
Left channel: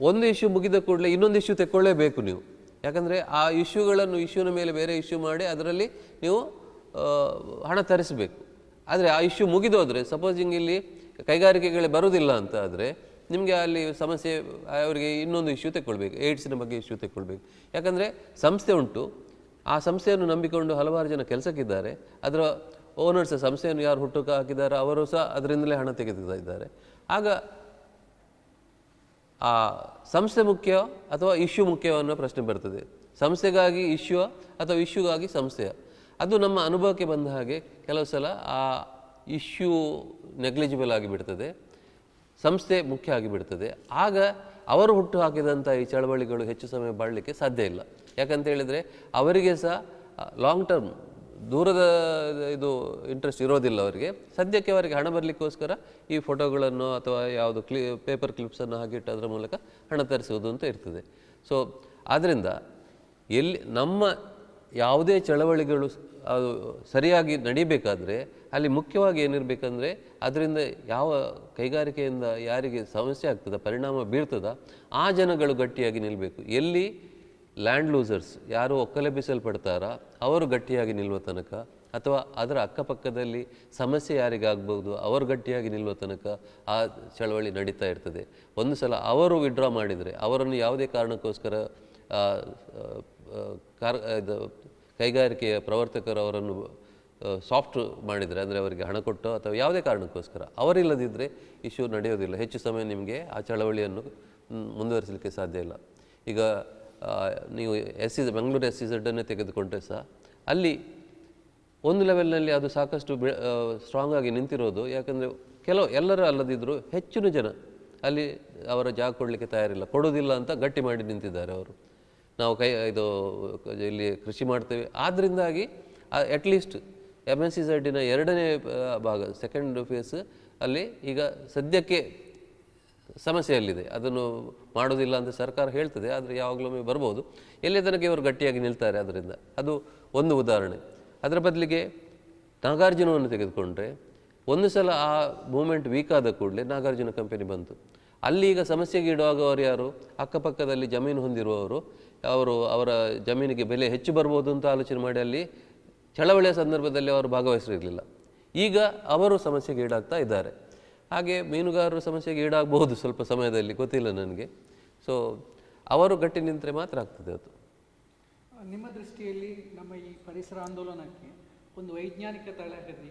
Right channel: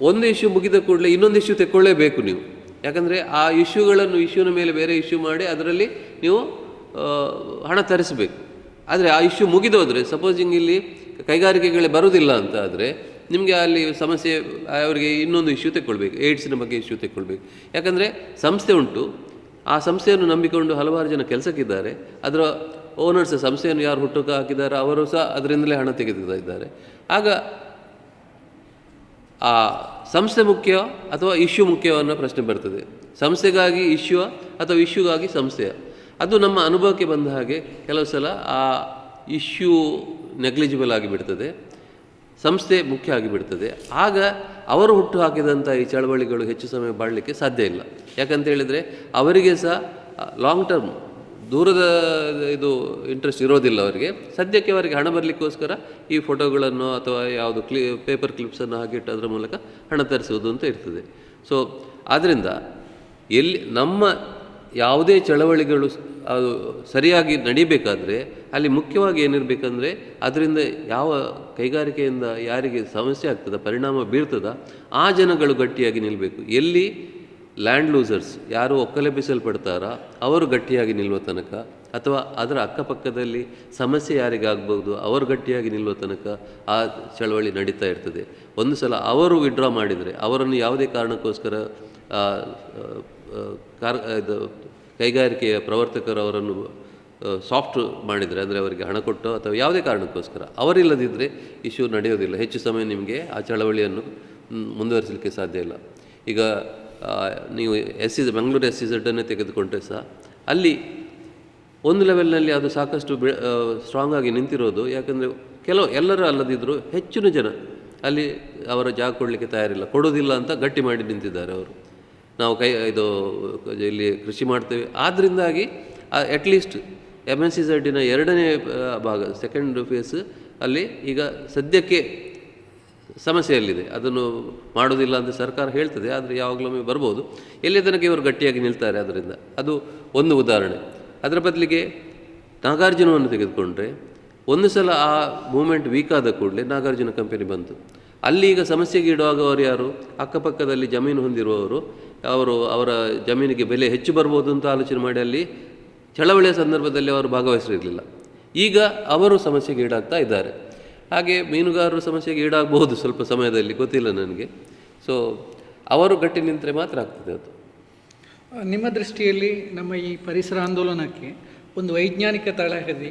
ಒಂದು ಇಶ್ಯೂ ಮುಗಿದ ಕೂಡಲೇ ಇನ್ನೊಂದು ಇಶ್ಯೂ ತೆಕ್ಕೊಳ್ಳೇಬೇಕು ನೀವು. ಯಾಕಂದರೆ ಆ ಇಶ್ಯೂನ ಮೇಲೆ ಬೇರೆ ಇಶ್ಯೂ ಮಾಡಿ ಅದರಲ್ಲಿ ನೀವು ಹಣ ತರಿಸಬೇಕು. ಆದರೆ ಆ ಇಶ್ಯೂ ಮುಗಿದೋದ್ರೆ, ಸಪೋಸಿಂಗ್ ಇಲ್ಲಿ ಕೈಗಾರಿಕೆಗಳೇ ಬರೋದಿಲ್ಲ ಅಂತ ಆದರೆ ನಿಮಗೆ ಅಲ್ಲಿ ಸಮಸ್ಯೆ, ಅವರಿಗೆ ಇನ್ನೊಂದು ಇಶ್ಯೂ ತೆಕ್ಕೊಳ್ಬೇಕು, ಏಡ್ಸಿನ ಬಗ್ಗೆ ಇಶ್ಯೂ ತೆಕ್ಕೊಳ್ಬೇಕು. ಯಾಕಂದರೆ ಸಂಸ್ಥೆ ಉಂಟು, ಆ ಸಂಸ್ಥೆಯನ್ನು ನಂಬಿಕೊಂಡು ಹಲವಾರು ಜನ ಕೆಲಸಕ್ಕಿದ್ದಾರೆ. ಅದರ ಓನರ್ಸ್, ಸಂಸ್ಥೆಯನ್ನು ಯಾರು ಹುಟ್ಟುಕ ಹಾಕಿದ್ದಾರೆ ಅವರು ಸಹ ಅದರಿಂದಲೇ ಹಣ ತೆಗೆದುತ್ತಾ ಇದ್ದಾರೆ. ಆಗ ಆ ಸಂಸ್ಥೆ ಮುಖ್ಯ ಅಥವಾ ಇಶ್ಯೂ ಮುಖ್ಯ ಅನ್ನೋ ಪ್ರಶ್ನೆ ಬರ್ತದೆ. ಸಂಸ್ಥೆಗಾಗಿ ಇಶ್ಯೂ ಅಥವಾ ಇಶ್ಯೂಗಾಗಿ ಸಂಸ್ಥೆಯ, ಅದು ನಮ್ಮ ಅನುಭವಕ್ಕೆ ಬಂದ ಹಾಗೆ ಕೆಲವು ಸಲ ಆ ಇಶ್ಯೂ ನೆಗ್ಲಿಜಿಬಲ್ ಆಗಿಬಿಡ್ತದೆ, ಸಂಸ್ಥೆ ಮುಖ್ಯ ಆಗಿಬಿಡ್ತದೆ. ಆಗ ಅವರು ಹುಟ್ಟು ಹಾಕಿದಂಥ ಈ ಚಳವಳಿಗಳು ಹೆಚ್ಚು ಸಮಯ ಬಾಳಲಿಕ್ಕೆ ಸಾಧ್ಯ ಇಲ್ಲ. ಯಾಕಂತ ಹೇಳಿದರೆ ಅವರಿಗೆ ಸಹ ಲಾಂಗ್ ಟರ್ಮ್, ದೂರದ ಇದು ಇಂಟ್ರೆಸ್ಟ್ ಇರೋದಿಲ್ಲ ಅವರಿಗೆ. ಸದ್ಯಕ್ಕೆ ಅವರಿಗೆ ಹಣ ಬರಲಿಕ್ಕೋಸ್ಕರ ಈ ಫೋಟೋಗಳನ್ನು ಅಥವಾ ಯಾವುದು ಪೇಪರ್ ಕ್ಲಿಪ್ಸನ್ನು ಹಾಕಿಟ್ಟು ಅದರ ಮೂಲಕ ಹಣ ತರಿಸುವುದು ಅಂತ ಇರ್ತದೆ. ಸೊ ಆದ್ದರಿಂದ ನಮ್ಮ ಯಾವುದೇ ಚಳವಳಿಗಳು ಅದು ಸರಿಯಾಗಿ ನಡೀಬೇಕಾದ್ರೆ ಅಲ್ಲಿ ಮುಖ್ಯವಾಗಿ ಏನಿರಬೇಕಂದ್ರೆ, ಅದರಿಂದ ಯಾವ ಕೈಗಾರಿಕೆಯಿಂದ ಯಾರಿಗೆ ಸಮಸ್ಯೆ ಆಗ್ತದ, ಪರಿಣಾಮ ಬೀರ್ತದ, ಆ ಜನಗಳು ಗಟ್ಟಿಯಾಗಿ ನಿಲ್ಲಬೇಕು. ಎಲ್ಲಿ ಲ್ಯಾಂಡ್ ಲೂಸರ್ಸ್ ಯಾರು ಒಕ್ಕಲೆಬ್ಬಿಸಲ್ಪಡ್ತಾರ ಅವರು ಗಟ್ಟಿಯಾಗಿ ನಿಲ್ಲುವ ತನಕ, ಅಥವಾ ಅದರ ಅಕ್ಕಪಕ್ಕದಲ್ಲಿ ಸಮಸ್ಯೆ ಯಾರಿಗಾಗ್ಬೋದು ಅವರು ಗಟ್ಟಿಯಾಗಿ ನಿಲ್ಲುವ ತನಕ ಆ ಚಳವಳಿ ನಡೀತಾ ಇರ್ತದೆ. ಒಂದು ಸಲ ಅವರು ವಿಡ್ರಾ ಮಾಡಿದರೆ, ಅವರನ್ನು ಯಾವುದೇ ಕಾರಣಕ್ಕೋಸ್ಕರ ಇದು ಕೈಗಾರಿಕೆಯ ಪ್ರವರ್ತಕರು ಅವರನ್ನು ಸಾಫ್ಟ್ ಮಾಡಿದರೆ, ಅಂದರೆ ಅವರಿಗೆ ಹಣ ಕೊಟ್ಟು ಅಥವಾ ಯಾವುದೇ ಕಾರಣಕ್ಕೋಸ್ಕರ ಅವರಿಲ್ಲದಿದ್ದರೆ ಇಶ್ಯೂ ನಡೆಯೋದಿಲ್ಲ. ಹೆಚ್ಚು ಸಮಯ ನಿಮಗೆ ಆ ಚಳವಳಿಯನ್ನು ಮುಂದುವರಿಸಲಿಕ್ಕೆ ಸಾಧ್ಯ ಇಲ್ಲ. ಈಗ ನೀವು ಬೆಂಗಳೂರು SEZ ತೆಗೆದುಕೊಂಡ್ರೆ ಸಹ ಅಲ್ಲಿ ಒಂದು ಲೆವೆಲ್ನಲ್ಲಿ ಅದು ಸಾಕಷ್ಟು ಸ್ಟ್ರಾಂಗ್ ಆಗಿ ನಿಂತಿರೋದು. ಯಾಕಂದರೆ ಎಲ್ಲರೂ ಅಲ್ಲದಿದ್ದರೂ ಹೆಚ್ಚಿನ ಜನ ಅಲ್ಲಿ ಅವರ ಜಾಗ ಕೊಡಲಿಕ್ಕೆ ತಯಾರಿಲ್ಲ, ಕೊಡೋದಿಲ್ಲ ಅಂತ ಗಟ್ಟಿ ಮಾಡಿ ನಿಂತಿದ್ದಾರೆ ಅವರು. ನಾವು ಇಲ್ಲಿ ಕೃಷಿ ಮಾಡ್ತೇವೆ, ಆದ್ದರಿಂದಾಗಿ ಅಟ್ಲೀಸ್ಟ್ MSEZ ಎರಡನೇ ಭಾಗ, ಸೆಕೆಂಡ್ ಫೇಸ್ ಅಲ್ಲಿ ಈಗ ಸದ್ಯಕ್ಕೆ ಸಮಸ್ಯೆಯಲ್ಲಿದೆ. ಅದನ್ನು ಮಾಡೋದಿಲ್ಲ ಅಂತ ಸರ್ಕಾರ ಹೇಳ್ತದೆ, ಆದರೆ ಯಾವಾಗಲೊಮ್ಮೆ ಬರ್ಬೋದು. ಎಲ್ಲಿ ತನಕ ಇವರು ಗಟ್ಟಿಯಾಗಿ ನಿಲ್ತಾರೆ, ಅದರಿಂದ ಅದು ಒಂದು ಉದಾಹರಣೆ. ಅದರ ಬದಲಿಗೆ ನಾಗಾರ್ಜುನವನ್ನು ತೆಗೆದುಕೊಂಡ್ರೆ, ಒಂದು ಸಲ ಆ ಮೂಮೆಂಟ್ ವೀಕ್ ಆದ ಕೂಡಲೇ ನಾಗಾರ್ಜುನ ಕಂಪನಿ ಬಂತು. ಅಲ್ಲಿ ಈಗ ಸಮಸ್ಯೆಗೆ ಇಡುವಾಗವರು ಯಾರು, ಅಕ್ಕಪಕ್ಕದಲ್ಲಿ ಜಮೀನು ಹೊಂದಿರುವವರು, ಅವರ ಜಮೀನಿಗೆ ಬೆಲೆ ಹೆಚ್ಚು ಬರ್ಬೋದು ಅಂತ ಆಲೋಚನೆ ಮಾಡಿ ಅಲ್ಲಿ ಚಳವಳಿಯ ಸಂದರ್ಭದಲ್ಲಿ ಅವರು ಭಾಗವಹಿಸಿರಲಿಲ್ಲ. ಈಗ ಅವರು ಸಮಸ್ಯೆಗೆ ಈಡಾಗ್ತಾ ಇದ್ದಾರೆ. ಹಾಗೆ ಮೀನುಗಾರರು ಸಮಸ್ಯೆಗೆ ಈಡಾಗಬಹುದು ಸ್ವಲ್ಪ ಸಮಯದಲ್ಲಿ, ಗೊತ್ತಿಲ್ಲ ನನಗೆ. ಸೊ ಅವರು ಗಟ್ಟಿ ನಿಂತರೆ ಮಾತ್ರ ಆಗ್ತದೆ ಅದು. ನಿಮ್ಮ ದೃಷ್ಟಿಯಲ್ಲಿ ನಮ್ಮ ಈ ಪರಿಸರ ಆಂದೋಲನಕ್ಕೆ ಒಂದು ವೈಜ್ಞಾನಿಕ ತಳಹದಿ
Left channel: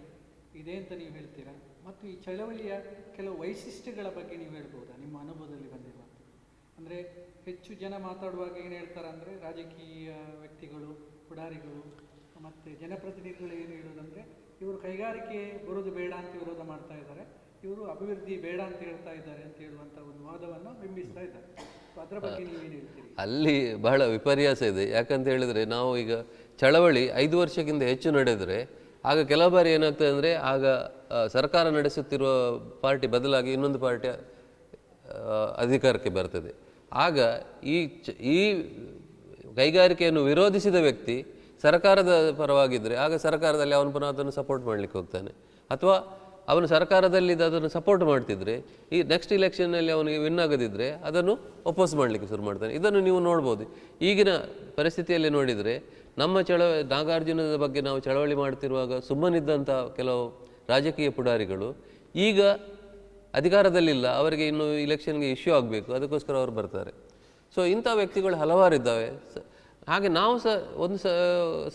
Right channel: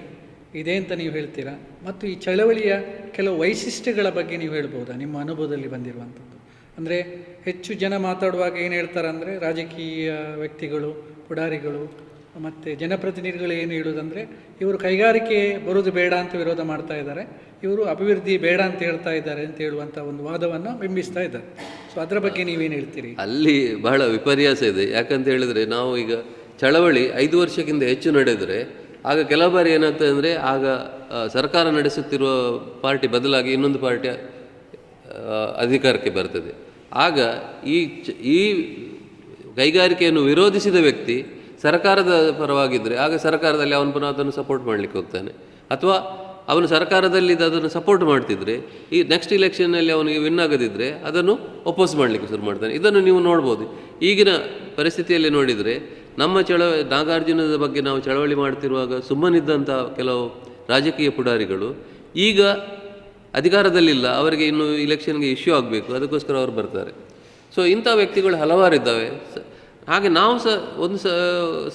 ಇದೆ ಅಂತ ನೀವು ಹೇಳ್ತೀರಾ, ಮತ್ತು ಈ ಚಳವಳಿಯ ಕೆಲವು ವೈಶಿಷ್ಟ್ಯಗಳ ಬಗ್ಗೆ ನೀವು ಹೇಳ್ಬೋದಾ ನಿಮ್ಮ ಅನುಭವದಲ್ಲಿ ಬಂದಿರುವಂಥದ್ದು? ಅಂದರೆ ಹೆಚ್ಚು ಜನ ಮಾತಾಡುವಾಗ ಏನು ಹೇಳ್ತಾರೆ ಅಂದರೆ, ರಾಜಕೀಯ ವ್ಯಕ್ತಿಗಳು, ಪುಡಾರಿಗಳು ಮತ್ತು ಜನಪ್ರತಿನಿಧಿಗಳು ಏನು ಹೇಳೋದಂದರೆ, ಇವರು ಕೈಗಾರಿಕೆ ಬರೋದು ಬೇಡ ಅಂತ ವಿರೋಧ ಮಾಡ್ತಾ ಇದ್ದಾರೆ, ಇವರು ಅಭಿವೃದ್ಧಿ ಬೇಡ ಅಂತ ಹೇಳ್ತಾ ಇದ್ದಾರೆ ಅಂತ ಹೇಳುವಂಥ ಒಂದು ವಾದವನ್ನು ಬಿಂಬಿಸ್ತಾ ಇದ್ದಾರೆ. ಸೊ ಅದರ ಬಗ್ಗೆ ನೀವೇನು ಹೇಳ್ತೀರಿ? ಅಲ್ಲಿ ಬಹಳ ವಿಪರ್ಯಾಸ ಇದೆ. ಯಾಕಂತ ಹೇಳಿದ್ರೆ, ನಾವು ಈಗ ಚಳವಳಿ 5 ವರ್ಷಕ್ಕಿಂತ ಹೆಚ್ಚು ನಡೆದರೆ ಆಗ ಕೆಲವು ಬಾರಿ ಏನಾಗ್ತದೆ ಅಂದರೆ ಆಗ ಸರ್ಕಾರ ನಡೆಸುತ್ತಿರುವ ಪಾರ್ಟಿ ಬದಲಾಗಿ ಇನ್ನೊಂದು ಪಾರ್ಟಿ ಅಧಿಕಾರಕ್ಕೆ ಬರ್ತದೆ. ಆಗ ಈ ಕೈಗಾರಿಕೆಯನ್ನು ವಿರೋಧಿಸಿದ ವ್ಯಕ್ತಿ ಸರ್ಕಾರದ ಪರವಾಗಿದ್ದರೆ ಆಗ ಸರ್ಕಾರದಲ್ಲಿ ಅವನು ಪುನಃ ಅದನ್ನು ಸಪೋರ್ಟ್ ಮಾಡಲಿಕ್ಕೆ ಹೋಗ್ತಾನೆ. ಅಥವಾ ಅವನು ಸರ್ಕಾರದಲ್ಲಿ ಅದನ್ನು ಸಪೋರ್ಟ್ ಮಾಡ್ತಿದ್ರೆ ಈ ನೆಕ್ಸ್ಟ್ ಇಲೆಕ್ಷನ್ನಲ್ಲಿ ಅವನಿಗೆ ವಿನ್ ಆಗದಿದ್ದರೆ ಅದನ್ನು ಒಪೋಸ್ ಮಾಡಲಿಕ್ಕೆ ಶುರು ಮಾಡ್ತಾನೆ. ಇದನ್ನು ನೀವು ನೋಡ್ಬೋದು. ಈಗಿನ ಪರಿಸ್ಥಿತಿಯಲ್ಲಿ ನೋಡಿದರೆ ನಮ್ಮ ನಾಗಾರ್ಜುನದ ಬಗ್ಗೆ ನಾವು ಚಳವಳಿ ಮಾಡ್ತಿರುವಾಗ ಸುಮ್ಮನಿದ್ದಂಥ ಕೆಲವು ರಾಜಕೀಯ ಪುಡಾರಿಗಳು ಈಗ ಅಧಿಕಾರದಲ್ಲಿಲ್ಲ, ಅವರಿಗೆ ಇನ್ನು ಇಲೆಕ್ಷನ್ಗೆ ಇಶ್ಯೂ ಆಗಬೇಕು, ಅದಕ್ಕೋಸ್ಕರ ಅವರು ಬರ್ತಾರೆ. ಸೊ ಇಂಥ ವ್ಯಕ್ತಿಗಳು ಹಲವಾರಿದ್ದಾವೆ. ಹಾಗೆ ನಾವು ಸಹ ಒಂದು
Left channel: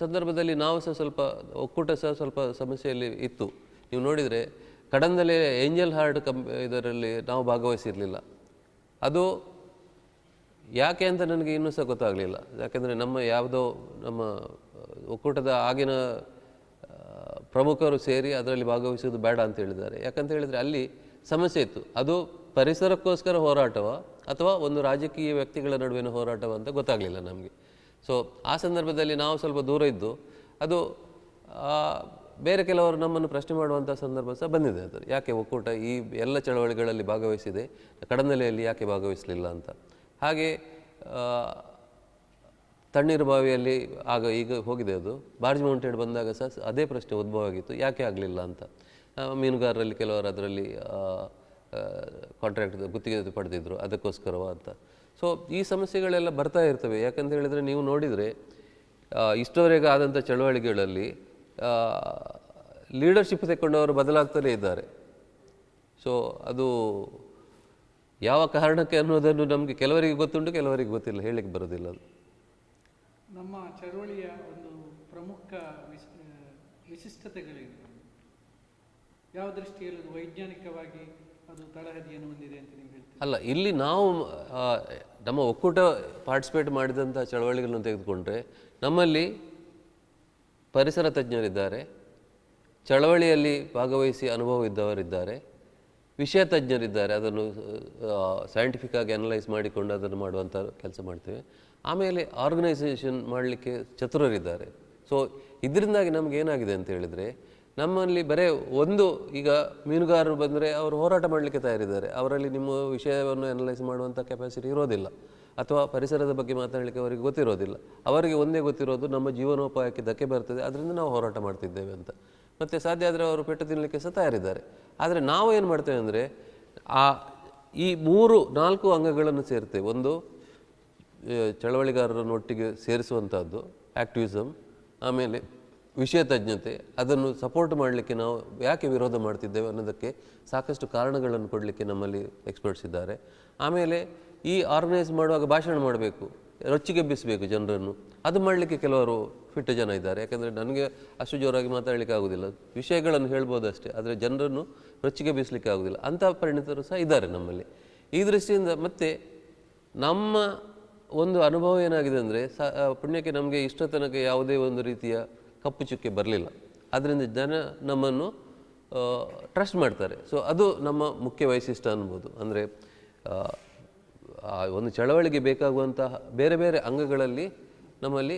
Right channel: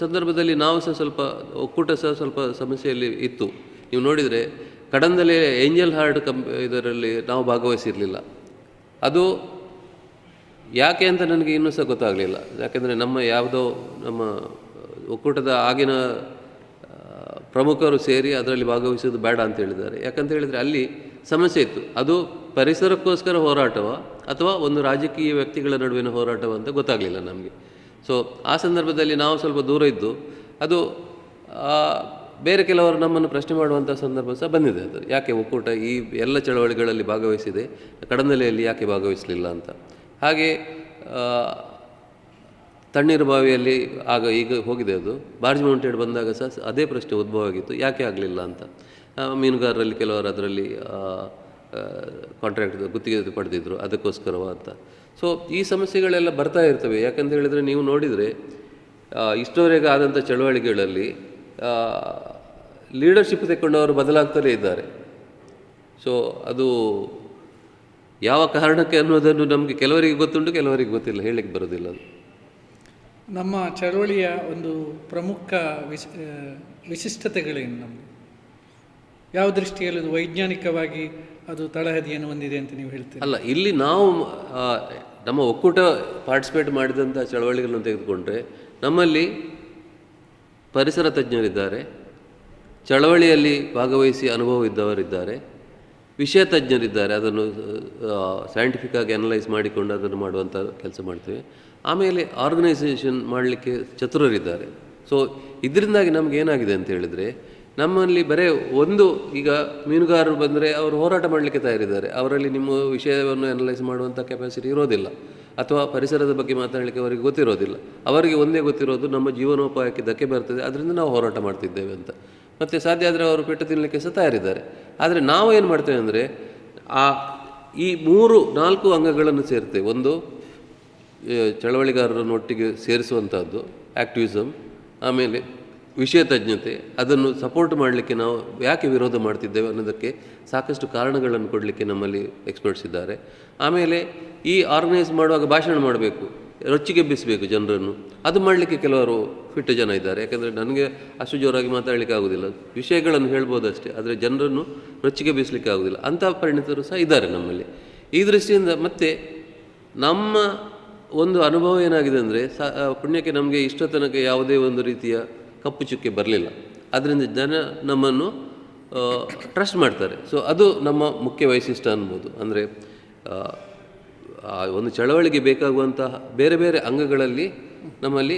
ಸಂದರ್ಭದಲ್ಲಿ ನಾವು ಸಹ ಸ್ವಲ್ಪ ಒಕ್ಕೂಟ ಸಹ ಸ್ವಲ್ಪ ಸಮಸ್ಯೆಯಲ್ಲಿ ಇತ್ತು. ನೀವು ನೋಡಿದರೆ ಕಡಂದಲೇ ಏಂಜಲ್ ಹಾರ್ಟ್ ಇದರಲ್ಲಿ ನಾವು ಭಾಗವಹಿಸಿರಲಿಲ್ಲ. ಅದು ಯಾಕೆ ಅಂತ ನನಗೆ ಇನ್ನೂ ಸಹ ಗೊತ್ತಾಗಲಿಲ್ಲ. ಯಾಕೆಂದರೆ ನಮ್ಮ ಒಕ್ಕೂಟದ ಆಗಿನ ಪ್ರಮುಖರು ಸೇರಿ ಅದರಲ್ಲಿ ಭಾಗವಹಿಸೋದು ಬೇಡ ಅಂತ ಹೇಳಿದ್ದಾರೆ. ಯಾಕಂತ ಹೇಳಿದರೆ ಅಲ್ಲಿ ಸಮಸ್ಯೆ ಇತ್ತು. ಅದು ಪರಿಸರಕ್ಕೋಸ್ಕರ ಹೋರಾಟವ ಅಥವಾ ಒಂದು ರಾಜಕೀಯ ವ್ಯಕ್ತಿಗಳ ನಡುವಿನ ಹೋರಾಟವ ಅಂತ ಗೊತ್ತಾಗಲಿಲ್ಲ ನಮಗೆ. ಸೊ ಆ ಸಂದರ್ಭದಲ್ಲಿ ನಾವು ಸ್ವಲ್ಪ ದೂರ ಇದ್ದು ಅದು ಬೇರೆ ಕೆಲವರು ನಮ್ಮನ್ನು ಪ್ರಶ್ನೆ ಮಾಡುವಂಥ ಸಂದರ್ಭ ಸಹ ಬಂದಿದೆ. ಅದು ಯಾಕೆ ಒಕ್ಕೂಟ ಈ ಎಲ್ಲ ಚಳವಳಿಗಳಲ್ಲಿ ಭಾಗವಹಿಸಿದೆ, ಕಡಂದಲೆಯಲ್ಲಿ ಯಾಕೆ ಭಾಗವಹಿಸಲಿಲ್ಲ ಅಂತ. ಹಾಗೆ ತಣ್ಣೀರು ಬಾವಿಯಲ್ಲಿ ಈಗ ಹೋಗಿದೆ. ಅದು ಬಾರ್ಜ್ ಮೌಂಟೆಡ್ ಬಂದಾಗ ಸಹ ಅದೇ ಪ್ರಶ್ನೆ ಉದ್ಭವ ಆಗಿತ್ತು, ಯಾಕೆ ಆಗಲಿಲ್ಲ ಅಂತ. ಮೀನುಗಾರರಲ್ಲಿ ಕೆಲವರು ಅದರಲ್ಲಿ ಕಾಂಟ್ರಾಕ್ಟ್ ಗುತ್ತಿಗೆ ಪಡೆದಿದ್ರು, ಅದಕ್ಕೋಸ್ಕರವ ಅಂತ. ಸೊ ಈ ಸಮಸ್ಯೆಗಳೆಲ್ಲ ಬರ್ತಾ ಇರ್ತವೆ. ಯಾಕಂತ ಹೇಳಿದರೆ ನೀವು ನೋಡಿದರೆ ಇಷ್ಟವರೆಗೆ ಆದಂಥ ಚಳವಳಿಗಳಲ್ಲಿ ಲೀಡರ್ಶಿಪ್ ತೆಕ್ಕೊಂಡವರು ಬದಲಾಗ್ತಲೇ ಇದ್ದಾರೆ. ಸೊ ಅದು ಯಾವ ಕಾರಣಕ್ಕೆ ಅನ್ನೋದನ್ನು ನಮಗೆ ಕೆಲವರಿಗೆ ಗೊತ್ತುಂಟು, ಕೆಲವರಿಗೆ ಗೊತ್ತಿಲ್ಲ, ಹೇಳಲಿಕ್ಕೆ ಬರೋದಿಲ್ಲ. ಅದು ನಮ್ಮ ಚಳವಳಿಯ ಒಂದು ಪ್ರಮುಖ ವಿಶಿಷ್ಟತೆಗಳೇನು? ನಮಗೆ ಯಾವ ದೃಷ್ಟಿಯಲ್ಲಿ ಅದು ವೈಜ್ಞಾನಿಕವಾಗಿ ಅದು ತಳಹದಿಯನ್ನು ಹೊಂದಿದೆ ಅಂತ ನೀವು ಹೇಳ್ತೀರಿ? ಅಲ್ಲ, ಇಲ್ಲಿ ನಾವು ನಮ್ಮ ಒಕ್ಕೂಟ ಪಾರ್ಟಿಸಿಪೇಟ್ ಮಾಡಿದಂಥ ಚಳವಳಿಗಳನ್ನು ತೆಗೆದುಕೊಂಡ್ರೆ ನಮ್ಮಲ್ಲಿ ಪರಿಸರ ತಜ್ಞರಿದ್ದಾರೆ, ಚಳವಳಿಯಲ್ಲಿ ಭಾಗವಹಿಸಿ ಅನುಭವ ಇದ್ದವರಿದ್ದಾರೆ, ವಿಷಯ ತಜ್ಞರಿದ್ದಾರೆ, ಅದನ್ನು ಸೈಂಟಿಫಿಕ್ ಆಗಿ ಅನಲೈಸ್ ಮಾಡಿಕೊಂಡು ಅದನ್ನು ಮಾಡುವಂಥ ಕೆಲಸ ಮಾಡ್ತೇವೆ. ಆಮೇಲೆ ಆರ್ಗನೈಸೇಷನ್ ಮಾಡಲಿಕ್ಕೆ ಚತುರರಿದ್ದಾರೆ. ಸೊ ಇದರಿಂದಾಗಿ ನಮ್ಗೆ ಏನಾಗಿದೆ ಅಂತ ಹೇಳಿದರೆ ನಮ್ಮಲ್ಲಿ ಬರೀ ಈಗ ಮೀನುಗಾರರು ಬಂದರೆ ಅವರು ಹೋರಾಟ ಮಾಡಲಿಕ್ಕೆ ತಯಾರಿದ್ದಾರೆ, ಅವರಲ್ಲಿ ನಿಮ್ಮ ವಿಷಯವನ್ನು ಅನಲೈಸ್ ಮಾಡುವಂಥ ಕೆಪಾಸಿಟಿ ಇರೋದಿಲ್ಲ, ಅಥವಾ ಪರಿಸರದ ಬಗ್ಗೆ ಮಾತಾಡಲಿಕ್ಕೆ ಅವರಿಗೆ ಗೊತ್ತಿರೋದಿಲ್ಲ. ಅವರಿಗೆ ಒಂದೇ ಗೊತ್ತಿರೋದು ನಮ್ಮ ಜೀವನೋಪಾಯಕ್ಕೆ ಧಕ್ಕೆ ಬರ್ತದೆ, ಅದರಿಂದ ನಾವು ಹೋರಾಟ ಮಾಡ್ತಿದ್ದೇವೆ ಅಂತ. ಮತ್ತು ಸಾಧ್ಯ ಆದರೆ ಅವರು ಪೆಟ್ಟು ತಿನ್ನಲಿಕ್ಕೆ ಸಹ ತಯಾರಿದ್ದಾರೆ. ಆದರೆ ನಾವು ಏನು ಮಾಡ್ತೇವೆ ಅಂದರೆ ಈ 3-4 ಅಂಗಗಳನ್ನು ಸೇರ್ತೇವೆ. ಒಂದು ಚಳವಳಿಗಾರರನ್ನೊಟ್ಟಿಗೆ ಸೇರಿಸುವಂಥದ್ದು ಆ್ಯಕ್ಟಿವಿಸಮ್, ಆಮೇಲೆ ವಿಷಯ ತಜ್ಞತೆ, ಅದನ್ನು ಸಪೋರ್ಟ್ ಮಾಡಲಿಕ್ಕೆ ನಾವು ಯಾಕೆ ವಿರೋಧ ಮಾಡ್ತಿದ್ದೇವೆ ಅನ್ನೋದಕ್ಕೆ ಸಾಕಷ್ಟು ಕಾರಣಗಳನ್ನು ಕೊಡಲಿಕ್ಕೆ ನಮ್ಮಲ್ಲಿ ಎಕ್ಸ್ಪರ್ಟ್ಸ್ ಇದ್ದಾರೆ. ಆಮೇಲೆ ಈ ಆರ್ಗನೈಸ್ ಮಾಡುವಾಗ ಭಾಷಣ ಮಾಡಬೇಕು, ರೊಚ್ಚಿಗೆಬ್ಬಿಸಬೇಕು ಜನರನ್ನು, ಅದು ಮಾಡಲಿಕ್ಕೆ ಕೆಲವರು ಫಿಟ್ಟು ಜನ ಇದ್ದಾರೆ. ಯಾಕೆಂದರೆ ನನಗೆ ಅಷ್ಟು ಜೋರಾಗಿ ಮಾತಾಡಲಿಕ್ಕೆ ಆಗೋದಿಲ್ಲ, ವಿಷಯಗಳನ್ನು ಹೇಳ್ಬೋದು ಅಷ್ಟೇ, ಆದರೆ ಜನರನ್ನು ರೊಚ್ಚಿಗೆಬ್ಬಿಸಲಿಕ್ಕೆ ಆಗೋದಿಲ್ಲ. ಅಂಥ ಪರಿಣಿತರು ಸಹ ಇದ್ದಾರೆ ನಮ್ಮಲ್ಲಿ. ಈ ದೃಷ್ಟಿಯಿಂದ ಮತ್ತು ನಮ್ಮ ಒಂದು ಅನುಭವ ಏನಾಗಿದೆ ಅಂದರೆ ಪುಣ್ಯಕ್ಕೆ ನಮಗೆ ಇಷ್ಟ ತನಕ ಯಾವುದೇ ಒಂದು ರೀತಿಯ ಕಪ್ಪು ಚುಕ್ಕೆ ಬರಲಿಲ್ಲ. ಅದರಿಂದ ಜನ ನಮ್ಮನ್ನು ಟ್ರಸ್ಟ್ ಮಾಡ್ತಾರೆ. ಸೊ ಅದು ನಮ್ಮ ಮುಖ್ಯ ವೈಶಿಷ್ಟ್ಯ ಅನ್ಬೋದು. ಅಂದರೆ ಒಂದು ಚಳವಳಿಗೆ ಬೇಕಾಗುವಂತಹ ಬೇರೆ ಬೇರೆ ಅಂಗಗಳಲ್ಲಿ ನಮ್ಮಲ್ಲಿ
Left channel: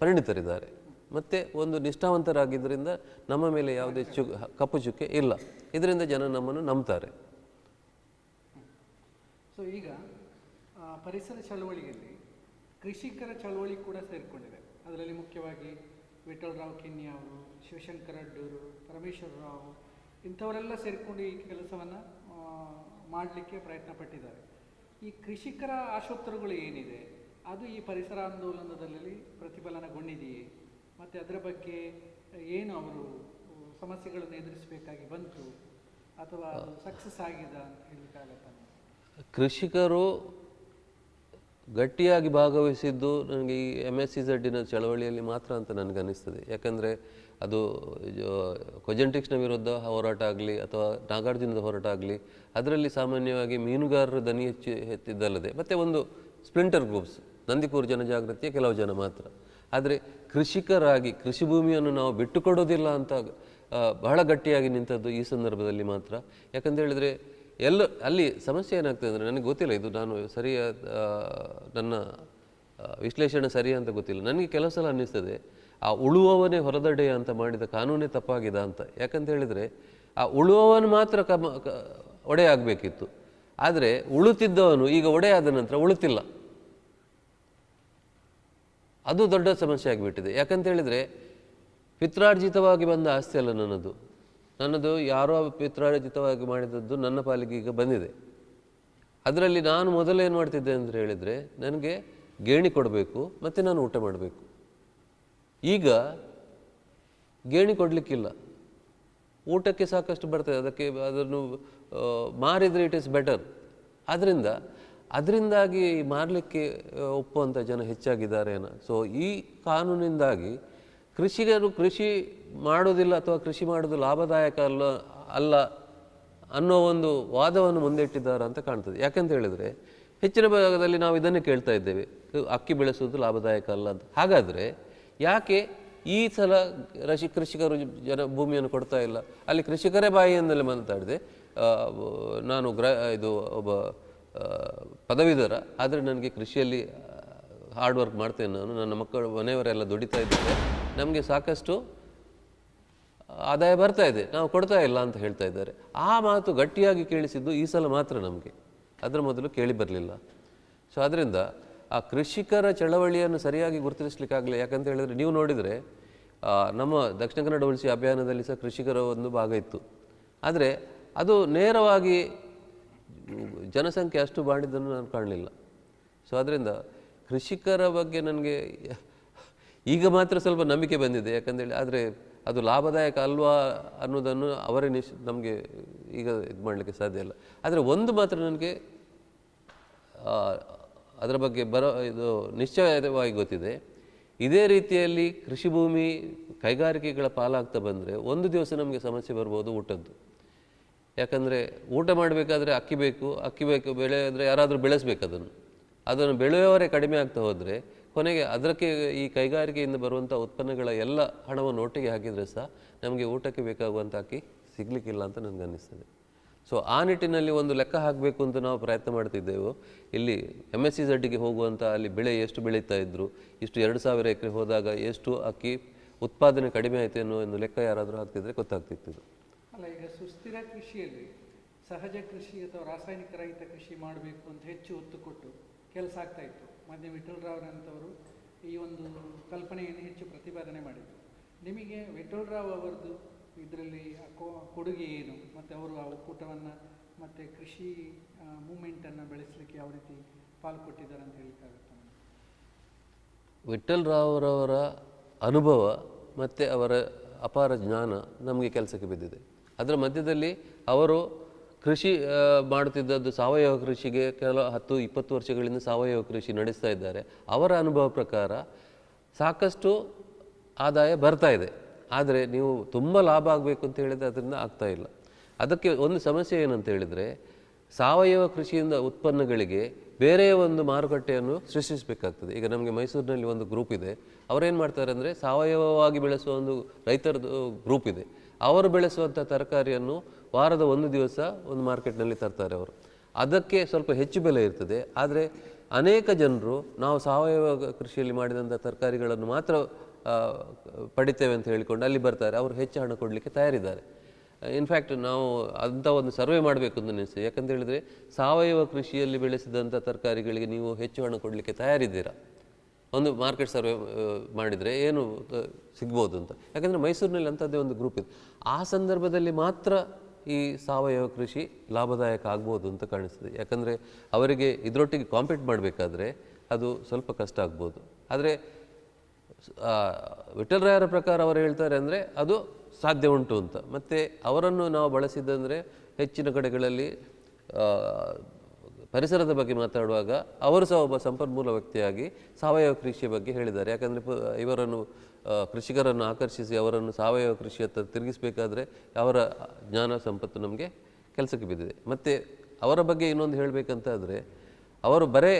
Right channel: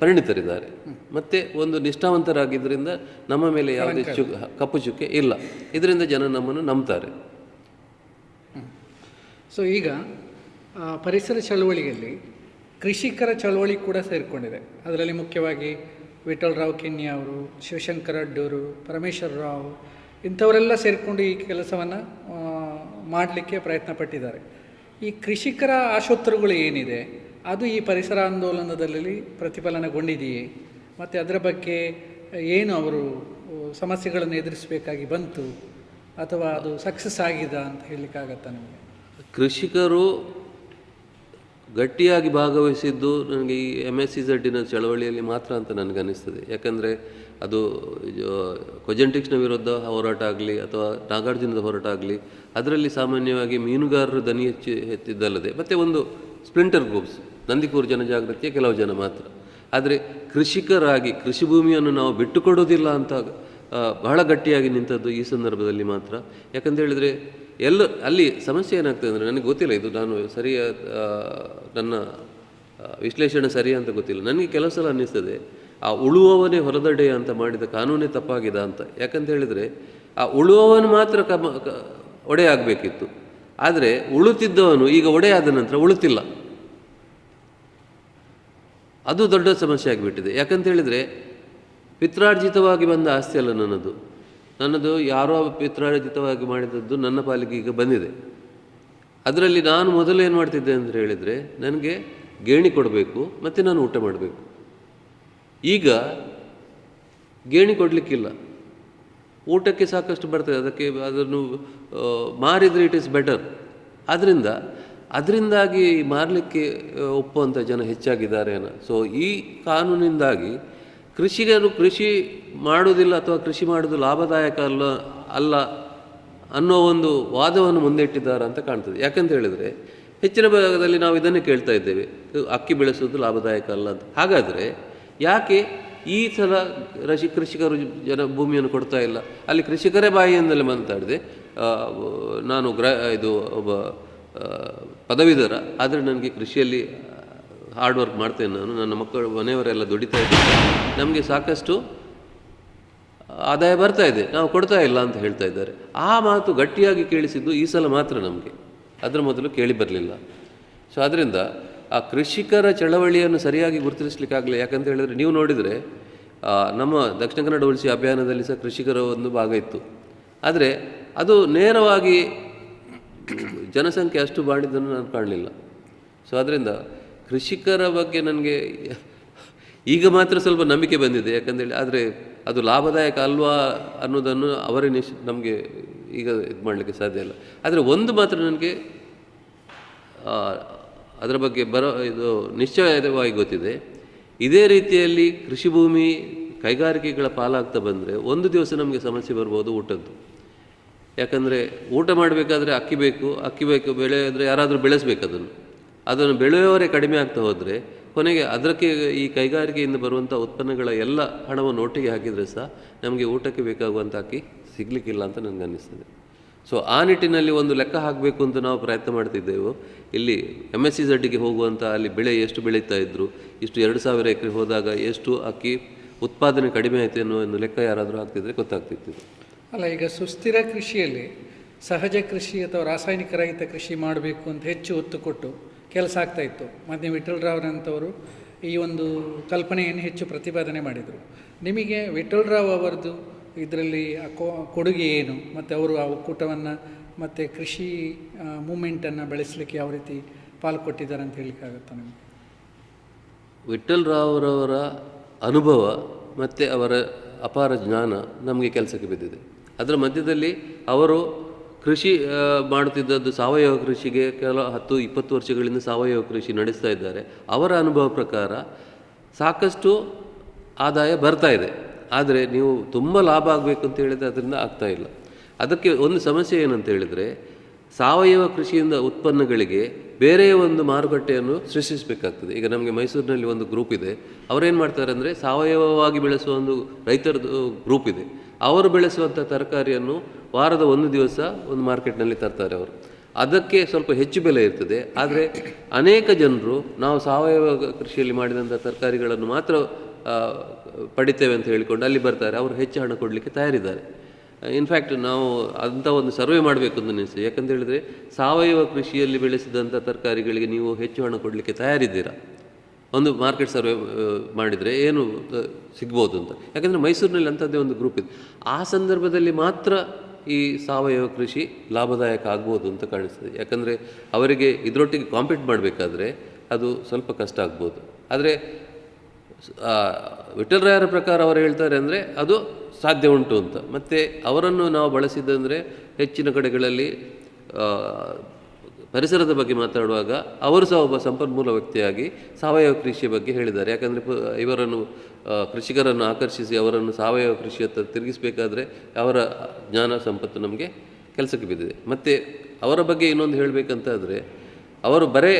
ಪರಿಣಿತರಿದ್ದಾರೆ, ಮತ್ತು ಒಂದು ನಿಷ್ಠಾವಂತರಾಗಿದ್ದರಿಂದ ನಮ್ಮ ಮೇಲೆ ಯಾವುದೇ ಕಪ್ಪು ಚುಕ್ಕೆ ಇಲ್ಲ. ಇದರಿಂದ ಜನ ನಮ್ಮನ್ನು ನಂಬ್ತಾರೆ. ಸೊ ಈಗ ಪರಿಸರ ಚಳವಳಿಯಲ್ಲಿ ಕೃಷಿಕರ ಚಳವಳಿ ಕೂಡ ಸೇರಿಕೊಂಡಿದೆ. ಅದರಲ್ಲಿ ಮುಖ್ಯವಾಗಿ ವಿಠ್ಠಲರಾವ್ ಕಿನ್ನಿ ಅವರು, ಶಿವಶಂಕರ ಅಡ್ಡೂರು, ಪರಮೇಶ್ವರ ರಾವ್ ಇಂಥವರೆಲ್ಲ ಸೇರಿಕೊಂಡು ಈ ಕೆಲಸವನ್ನು ಮಾಡಲಿಕ್ಕೆ ಪ್ರಯತ್ನ ಪಟ್ಟಿದ್ದಾರೆ. ಈ ಕೃಷಿಕರ ಆಶೋತ್ತರಗಳು ಏನಿದೆ ಅದು ಈ ಪರಿಸರ ಆಂದೋಲನದಲ್ಲಿ ಪ್ರತಿಫಲನಗೊಂಡಿದೆಯೇ? ಮತ್ತು ಅದರ ಬಗ್ಗೆ ಏನು ಅವರು ಸಮಸ್ಯೆಗಳನ್ನು ಎದುರಿಸಬೇಕಾಗಿ ಬಂತು, ಅಥವಾ ಅದು ಸಕ್ಸಸ್ ಆಗಿದೆ ಅಂತ ಹೇಳಲಿಕ್ಕಾಗತ್ತಾ ನಿಮಗೆ? ಕೃಷಿಕರು ಗಟ್ಟಿಯಾಗಿ ಭಾಗವಹಿಸಿದ್ದು ನನಗೆ ಈ MSCZನ ಚಳವಳಿಯಲ್ಲಿ ಮಾತ್ರ ಅಂತ ನನಗನ್ನಿಸ್ತದೆ. ಯಾಕಂದರೆ ಅದು ಕೊಜೆಂಟಿಕ್ಸ್ನ ವಿರುದ್ಧ ಹೋರಾಟ ಆಗಲಿ ಅಥವಾ ನಾಗಾರ್ಜುನದ ಹೋರಾಟ ಆಗಲಿ, ಅದರಲ್ಲಿ ಸಾಮಾನ್ಯವಾಗಿ ಮೀನುಗಾರರು ದನಿ ಎತ್ತಿದ್ದಲ್ಲದೆ ಮತ್ತು ಒಂದು ಸ್ಪ್ಲಿಂಟರ್ ಗ್ರೂಪ್ಸ್, ನಂದಿಕೂರು ಜನಜಾಗೃತಿಯ ಕೆಲವು ಜನ ಮಾತ್ರ. ಆದರೆ ಕೃಷಿಕರಾಗಿ ಕೃಷಿ ಭೂಮಿಯನ್ನು ನಾವು ಬಿಟ್ಟುಕೊಡೋದಿಲ್ಲ ಅಂತ ಬಹಳ ಗಟ್ಟಿಯಾಗಿ ನಿಂತದ್ದು ಈ ಸಂದರ್ಭದಲ್ಲಿ ಮಾತ್ರ. ಯಾಕಂತ ಹೇಳಿದರೆ ಅಲ್ಲಿ ಸಮಸ್ಯೆ ಏನಾಗ್ತದೆ ಅಂದರೆ, ನನಗೆ ಗೊತ್ತಿಲ್ಲ, ಇದು ನಾನು ನನ್ನ ವಿಶ್ಲೇಷಣೆ ಸರಿ ಅಂತ ಗೊತ್ತಿಲ್ಲ, ನನಗೆ ಕೆಲವು ಸಲ ಅನ್ನಿಸ್ತದೆ ಆ ಉಳುವವನೇ ಹೊರದಡೆ ಅಂತ ಮಾಡಿದ ಕಾನೂನೇ ತಪ್ಪಾಗಿದೆ ಅಂತ. ಯಾಕಂತ ಹೇಳಿದರೆ ಆ ಉಳುವವನು ಮಾತ್ರ ಒಡೆ ಆಗಬೇಕಿತ್ತು. ಆದರೆ ಉಳುತ್ತಿದ್ದವನು ಈಗ ಒಡೆ ಆದ ನಂತರ ಉಳುತ್ತಿಲ್ಲ. ಅದು ದೊಡ್ಡ ಸಮಸ್ಯೆ ಆಗಿಬಿಟ್ಟಿದೆ. ಯಾಕಂತ ಹೇಳಿದರೆ ಪಿತ್ರಾರ್ಜಿತವಾಗಿ ಬಂದ ಆಸ್ತಿ ಅಲ್ಲ ನನ್ನದು ಯಾರೋ ಪಿತ್ರಾರ್ಜಿತವಾಗಿ ಮಾಡಿದದ್ದು ನನ್ನ ಪಾಲಿಗೆ ಈಗ ಬಂದಿದೆ. ಅದರಲ್ಲಿ ನಾನು ಮೊದಲು ಏನು ಮಾಡ್ತಿದ್ದೆ ಅಂತ ಹೇಳಿದರೆ, ನನಗೆ ಗೇಣಿ ಕೊಡಬೇಕು ಮತ್ತು ನಾನು ಊಟ ಮಾಡಬೇಕು. ಈಗ ಗೇಣಿ ಕೊಡಲಿಕ್ಕಿಲ್ಲ, ಊಟಕ್ಕೆ ಸಾಕಷ್ಟು ಬರ್ತದೆ, ಅದನ್ನು ಮಾರಿದರೆ ಇಟ್ ಈಸ್ ಬೆಟರ್. ಅದರಿಂದಾಗಿ ಮಾರಲಿಕ್ಕೆ ಒಪ್ಪುವಂಥ ಜನ ಹೆಚ್ಚಾಗಿದ್ದಾರೆ ಅನ್ನೋ. ಸೊ ಈ ಕಾನೂನಿಂದಾಗಿ ಕೃಷಿಕರು ಕೃಷಿ ಮಾಡೋದಿಲ್ಲ ಅಥವಾ ಕೃಷಿ ಮಾಡೋದು ಲಾಭದಾಯಕ ಅಲ್ಲ ಅನ್ನೋ ಒಂದು ವಾದವನ್ನು ಮುಂದಿಟ್ಟಿದ್ದಾರೆ ಅಂತ ಕಾಣ್ತದೆ. ಯಾಕಂತ ಹೇಳಿದರೆ ಹೆಚ್ಚಿನ ಭಾಗದಲ್ಲಿ ನಾವು ಇದನ್ನೇ ಕೇಳ್ತಾ ಇದ್ದೇವೆ, ಅಕ್ಕಿ ಬೆಳೆಸೋದು ಲಾಭದಾಯಕ ಅಲ್ಲ ಅಂತ. ಹಾಗಾದರೆ ಯಾಕೆ ಈ ಸಲ ಕೃಷಿಕರು ಭೂಮಿಯನ್ನು ಕೊಡ್ತಾ ಇಲ್ಲ? ಅಲ್ಲಿ ಕೃಷಿಕರೇ ಬಾಯಿಯಿಂದಲೇ ಮಾತಾಡಿದೆ, ನಾನು ಒಬ್ಬ ಪದವೀಧರ, ಆದರೆ ನನಗೆ ಕೃಷಿಯಲ್ಲಿ ಹಾರ್ಡ್ ವರ್ಕ್ ಮಾಡ್ತೇನೆ, ನನ್ನ ಮಕ್ಕಳು ಮನೆಯವರೆಲ್ಲ ದುಡಿತಾ ಇದ್ದಾರೆ, ನಮಗೆ ಸಾಕಷ್ಟು ಆದಾಯ ಬರ್ತಾ ಇದೆ, ನಾವು ಕೊಡ್ತಾ ಇಲ್ಲ ಅಂತ ಹೇಳ್ತಾ ಇದ್ದಾರೆ. ಆ ಮಾತು ಗಟ್ಟಿಯಾಗಿ ಕೇಳಿಸಿದ್ದು ಈ ಸಲ ಮಾತ್ರ ನಮಗೆ, ಅದರ ಮೊದಲು ಕೇಳಿ ಬರಲಿಲ್ಲ. ಸೊ ಅದರಿಂದ ಆ ಕೃಷಿಕರ ಚಳವಳಿಯನ್ನು ಸರಿಯಾಗಿ ಗುರುತಿಸಲಿಕ್ಕಾಗಲಿ. ಯಾಕಂತ ಹೇಳಿದರೆ ನೀವು ನೋಡಿದರೆ ನಮ್ಮ ದಕ್ಷಿಣ ಕನ್ನಡ ಉಳಿಸಿ ಅಭಿಯಾನದಲ್ಲಿ ಸಹ ಕೃಷಿಕರ ಒಂದು ಭಾಗ ಇತ್ತು. ಆದರೆ ಅದು ನೇರವಾಗಿ ಜನಸಂಖ್ಯೆ ಅಷ್ಟು ಮಾಡಿದ್ದನ್ನು ನಾನು ಕಾಣಲಿಲ್ಲ. ಸೊ ಅದರಿಂದ ಕೃಷಿಕರ ಬಗ್ಗೆ ನನಗೆ ಈಗ ಮಾತ್ರ ಸ್ವಲ್ಪ ನಂಬಿಕೆ ಬಂದಿದೆ. ಯಾಕಂದೇಳಿ ಆದರೆ ಅದು ಲಾಭದಾಯಕ ಅಲ್ವಾ ಅನ್ನೋದನ್ನು ಅವರೇ ನಮಗೆ ಈಗ ಇದು ಮಾಡಲಿಕ್ಕೆ ಸಾಧ್ಯ ಇಲ್ಲ. ಆದರೆ ಒಂದು ಮಾತ್ರ ನನಗೆ ಅದರ ಬಗ್ಗೆ ಇದು ನಿಶ್ಚಯವಾಗಿ ಗೊತ್ತಿದೆ, ಇದೇ ರೀತಿಯಲ್ಲಿ ಕೃಷಿ ಭೂಮಿ ಕೈಗಾರಿಕೆಗಳ ಪಾಲಾಗ್ತಾ ಬಂದರೆ ಒಂದು ದಿವಸ ನಮಗೆ ಸಮಸ್ಯೆ ಬರ್ಬೋದು ಊಟದ್ದು. ಯಾಕಂದರೆ ಊಟ ಮಾಡಬೇಕಾದ್ರೆ ಅಕ್ಕಿ ಬೇಕು, ಬೆಳೆ ಅಂದರೆ ಯಾರಾದರೂ ಬೆಳೆಸಬೇಕು, ಅದನ್ನು ಬೆಳೆಯುವವರೇ ಕಡಿಮೆ ಆಗ್ತಾ ಹೋದರೆ ಕೊನೆಗೆ ಅದಕ್ಕೆ ಈ ಕೈಗಾರಿಕೆಯಿಂದ ಬರುವಂಥ ಉತ್ಪನ್ನಗಳ ಎಲ್ಲ ಹಣವನ್ನು ಒಟ್ಟಿಗೆ ಹಾಕಿದರೆ ಸಹ ನಮಗೆ ಊಟಕ್ಕೆ ಬೇಕಾಗುವಂಥ ಅಕ್ಕಿ ಸಿಗಲಿಕ್ಕಿಲ್ಲ ಅಂತ ನನಗೆ ಅನ್ನಿಸ್ತದೆ. ಸೊ ಆ ನಿಟ್ಟಿನಲ್ಲಿ ಒಂದು ಲೆಕ್ಕ ಹಾಕಬೇಕು ಅಂತ ನಾವು ಪ್ರಯತ್ನ ಮಾಡ್ತಿದ್ದೆವು. ಇಲ್ಲಿ MSCZಗೆ ಹೋಗುವಂಥ ಅಲ್ಲಿ ಬೆಳೆ ಎಷ್ಟು ಬೆಳೀತಾ ಇದ್ದರು, ಇಷ್ಟು 2000 ಎಕರೆ ಹೋದಾಗ ಎಷ್ಟು ಅಕ್ಕಿ ಉತ್ಪಾದನೆ ಕಡಿಮೆ ಆಯಿತು ಅನ್ನೋ ಒಂದು ಲೆಕ್ಕ ಯಾರಾದರೂ ಹಾಕ್ತಿದ್ರೆ ಗೊತ್ತಾಗ್ತಿತ್ತು. ಅಲ್ಲ, ಈಗ ಸುಸ್ಥಿರ ಕೃಷಿಯಲ್ಲಿ ಸಹಜ ಕೃಷಿ ಅಥವಾ ರಾಸಾಯನಿಕ ರಹಿತ ಕೃಷಿ ಮಾಡಬೇಕು ಅಂತ ಹೆಚ್ಚು ಒತ್ತು ಕೊಟ್ಟು ಕೆಲಸ ಆಗ್ತಾಯಿತ್ತು. ಮತ್ತು ವಿಠ್ಠಲರಾವ್ರಂಥವರು ಈ ಒಂದು ಕಲ್ಪನೆಯನ್ನು ಹೆಚ್ಚು ಪ್ರತಿಪಾದನೆ ಮಾಡಿದರು. ನಿಮಗೆ ವಿಠ್ಠಲರಾವ್ ಅವರದ್ದು ಇದರಲ್ಲಿ ಕೊಡುಗೆ ಏನು, ಮತ್ತು ಅವರು ಆ ಒಕ್ಕೂಟವನ್ನು ಮತ್ತು ಕೃಷಿ ಮೂಮೆಂಟನ್ನು ಬೆಳೆಸಲಿಕ್ಕೆ ಯಾವ ರೀತಿ ಪಾಲು ಕೊಟ್ಟಿದ್ದಾರೆ ಅಂತ ಹೇಳಲಿಕ್ಕಾಗುತ್ತಾ ನಿಮಗೆ? ವಿಠ್ಠಲರಾವ್ರವರ ಅನುಭವ ಮತ್ತು ಅವರ ಅಪಾರ ಜ್ಞಾನ ನಮಗೆ ಕೆಲಸಕ್ಕೆ ಬಿದ್ದಿದೆ. ಅದರ ಮಧ್ಯದಲ್ಲಿ ಅವರು ಕೃಷಿ ಮಾಡುತ್ತಿದ್ದದ್ದು ಸಾವಯವ ಕೃಷಿಗೆ 10-20 ವರ್ಷಗಳಿಂದ ಸಾವಯವ ಕೃಷಿ ನಡೆಸ್ತಾ ಇದ್ದಾರೆ. ಅವರ ಅನುಭವ ಪ್ರಕಾರ ಸಾಕಷ್ಟು ಆದಾಯ ಬರ್ತಾ ಇದೆ. ಆದರೆ ನೀವು ತುಂಬ ಲಾಭ ಆಗಬೇಕು ಅಂತ ಹೇಳಿದರೆ ಅದರಿಂದ ಆಗ್ತಾ ಇಲ್ಲ. ಅದಕ್ಕೆ ಒಂದು ಸಮಸ್ಯೆ ಏನಂತ ಹೇಳಿದರೆ, ಸಾವಯವ ಕೃಷಿಯಿಂದ ಉತ್ಪನ್ನಗಳಿಗೆ ಬೇರೆಯ ಒಂದು ಮಾರುಕಟ್ಟೆಯನ್ನು ಸೃಷ್ಟಿಸಬೇಕಾಗ್ತದೆ. ಈಗ ನಮಗೆ ಮೈಸೂರಿನಲ್ಲಿ ಒಂದು ಗ್ರೂಪ್ ಇದೆ, ಅವರೇನು ಮಾಡ್ತಾರೆ ಅಂದರೆ ಸಾವಯವವಾಗಿ ಬೆಳೆಸುವ ಒಂದು ರೈತರದ್ದು ಗ್ರೂಪ್ ಇದೆ. ಅವರು ಬೆಳೆಸುವಂಥ ತರಕಾರಿಯನ್ನು ವಾರದ ಒಂದು ದಿವಸ ಒಂದು ಮಾರ್ಕೆಟ್ನಲ್ಲಿ ತರ್ತಾರೆ ಅವರು. ಅದಕ್ಕೆ ಸ್ವಲ್ಪ ಹೆಚ್ಚು ಬೆಲೆ ಇರ್ತದೆ. ಆದರೆ ಅನೇಕ ಜನರು ನಾವು ಸಾವಯವ ಕೃಷಿಯಲ್ಲಿ ಮಾಡಿದಂಥ ತರಕಾರಿಗಳನ್ನು ಮಾತ್ರ ಪಡಿತೇವೆ ಅಂತ ಹೇಳಿಕೊಂಡು ಅಲ್ಲಿ ಬರ್ತಾರೆ, ಅವರು ಹೆಚ್ಚು ಹಣ ಕೊಡಲಿಕ್ಕೆ ತಯಾರಿದ್ದಾರೆ. ಇನ್ಫ್ಯಾಕ್ಟ್ ನಾವು ಅಂಥ ಒಂದು ಸರ್ವೆ ಮಾಡಬೇಕು ಅಂತ ಅನಿಸ್ತದೆ. ಯಾಕಂತ ಹೇಳಿದರೆ ಸಾವಯವ ಕೃಷಿಯಲ್ಲಿ ಬೆಳೆಸಿದಂಥ ತರಕಾರಿಗಳಿಗೆ ನೀವು ಹೆಚ್ಚು ಹಣ ಕೊಡಲಿಕ್ಕೆ ತಯಾರಿದ್ದೀರಾ, ಒಂದು ಮಾರ್ಕೆಟ್ ಸರ್ವೆ ಮಾಡಿದರೆ ಏನು ಸಿಗ್ಬೋದು ಅಂತ. ಯಾಕಂದರೆ ಮೈಸೂರಿನಲ್ಲಿ ಅಂಥದ್ದೇ ಒಂದು ಗ್ರೂಪ್ ಇದೆ. ಆ ಸಂದರ್ಭದಲ್ಲಿ ಮಾತ್ರ ಈ ಸಾವಯವ ಕೃಷಿ ಲಾಭದಾಯಕ ಆಗ್ಬೋದು ಅಂತ ಕಾಣಿಸ್ತದೆ. ಯಾಕಂದರೆ ಅವರಿಗೆ ಇದರೊಟ್ಟಿಗೆ ಕಾಂಪೀಟ್ ಮಾಡಬೇಕಾದ್ರೆ ಅದು ಸ್ವಲ್ಪ ಕಷ್ಟ ಆಗ್ಬೋದು. ಆದರೆ ವಿಠ್ಠಲರಾಯರ ಪ್ರಕಾರ ಅವರು ಹೇಳ್ತಾರೆ ಅಂದರೆ ಅದು ಸಾಧ್ಯ ಉಂಟು ಅಂತ. ಮತ್ತು ಅವರನ್ನು ನಾವು ಬಳಸಿದ್ದಂದರೆ ಹೆಚ್ಚಿನ ಕಡೆಗಳಲ್ಲಿ ಪರಿಸರದ ಬಗ್ಗೆ ಮಾತಾಡುವಾಗ ಅವರು ಸಹ ಒಬ್ಬ ಸಂಪನ್ಮೂಲ ವ್ಯಕ್ತಿಯಾಗಿ ಸಾವಯವ ಕೃಷಿಯ ಬಗ್ಗೆ ಹೇಳಿದ್ದಾರೆ. ಯಾಕಂದರೆ ಇವರನ್ನು ಕೃಷಿಕರನ್ನು ಆಕರ್ಷಿಸಿ ಅವರನ್ನು ಸಾವಯವ ಕೃಷಿಯತ್ತ ತಿರುಗಿಸಬೇಕಾದ್ರೆ ಅವರ ಜ್ಞಾನ ಸಂಪತ್ತು ನಮಗೆ ಕೆಲಸಕ್ಕೆ ಬಿದ್ದಿದೆ. ಮತ್ತು ಅವರ ಬಗ್ಗೆ ಇನ್ನೊಂದು ಹೇಳಬೇಕಂತಾದರೆ, ಅವರು ಬರೇ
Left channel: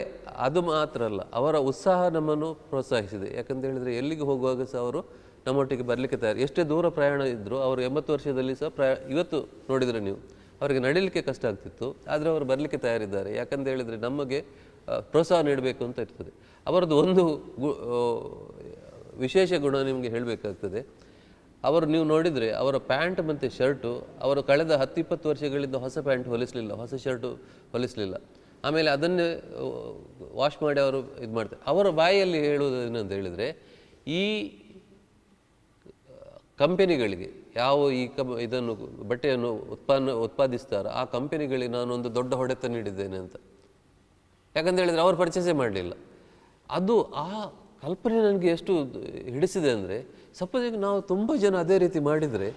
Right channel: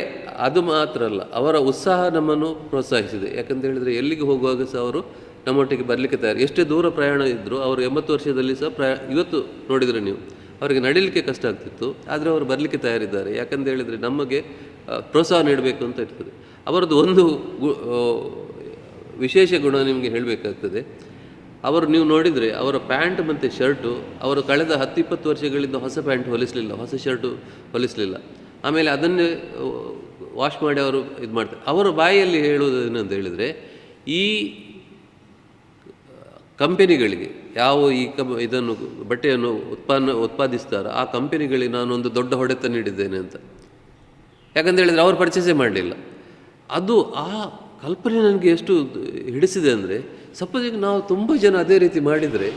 ಅದು ಮಾತ್ರ ಅಲ್ಲ, ಅವರ ಉತ್ಸಾಹ ನಮ್ಮನ್ನು ಪ್ರೋತ್ಸಾಹಿಸಿದೆ. ಯಾಕಂತ ಹೇಳಿದರೆ ಎಲ್ಲಿಗೆ ಹೋಗುವಾಗ ಸಹ ಅವರು ನಮ್ಮೊಟ್ಟಿಗೆ ಬರಲಿಕ್ಕೆ ತಯಾರು. ಎಷ್ಟೇ ದೂರ ಪ್ರಯಾಣ ಇದ್ದರೂ ಅವರು 80 ವರ್ಷದಲ್ಲಿ ಸಹ ಇವತ್ತು ನೋಡಿದರೆ ನೀವು ಅವರಿಗೆ ನಡೀಲಿಕ್ಕೆ ಕಷ್ಟ ಆಗ್ತಿತ್ತು, ಆದರೆ ಅವರು ಬರಲಿಕ್ಕೆ ತಯಾರಿದ್ದಾರೆ. ಯಾಕಂತ ಹೇಳಿದರೆ ನಮಗೆ ಪ್ರೋತ್ಸಾಹ ನೀಡಬೇಕು ಅಂತ ಇರ್ತದೆ. ಅವರದ್ದು ಒಂದು ವಿಶೇಷ ಗುಣ ನಿಮಗೆ ಹೇಳಬೇಕಾಗ್ತದೆ. ಅವರು ನೀವು ನೋಡಿದರೆ ಅವರ ಪ್ಯಾಂಟ್ ಮತ್ತು ಶರ್ಟು ಅವರು ಕಳೆದ 10-20 ವರ್ಷಗಳಿಂದ ಹೊಸ ಪ್ಯಾಂಟ್ ಹೊಲಿಸಲಿಲ್ಲ, ಹೊಸ ಶರ್ಟು ಹೊಲಿಸಲಿಲ್ಲ. ಆಮೇಲೆ ಅದನ್ನೇ ವಾಶ್ ಮಾಡಿ ಅವರು ಇದು ಮಾಡ್ತಾರೆ. ಅವರ ಬಾಯಲ್ಲಿ ಹೇಳುವುದು ಏನಂತ ಹೇಳಿದರೆ, ಈ ಕಂಪೆನಿಗಳಿಗೆ ಯಾವ ಈ ಇದನ್ನು ಬಟ್ಟೆಯನ್ನು ಉತ್ಪಾದಿಸ್ತಾರೋ ಆ ಕಂಪೆನಿಗಳಿಗೆ ನಾನೊಂದು ದೊಡ್ಡ ಹೊಡೆತ ನೀಡಿದ್ದೇನೆ ಅಂತ. ಯಾಕಂತ ಹೇಳಿದರೆ ಅವರು ಪರ್ಚೇಸೇ ಮಾಡಲಿಲ್ಲ. ಅದು ಆ ಕಲ್ಪನೆ ನನಗೆ ಎಷ್ಟು ಹಿಡಿಸಿದೆ ಅಂದರೆ, ಸಪೋಸ್ ಈಗ ನಾವು ತುಂಬ ಜನ ಅದೇ ರೀತಿ ಮಾಡಿದರೆ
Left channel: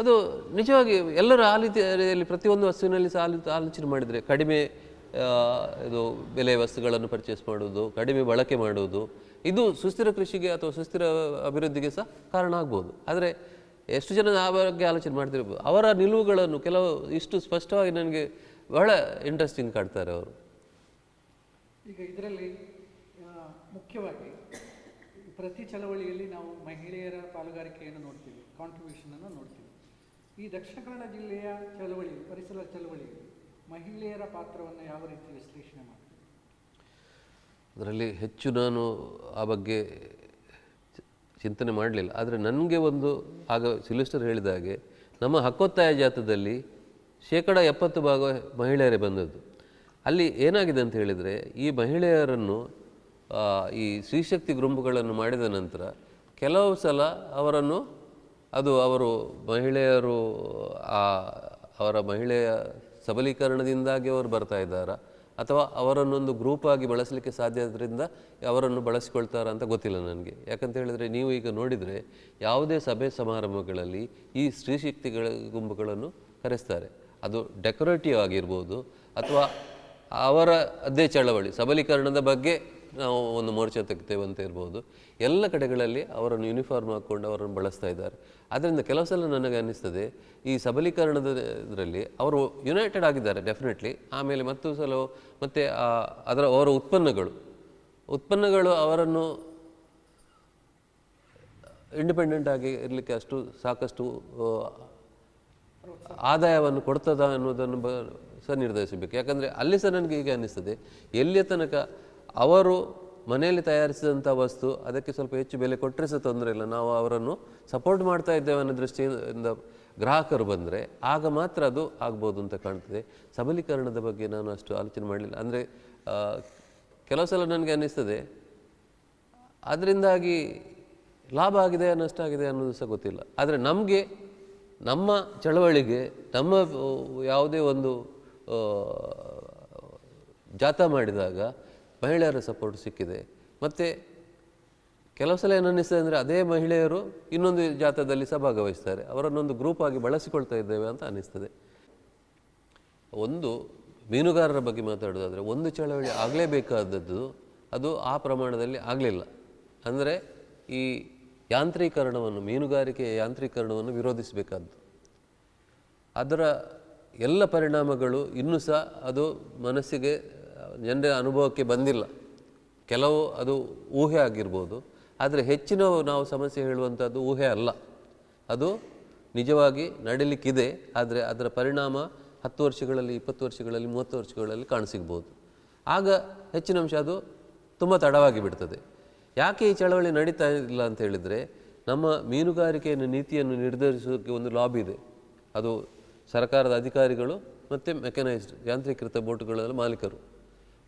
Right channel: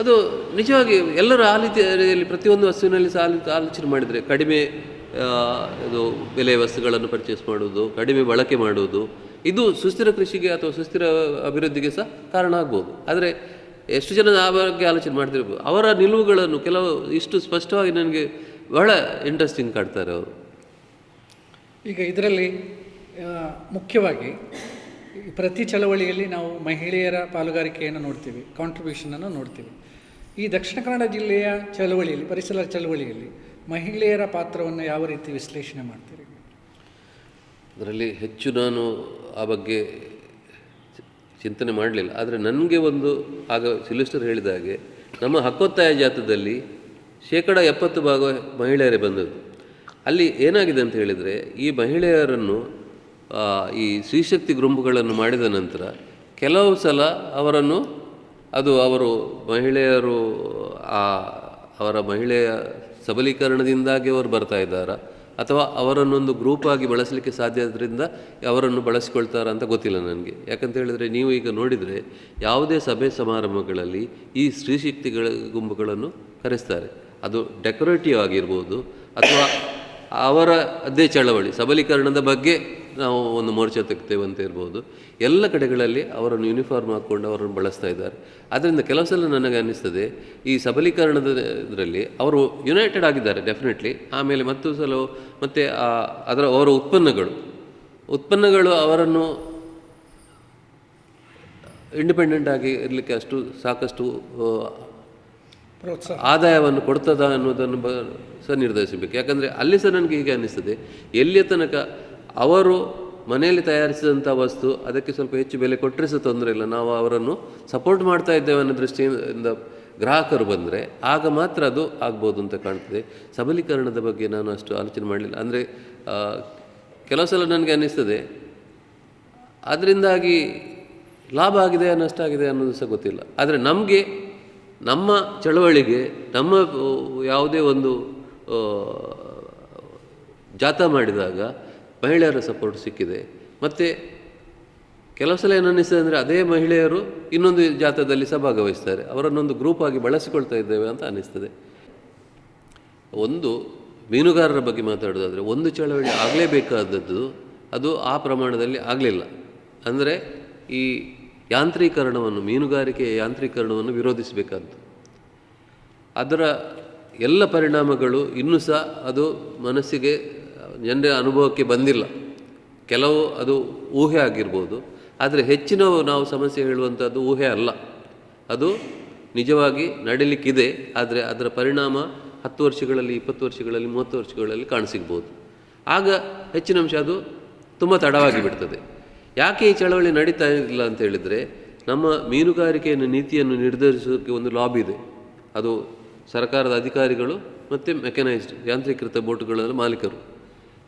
ಅದು ನಿಜವಾಗಿ ಎಲ್ಲರೂ ಆ ರೀತಿಯಲ್ಲಿ ಪ್ರತಿಯೊಂದು ವಸ್ತುವಿನಲ್ಲಿ ಸಹ ಆಲೋಚನೆ ಮಾಡಿದರೆ ಕಡಿಮೆ ಇದು ಬೆಲೆಯ ವಸ್ತುಗಳನ್ನು ಪರ್ಚೇಸ್ ಮಾಡುವುದು, ಕಡಿಮೆ ಬಳಕೆ ಮಾಡುವುದು, ಇದು ಸುಸ್ಥಿರ ಕೃಷಿಗೆ ಅಥವಾ ಸುಸ್ಥಿರ ಅಭಿವೃದ್ಧಿಗೆ ಸಹ ಕಾರಣ ಆಗ್ಬೋದು. ಆದರೆ ಎಷ್ಟು ಜನ ಆ ಬಗ್ಗೆ ಆಲೋಚನೆ ಮಾಡ್ತಿರ್ಬೋದು. ಅವರ ನಿಲುವುಗಳನ್ನು ಕೆಲವು ಇಷ್ಟು ಸ್ಪಷ್ಟವಾಗಿ ನನಗೆ ಬಹಳ ಇಂಟ್ರೆಸ್ಟಿಂಗ್ ಕಾಡ್ತಾರೆ ಅವರು. ಈಗ ಇದರಲ್ಲಿ ಮುಖ್ಯವಾಗಿ ಪ್ರತಿ ಚಳವಳಿಯಲ್ಲಿ ನಾವು ಮಹಿಳೆಯರ ಪಾಲುಗಾರಿಕೆಯನ್ನು ನೋಡ್ತೀವಿ, ಕಾಂಟ್ರಿಬ್ಯೂಷನನ್ನು ನೋಡ್ತೀವಿ. ಈ ದಕ್ಷಿಣ ಕನ್ನಡ ಜಿಲ್ಲೆಯ ಚಳವಳಿಯಲ್ಲಿ, ಪರಿಸರ ಚಳವಳಿಯಲ್ಲಿ ಮಹಿಳೆಯರ ಪಾತ್ರವನ್ನು ಯಾವ ರೀತಿ ವಿಶ್ಲೇಷಣೆ ಮಾಡ್ತೀರಿ? ಅದರಲ್ಲಿ ಹೆಚ್ಚು ನಾನು ಆ ಬಗ್ಗೆ ಚಿಂತನೆ ಮಾಡಲಿಲ್ಲ. ಆದರೆ ನನಗೆ ಒಂದು ಆಗ ಸಿಲಿಸ್ಟರ್ ಹೇಳಿದ ಹಾಗೆ ನಮ್ಮ ಹಕ್ಕೊತ್ತಾಯ ಜಾಥಾದಲ್ಲಿ 70% ಮಹಿಳೆಯರೇ ಬಂದದ್ದು. ಅಲ್ಲಿ ಏನಾಗಿದೆ ಅಂತ ಹೇಳಿದರೆ, ಈ ಮಹಿಳೆಯರನ್ನು ಈ ಸ್ತ್ರೀಶಕ್ತಿ ಗುಂಪುಗಳನ್ನು ಮಾಡಿದ ನಂತರ ಕೆಲವು ಸಲ ಅವರನ್ನು ಅವರು ಮಹಿಳೆಯರು ಅವರ ಮಹಿಳೆಯ ಸಬಲೀಕರಣದಿಂದಾಗಿ ಅವರು ಬರ್ತಾ ಇದ್ದಾರಾ ಅಥವಾ ಅವರನ್ನೊಂದು ಗ್ರೂಪಾಗಿ ಬಳಸಲಿಕ್ಕೆ ಸಾಧ್ಯ ಆದ್ದರಿಂದ ಅವರನ್ನು ಬಳಸಿಕೊಳ್ತಾರ ಅಂತ ಗೊತ್ತಿಲ್ಲ ನನಗೆ. ಯಾಕಂತ ಹೇಳಿದರೆ, ನೀವು ಈಗ ನೋಡಿದರೆ ಯಾವುದೇ ಸಭೆ ಸಮಾರಂಭಗಳಲ್ಲಿ ಈ ಸ್ತ್ರೀಶಕ್ತಿಗಳ ಗುಂಪುಗಳನ್ನು ಕರೆಸ್ತಾರೆ. ಅದು ಡೆಕೋರೇಟಿವ್ ಆಗಿರ್ಬೋದು ಅಥವಾ ಅವರ ಅದೇ ಚಳವಳಿ ಸಬಲೀಕರಣದ ಬಗ್ಗೆ ನಾವು ಒಂದು ಮೋರ್ಚಾ ತೆಗ್ತೇವೆ ಅಂತ ಇರ್ಬೋದು. ಎಲ್ಲ ಕಡೆಗಳಲ್ಲಿ ಅವರನ್ನು ಯೂನಿಫಾರ್ಮ್ ಹಾಕ್ಕೊಂಡು ಅವರನ್ನು ಬಳಸ್ತಾ ಇದ್ದಾರೆ. ಆದ್ದರಿಂದ ಕೆಲವು ಸಲ ನನಗೆ ಅನ್ನಿಸ್ತದೆ, ಈ ಸಬಲೀಕರಣದ ಇದರಲ್ಲಿ ಅವರು ಯುನೈಟೆಡ್ ಆಗಿದ್ದಾರೆ ಡೆಫಿನೆಟ್ಲಿ. ಆಮೇಲೆ ಮತ್ತು ಸಲ ಮತ್ತು ಅವರ ಉತ್ಪನ್ನಗಳು ಅವರನ್ನು ಇಂಡಿಪೆಂಡೆಂಟ್ ಆಗಿ ಇರಲಿಕ್ಕೆ ಸಾಕಷ್ಟು ಆದಾಯವನ್ನು ಕೊಡ್ತದ ಅನ್ನೋದನ್ನು ಸಹ ನಿರ್ಧರಿಸಬೇಕು. ಯಾಕಂದರೆ ಅಲ್ಲಿ ಸಹ ನನಗೆ ಹೀಗೆ ಅನ್ನಿಸ್ತದೆ, ಎಲ್ಲಿಯ ತನಕ ಅವರು ಮನೆಯಲ್ಲಿ ತಯಾರಿಸಿದಂಥ ವಸ್ತು ಅದಕ್ಕೆ ಸ್ವಲ್ಪ ಹೆಚ್ಚು ಬೆಲೆ ಕೊಟ್ಟರೆ ಸಹ ತೊಂದರೆ ಇಲ್ಲ, ನಾವು ಅವರನ್ನು ಸಪೋರ್ಟ್ ಮಾಡ್ತಾ ಇದ್ದೇವೆ ಅನ್ನೋ ದೃಷ್ಟಿಯಿಂದ ಗ್ರಾಹಕರು ಬಂದರೆ ಆಗ ಮಾತ್ರ ಅದು ಆಗ್ಬೋದು ಅಂತ ಕಾಣ್ತದೆ. ಸಬಲೀಕರಣದ ಬಗ್ಗೆ ನಾನು ಅಷ್ಟು ಆಲೋಚನೆ ಮಾಡಲಿಲ್ಲ. ಅಂದರೆ ಕೆಲವು ಸಲ ನನಗೆ ಅನ್ನಿಸ್ತದೆ ಅದರಿಂದಾಗಿ ಲಾಭ ಆಗಿದೆ ನಷ್ಟ ಆಗಿದೆ ಅನ್ನೋದು ಸಹ ಗೊತ್ತಿಲ್ಲ. ಆದರೆ ನಮಗೆ ನಮ್ಮ ಚಳವಳಿಗೆ ನಮ್ಮ ಯಾವುದೇ ಒಂದು ಜಾಥಾ ಮಾಡಿದಾಗ ಮಹಿಳೆಯರ ಸಪೋರ್ಟ್ ಸಿಕ್ಕಿದೆ. ಮತ್ತು ಕೆಲವು ಸಲ ಏನು ಅನ್ನಿಸ್ತದೆ ಅಂದರೆ, ಅದೇ ಮಹಿಳೆಯರು ಇನ್ನೊಂದು ಜಾಥಾದಲ್ಲಿ ಸಹ ಭಾಗವಹಿಸ್ತಾರೆ, ಅವರನ್ನೊಂದು ಗ್ರೂಪ್ ಆಗಿ ಬಳಸಿಕೊಳ್ತಾ ಇದ್ದೇವೆ ಅಂತ ಅನ್ನಿಸ್ತದೆ. ಒಂದು ಮೀನುಗಾರರ ಬಗ್ಗೆ ಮಾತಾಡೋದಾದರೆ, ಒಂದು ಚಳವಳಿ ಆಗಲೇಬೇಕಾದದ್ದು ಅದು ಆ ಪ್ರಮಾಣದಲ್ಲಿ ಆಗಲಿಲ್ಲ. ಅಂದರೆ ಈ ಯಾಂತ್ರೀಕರಣವನ್ನು, ಮೀನುಗಾರಿಕೆಯ ಯಾಂತ್ರೀಕರಣವನ್ನು ವಿರೋಧಿಸಬೇಕಾದ್ದು, ಅದರ ಎಲ್ಲ ಪರಿಣಾಮಗಳು ಇನ್ನೂ ಸಹ ಅದು ಮನಸ್ಸಿಗೆ ಜನರ ಅನುಭವಕ್ಕೆ ಬಂದಿಲ್ಲ. ಕೆಲವು ಅದು ಊಹೆ ಆಗಿರ್ಬೋದು, ಆದರೆ ಹೆಚ್ಚಿನ ನಾವು ಸಮಸ್ಯೆ ಹೇಳುವಂಥದ್ದು ಊಹೆ ಅಲ್ಲ, ಅದು ನಿಜವಾಗಿ ನಡೀಲಿಕ್ಕಿದೆ. ಆದರೆ ಅದರ ಪರಿಣಾಮ 10 ವರ್ಷಗಳಲ್ಲಿ, 20 ವರ್ಷಗಳಲ್ಲಿ, 30 ವರ್ಷಗಳಲ್ಲಿ ಕಾಣಸಿಗ್ಬೋದು. ಆಗ ಹೆಚ್ಚಿನ ಅಂಶ ಅದು ತುಂಬ ತಡವಾಗಿ ಬಿಡ್ತದೆ. ಯಾಕೆ ಈ ಚಳವಳಿ ನಡೀತಾ ಇಲ್ಲ ಅಂತ ಹೇಳಿದರೆ, ನಮ್ಮ ಮೀನುಗಾರಿಕೆಯನ್ನು ನೀತಿಯನ್ನು ನಿರ್ಧರಿಸೋಕ್ಕೆ ಒಂದು ಲಾಬಿ ಇದೆ. ಅದು ಸರ್ಕಾರದ ಅಧಿಕಾರಿಗಳು ಮತ್ತು ಮೆಕನೈಸ್ಡ್ ಯಾಂತ್ರೀಕೃತ ಬೋಟುಗಳ ಮಾಲೀಕರು,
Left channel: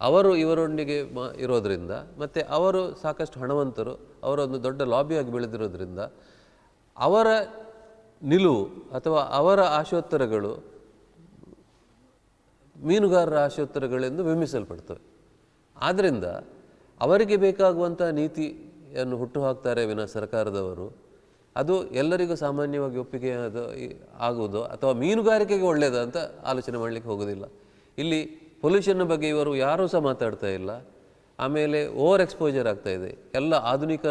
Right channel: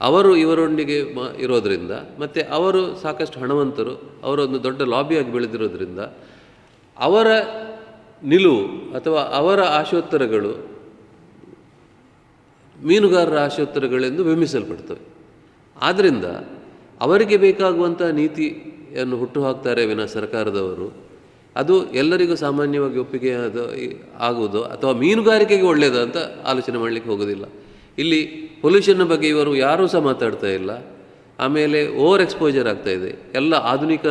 ಅವರು ಇವರೊಂದಿಗೆ ಇರೋದರಿಂದ, ಮತ್ತು ಅವರು ಸಾಕಷ್ಟು ಹಣವಂತರು, ಅವರೊಂದು ದೊಡ್ಡ ಲಾಬಿಯಾಗಿ ಬೆಳೆದಿರೋದ್ರಿಂದ ಅವರ ನಿಲುವು ಅಥವಾ ಅವರ ಆಶೋತ್ತರಗಳು ಮೀನುಗಾರರ ಆಶೋತ್ತರಗಳೆಂದು ಬಿಂಬಿಸಲ್ಪಡ್ತವೆ. ಆದ್ದರಿಂದ ಅವರಿಗೆ ಬೇಕಾಗುವಂಥ ನೀತಿಯನ್ನು ಹುಟ್ಟುಹಾಕ್ತಾರೆ ವಿನ ಸರ್ಕಾರದವರು ಅದು ಎಲ್ಲರಿಗೂ ಸಾಮಾನ್ಯವಾಗಿ ಒಪ್ಪಿಗೆ ಆಗುವುದು ಅಥವಾ ಮೀನುಗಾರಿಕೆಗೆ ಒಳ್ಳೆಯದು ಅಂತ ಆಲೋಚನೆ ಮಾಡಲಿಕ್ಕೆ ಹೋಗೋದಿಲ್ಲ. ಇಲ್ಲಿ ಪೊಲ್ಯೂಷನ್ನ ಬಗ್ಗೆ ಇವರು ಯಾರೂ ಸಹ ಮಾತಾಡ್ತಾ ಇಲ್ಲ. ಆಮೇಲೆ ಓವರ್ ಎಕ್ಸ್ಪೋಜರ್ ಆಗ್ತಾಯಿದೆ. ಎಲ್ಲ ಆಧುನಿಕ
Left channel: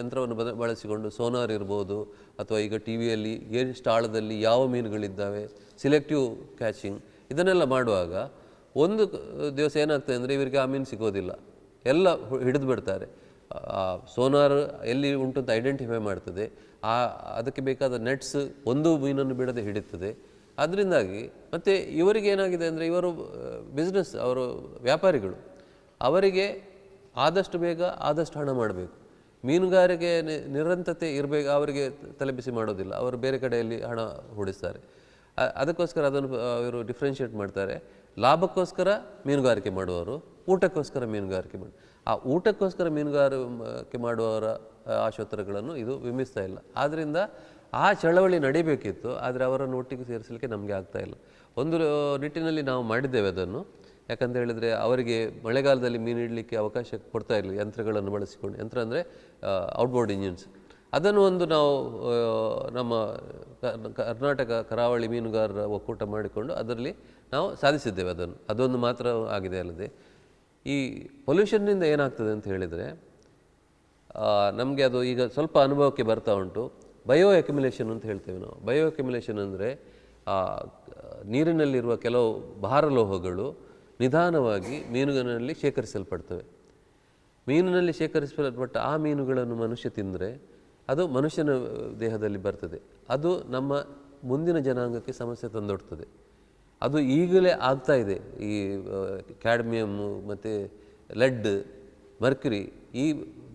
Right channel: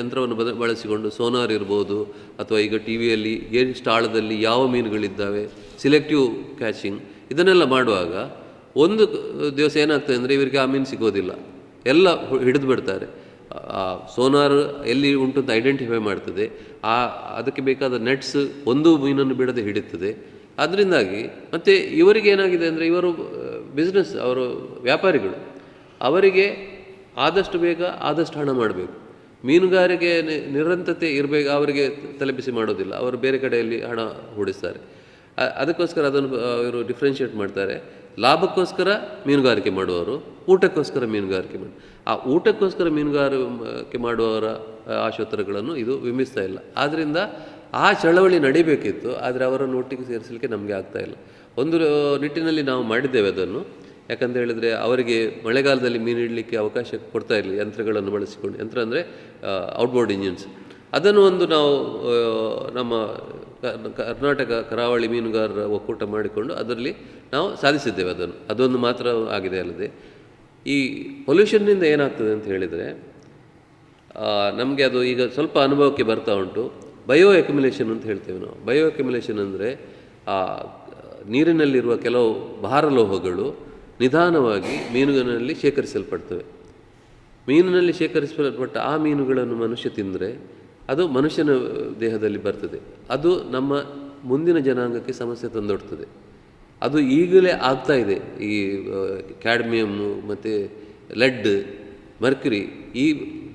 ಯಂತ್ರವನ್ನು ಬಳಸಿಕೊಂಡು ಸೋನಾರ್ ಇರ್ಬೋದು ಅಥವಾ ಈಗ ಟಿ ವಿಯಲ್ಲಿ ಎಷ್ಟು ಆಳದಲ್ಲಿ ಯಾವ ಮೀನುಗಳಿದ್ದಾವೆ, ಸಿಲೆಕ್ಟಿವ್ ಕ್ಯಾಚಿಂಗ್, ಇದನ್ನೆಲ್ಲ ಮಾಡುವಾಗ ಒಂದು ದಿವಸ ಏನಾಗ್ತದೆ ಅಂದರೆ ಇವರಿಗೆ ಆ ಮೀನು ಸಿಗೋದಿಲ್ಲ, ಎಲ್ಲ ಹಿಡಿದು ಬಿಡ್ತಾರೆ. ಸೋನಾರ್ ಎಲ್ಲಿ ಉಂಟು ಅಂತ ಐಡೆಂಟಿಫೈ ಮಾಡ್ತದೆ, ಅದಕ್ಕೆ ಬೇಕಾದ ನೆಟ್ಸ್ ಒಂದು ಮೀನನ್ನು ಬಿಡದೆ ಹಿಡಿತದೆ. ಅದರಿಂದಾಗಿ ಮತ್ತು ಇವರಿಗೆ ಏನಾಗಿದೆ ಅಂದರೆ, ಇವರು ಬಿಸ್ನೆಸ್, ಅವರು ವ್ಯಾಪಾರಿಗಳು, ಅವರಿಗೆ ಆದಷ್ಟು ಬೇಗ ಆದಷ್ಟು ಹಣ ಮಾಡಬೇಕು. ಮೀನುಗಾರಿಕೆ ನಿರಂತರತೆ ಇರಬೇಕು, ಅವರಿಗೆ ತಲೆಬಿಸಿ ಮಾಡೋದಿಲ್ಲ, ಅವರು ಬೇರೆ ಕಡೆಯಲ್ಲಿ ಹಣ ಹೂಡಿಸ್ತಾರೆ. ಅದಕ್ಕೋಸ್ಕರ ಅದನ್ನು ಇವರು ಡಿಫ್ರೆನ್ಷಿಯೇಟ್ ಮಾಡ್ತಾರೆ. ಲಾಭಕ್ಕೋಸ್ಕರ ಮೀನುಗಾರಿಕೆ ಮಾಡುವವರು, ಊಟಕ್ಕೋಸ್ಕರ ಮೀನುಗಾರಿಕೆ ಮಾಡಿ, ಆ ಊಟಕ್ಕೋಸ್ಕರ ಮೀನುಗಾರಿಕೆ ಮಾಡುವವರ ಆಶೋತ್ತರಗಳನ್ನು ಇದು ಬಿಂಬಿಸ್ತಾ ಇಲ್ಲ. ಆದ್ದರಿಂದ ಆ ಚಳವಳಿ ನಡಿಬೇಕಿತ್ತು, ಆದರೆ ಅವರನ್ನು ಒಟ್ಟಿಗೆ ಸೇರಿಸಲಿಕ್ಕೆ ನಮಗೆ ಆಗ್ತಾಯಿಲ್ಲ. ಒಂದು ನಿಟ್ಟಿನಲ್ಲಿ ನಾವು ಮಾಡಿದ್ದೇವೆ ಅದನ್ನು. ಯಾಕಂತ ಹೇಳಿದರೆ ಅವರಿಗೆ ಮಳೆಗಾಲದಲ್ಲಿ ಮೀನು ಹಿಡಲಿಕ್ಕೆ ಅವಕಾಶ ಕೊಡ್ತಾ ಇರಲಿಲ್ಲ, ಯಂತ್ರಗಳನ್ನು ಬಳಸಿಕೊಂಡು. ಯಂತ್ರ ಅಂದರೆ ಔಟ್ಬೋರ್ಡ್ ಇಂಜಿನ್ಸ್. ಅದನ್ನು ಒಂದು ನಾವು ನಮ್ಮ ಕರ್ನಾಟಕ ಕರಾವಳಿ ಮೀನುಗಾರರ ಒಕ್ಕೂಟ ಮಾಡಿಕೊಂಡು ಅದರಲ್ಲಿ ನಾವು ಸಾಧಿಸಿದ್ದೇವೆ. ಅದೊಂದು ಮಾತ್ರ ಆಗಿದೆ. ಅಲ್ಲದೆ ಈ ಪೊಲ್ಯೂಷನ್ನಿಂದ ಏನಾಗ್ತದೆ ಅಂತ ಹೇಳಿದರೆ ನಮಗೆ ಅದು ಈಗ ಸ್ವಲ್ಪ ಅನುಭವಕ್ಕೆ ಬರ್ತಾ ಉಂಟು. ಬಯೋ ಅಕ್ಯುಮುಲೇಷನ್ ಅಂತ ಹೇಳ್ತೇವೆ ನಾವು. ಬಯೋ ಅಕ್ಯುಮುಲೇಷನ್ ಅಂದರೆ ನೀರಿನಲ್ಲಿರುವ ಕೆಲವು ಭಾರಲೋಹಗಳು ನಿಧಾನವಾಗಿ ಮೀನುಗಳಲ್ಲಿ ಶೇಖರಿಸಲ್ಪಡ್ತವೆ. ಮೀನಿನಲ್ಲಿ ಶೇಖರಿಸಲ್ಪಟ್ಟ ಆ ಮೀನುಗಳನ್ನು ಮನುಷ್ಯ ತಿಂದರೆ ಅದು ಮನುಷ್ಯನ ದೇಹದಲ್ಲಿ ಬರ್ತದೆ. ಅದು ನಮ್ಮ ಮುಂದಿನ ಜನಾಂಗಕ್ಕೆ ಸಮಸ್ಯೆ ತಂದೊಡ್ತದೆ. ಅದು ಈಗಲೇ ಆಗ್ತಾ ಇದೆ. ಈ ಕ್ಯಾಡ್ಮಿಯಮ್ಮು ಮತ್ತು ಲೆಡ್, ಮರ್ಕ್ಯುರಿ, ಈ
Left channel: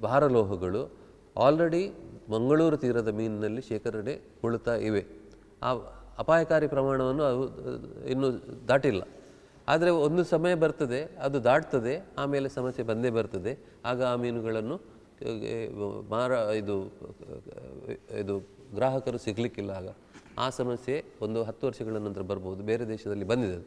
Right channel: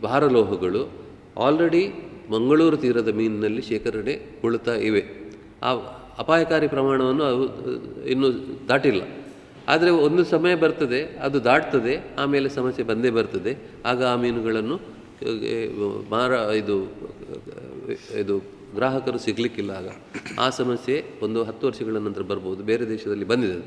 ಭಾರಲೋಹಗಳು ಆಲ್ರೆಡಿ ಮಂಗಳೂರು ತೀರದ ಮೀನಿನಲ್ಲಿ ಶೇಖರಣೆಗೊಳ್ಳುತ್ತಾ ಇವೆ. ಆ ಅಪಾಯಕಾರಿ ಪ್ರಮಾಣವನ್ನು ಅವು ಇನ್ನೂ ದಾಟಿಲ್ಲ. ಆದರೆ ಒಂದು ಸಮಯ ಬರ್ತದೆ, ಅದು ದಾಟ್ತದೆ, ಆಮೇಲೆ ಸಮಸ್ಯೆ ಬಂದೇ ಬರ್ತದೆ. ಆಗ ಆ ಮೀನುಗಳನ್ನು ಇದು ಗ್ರಾಹಕರು ಸಿಗಲಿಕ್ಕಿಲ್ಲ. ಆಗ ಆ ಸಮಸ್ಯೆ ಒಂದು 10 ವರ್ಷಗಳ ನಂತರ ಬರ್ಬೋದು. ಬೇರೆ ದೇಶದಲ್ಲಿ ಬಂದಿದೆ.